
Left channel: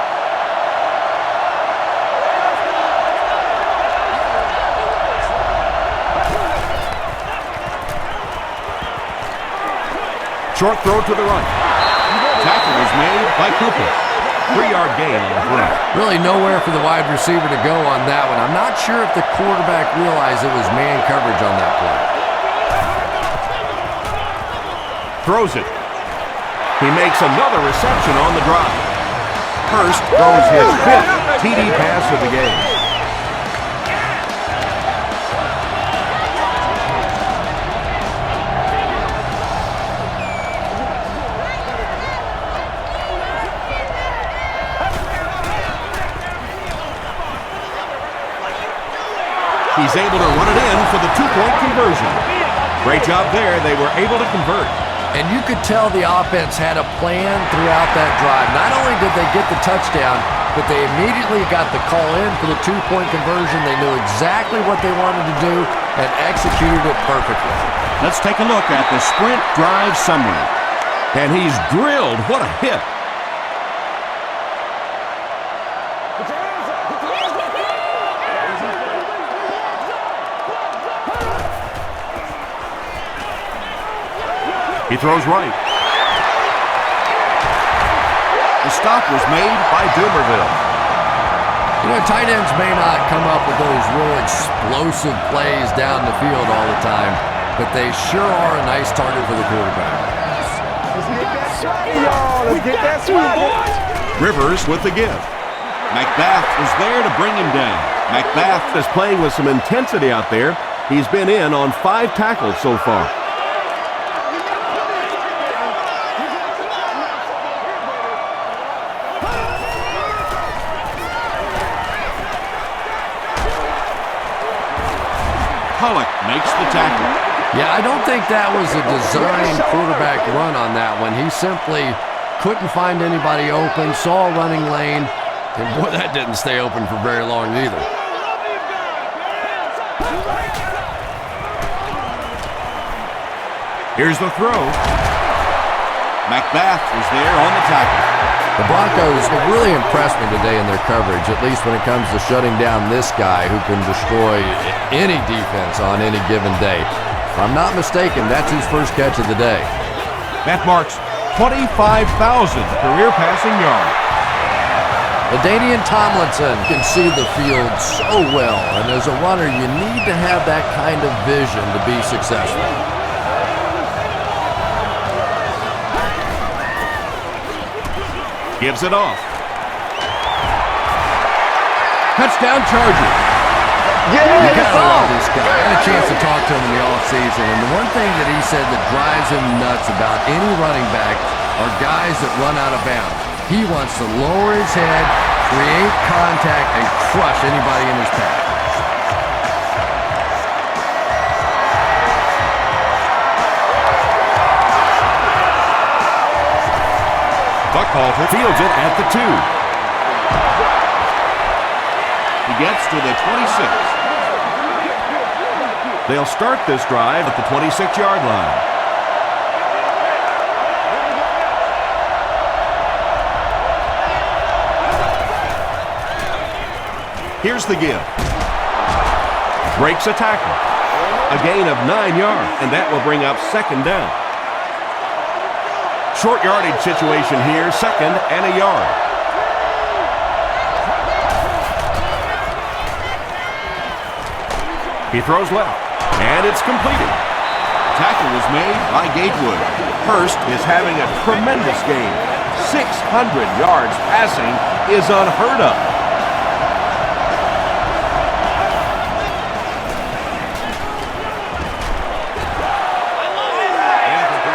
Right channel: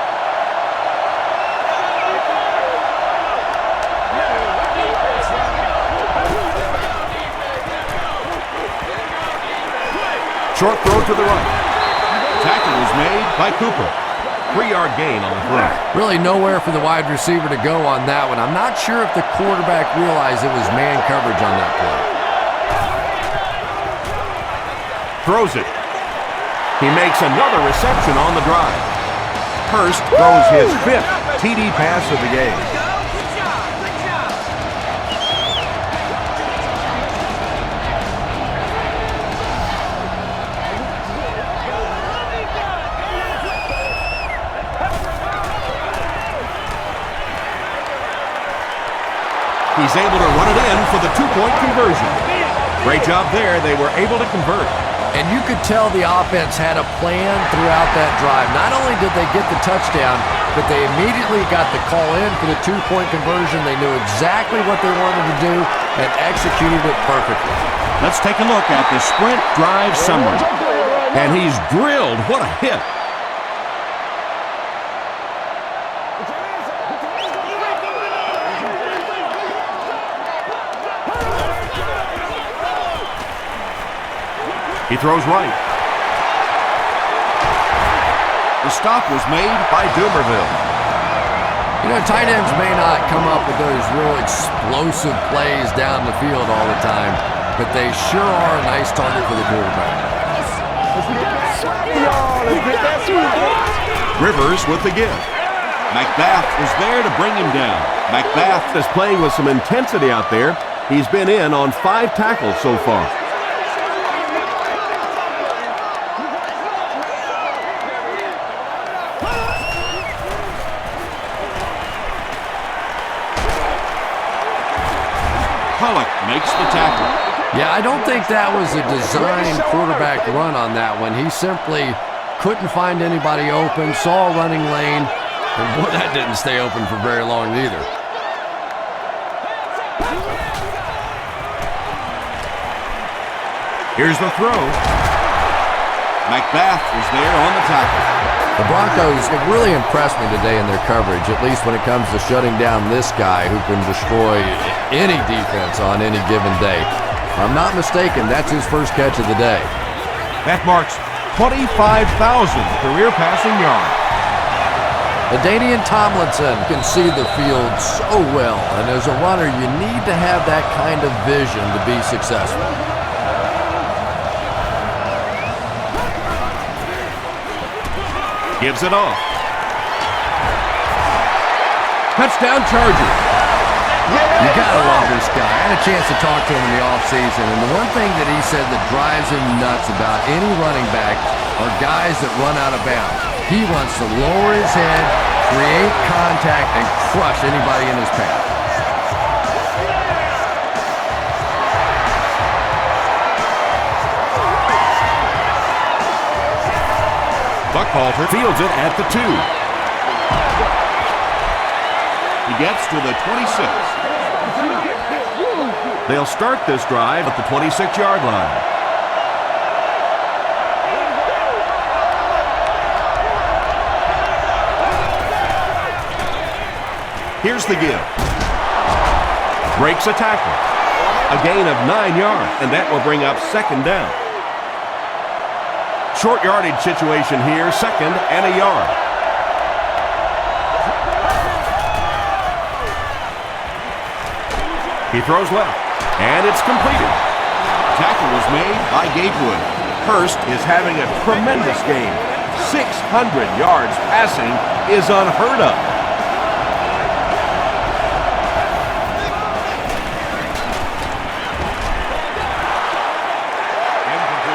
Short throw to the right. Tackle was made by Cooper. 3-yard gain on the throw. Really nowhere for the wide receiver to go on that one. I'm not sure if the quarterback realized it was man coverage on that play. Throws it. He makes another reception on the drive. Hurst throws his 5th TD pass of the game. He's able to run it in for the 2-point conversion. Great job there. They were able to convert. And you could tell the offense had a plan throughout that drive. Not only did they get the touchdown, but they immediately got the call in for the two-point conversion. They knew exactly what they wanted to do and executed it perfectly. Let's take a look at the sprint drive summary. And he's drilled. What a hit. Put your hands up. Put your hands up. He throws right. The stop was made by Dumerville. You know, tight ends may not come up with those real explosive plays down the field all the time, but they sure are a nice target for the quarterback. Let's get that swagger, y'all. Let's get that swagger. Rivers with the give. McBath was there to bring him down. McBath is playing with some intensity out there. He's been in on 5 tackles so far. Pollock makes the tackle. Yeah, I don't think that was a designed quarterback run on that one. He simply couldn't find anybody open, saw a running lane, and boy, that didn't stay open for very long either. Here's the throw. McBath was there on the tackle. The Broncos have really impressed me today in their coverage, at least when it comes to shutting down this guy who can destroy any defense on any given day. If I'm not mistaken, that's his first catch of the day. That marks 25,000 career passing yards. LaDainian Tomlinson can see the field so well, and as a runner, you need to have that kind of vision to be successful. Gives it off. Touchdown Chargers. You gotta love this guy. I had a chance to talk to him in the offseason, and the one thing that he said that drives him nuts about any running back are guys that run out of bounds. He wants to lower his head, create contact, and crush anybody in his path. Buckhalter fields it at the 2. He gets to the 26. They'll start this drive at the 26-yard line. Here's the give. Breaks a tackle. A gain of 9 yards, and that will bring up second down. Short yardage situation here, second and a yard. He throws left, and it's completed. Tackle was made by Gatewood. Hurst is having a tremendous game. 600 yards passing is unheard of.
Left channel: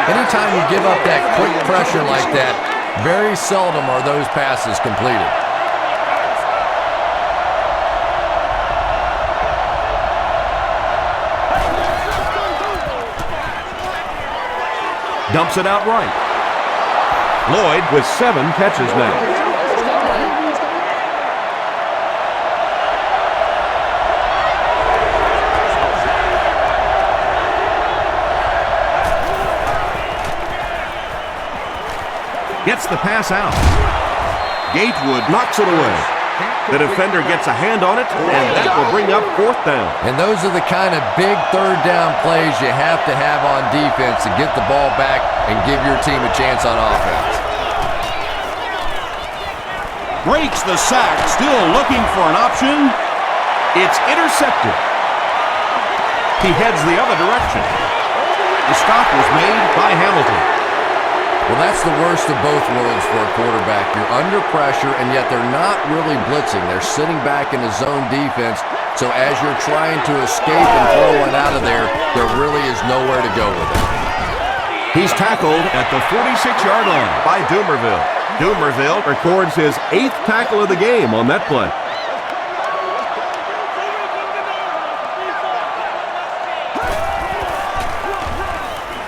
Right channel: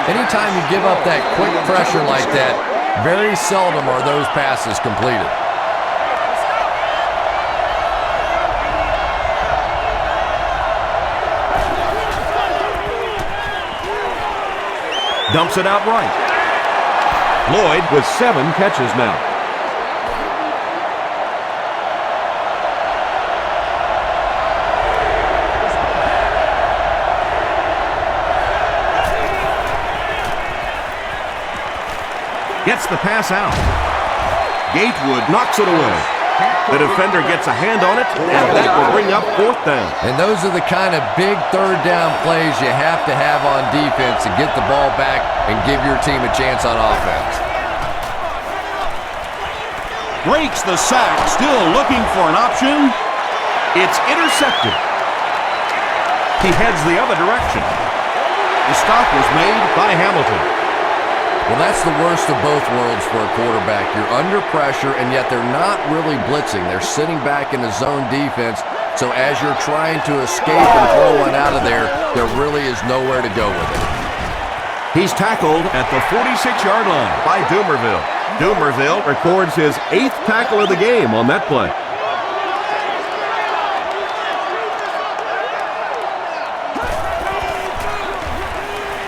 Anytime you give up that quick pressure like that, very seldom are those passes completed. Dumps it out right. Lloyd with 7 catches now. Gets the pass out. Gatewood Knocks it away. The defender gets a hand on it, and that will bring up fourth down. And those are the kind of big third down plays you have to have on defense to get the ball back and give your team a chance on offense. breaks the sack, still looking for an option. It's intercepted. He heads the other direction. The stop was made by Hamilton. Well, that's the worst of both worlds for a quarterback. You're under pressure, and yet they're not really blitzing. They're sitting back in a zone defense, so as you're trying to escape and throw one out of there, there really is nowhere to go with it. He's tackled at the 46-yard line by Dumerville. Dumerville records his 8th tackle of the game on that play.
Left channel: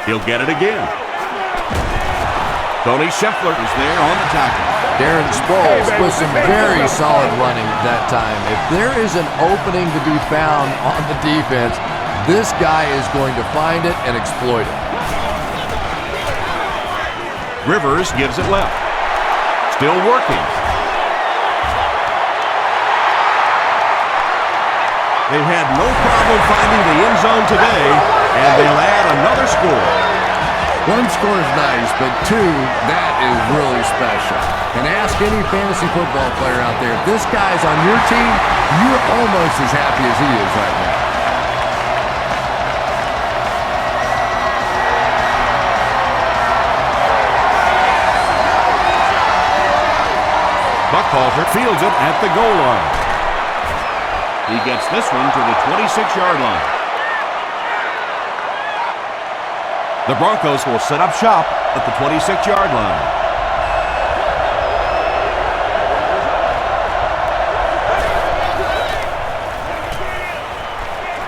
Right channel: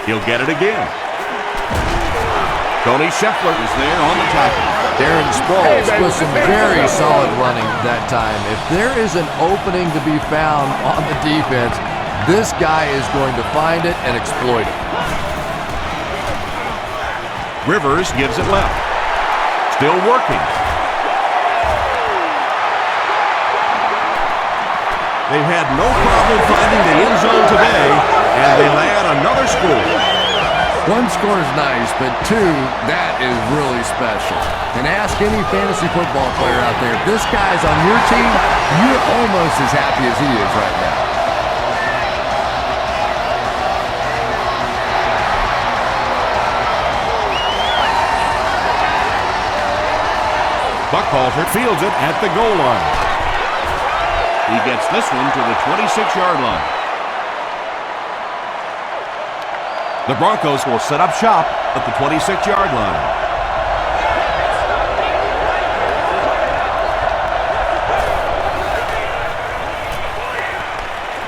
He'll get it again. Tony Scheffler is there on the tackle. Darren Sproles with some very solid running that time. If there is an opening to be found on the defense, this guy is going to find it and exploit it. Rivers gives it left. Still working. They've had no problem finding the end zone today, and they'll add another score. One score is nice, but two, that is really special. And ask any fantasy football player out there, if this guy's on your team, you're almost as happy as he is right now. Buckhalter fields it at the goal line. He gets this one to the 26-yard line. The Broncos will set up shop at the 26-yard line.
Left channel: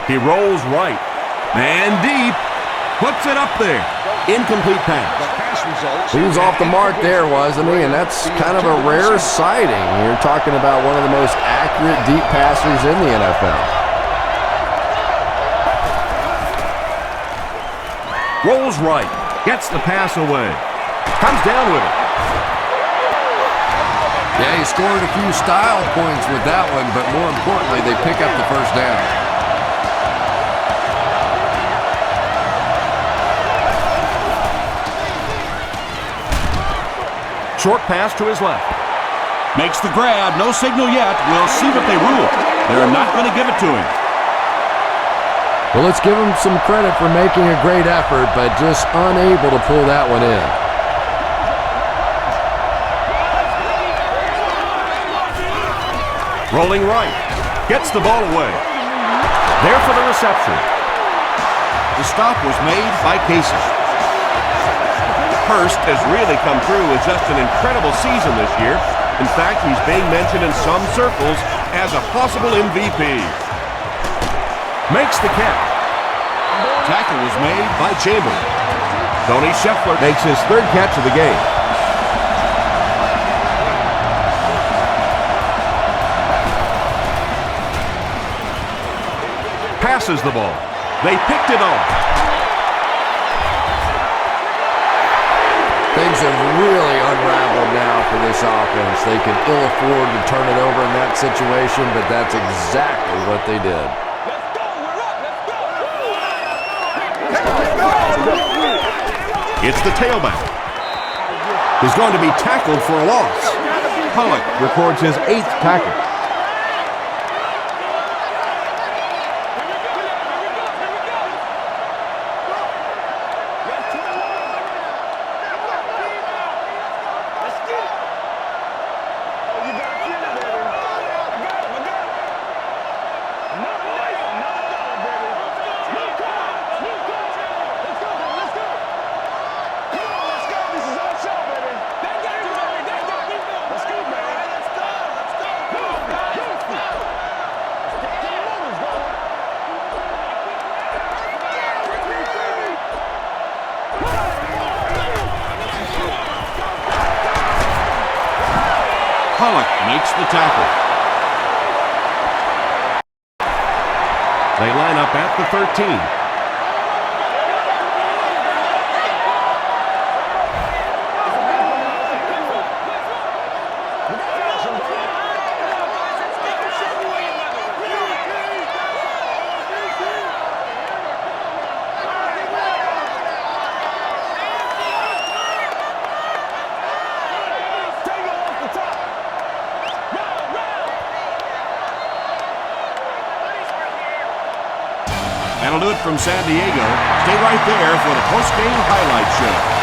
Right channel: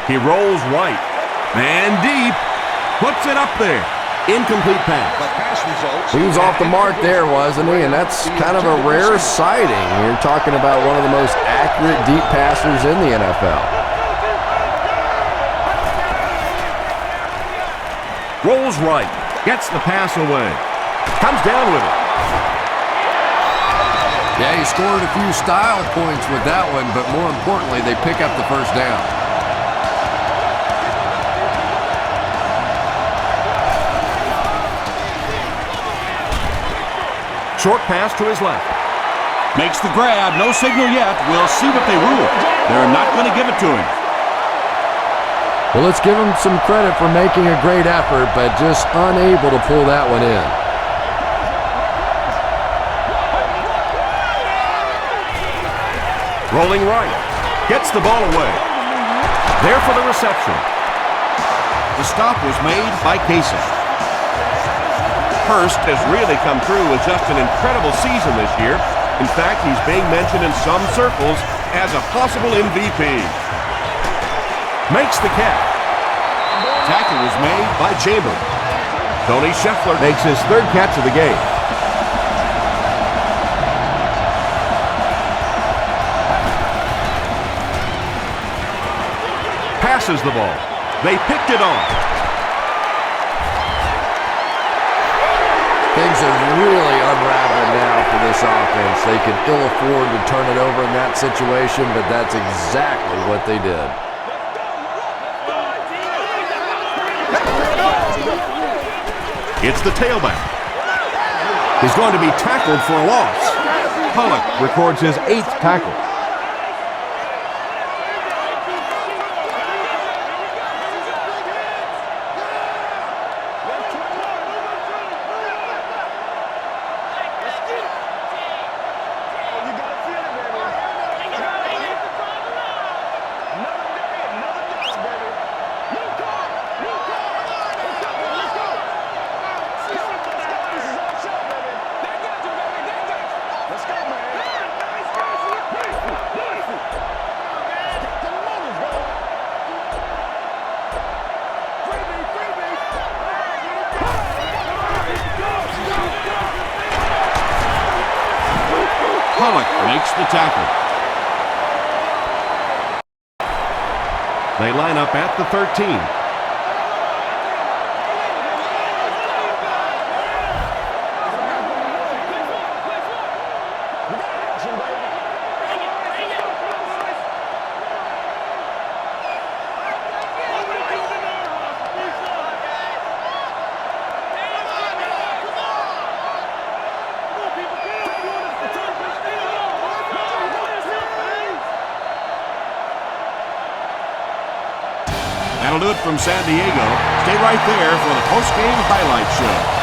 He rolls right. Man deep. Puts it up there. Incomplete pass. He was off the mark there, wasn't he? And that's kind of a rare sighting. You're talking about one of the most accurate deep passers in the NFL. Rolls right. Gets the pass away. Comes down with it. Yeah, he scored a few style points with that one, but more importantly, they pick up the first down. Short pass to his left. Makes the grab. No signal yet. We'll see what they rule. They're not going to give it to him. Well, let's give him some credit for making a great effort, but just unable to pull that one in. Rolling right. Gets the ball away. There for the reception. The stop was made by Casey. Hurst has really come through with just an incredible season this year. In fact, he's being mentioned in some circles as a possible MVP. Makes the catch. Tackle was made by Chambers. Tony Scheffler makes his third catch of the game. Passes the ball. They picked it off. Things have really unraveled now for this offense. They could ill afford to turn it over in that situation, but that's exactly what they did. It's the tailback. He's going to be tackled for a loss. Pollock records his 8th tackle. Let's get it. Oh, you gotta feel it, baby. I got it. Another day, another dollar, baby. New car. Let's go, baby. Let's go. Come on, let's go. This is our show, baby. They got you, baby. They got you. Let's go, man. Loose feet. Let's get the motors going. Freebie. Pollock makes the tackle. They line up at the 13. That'll do it from San Diego. Stay right there for the post-game highlight show.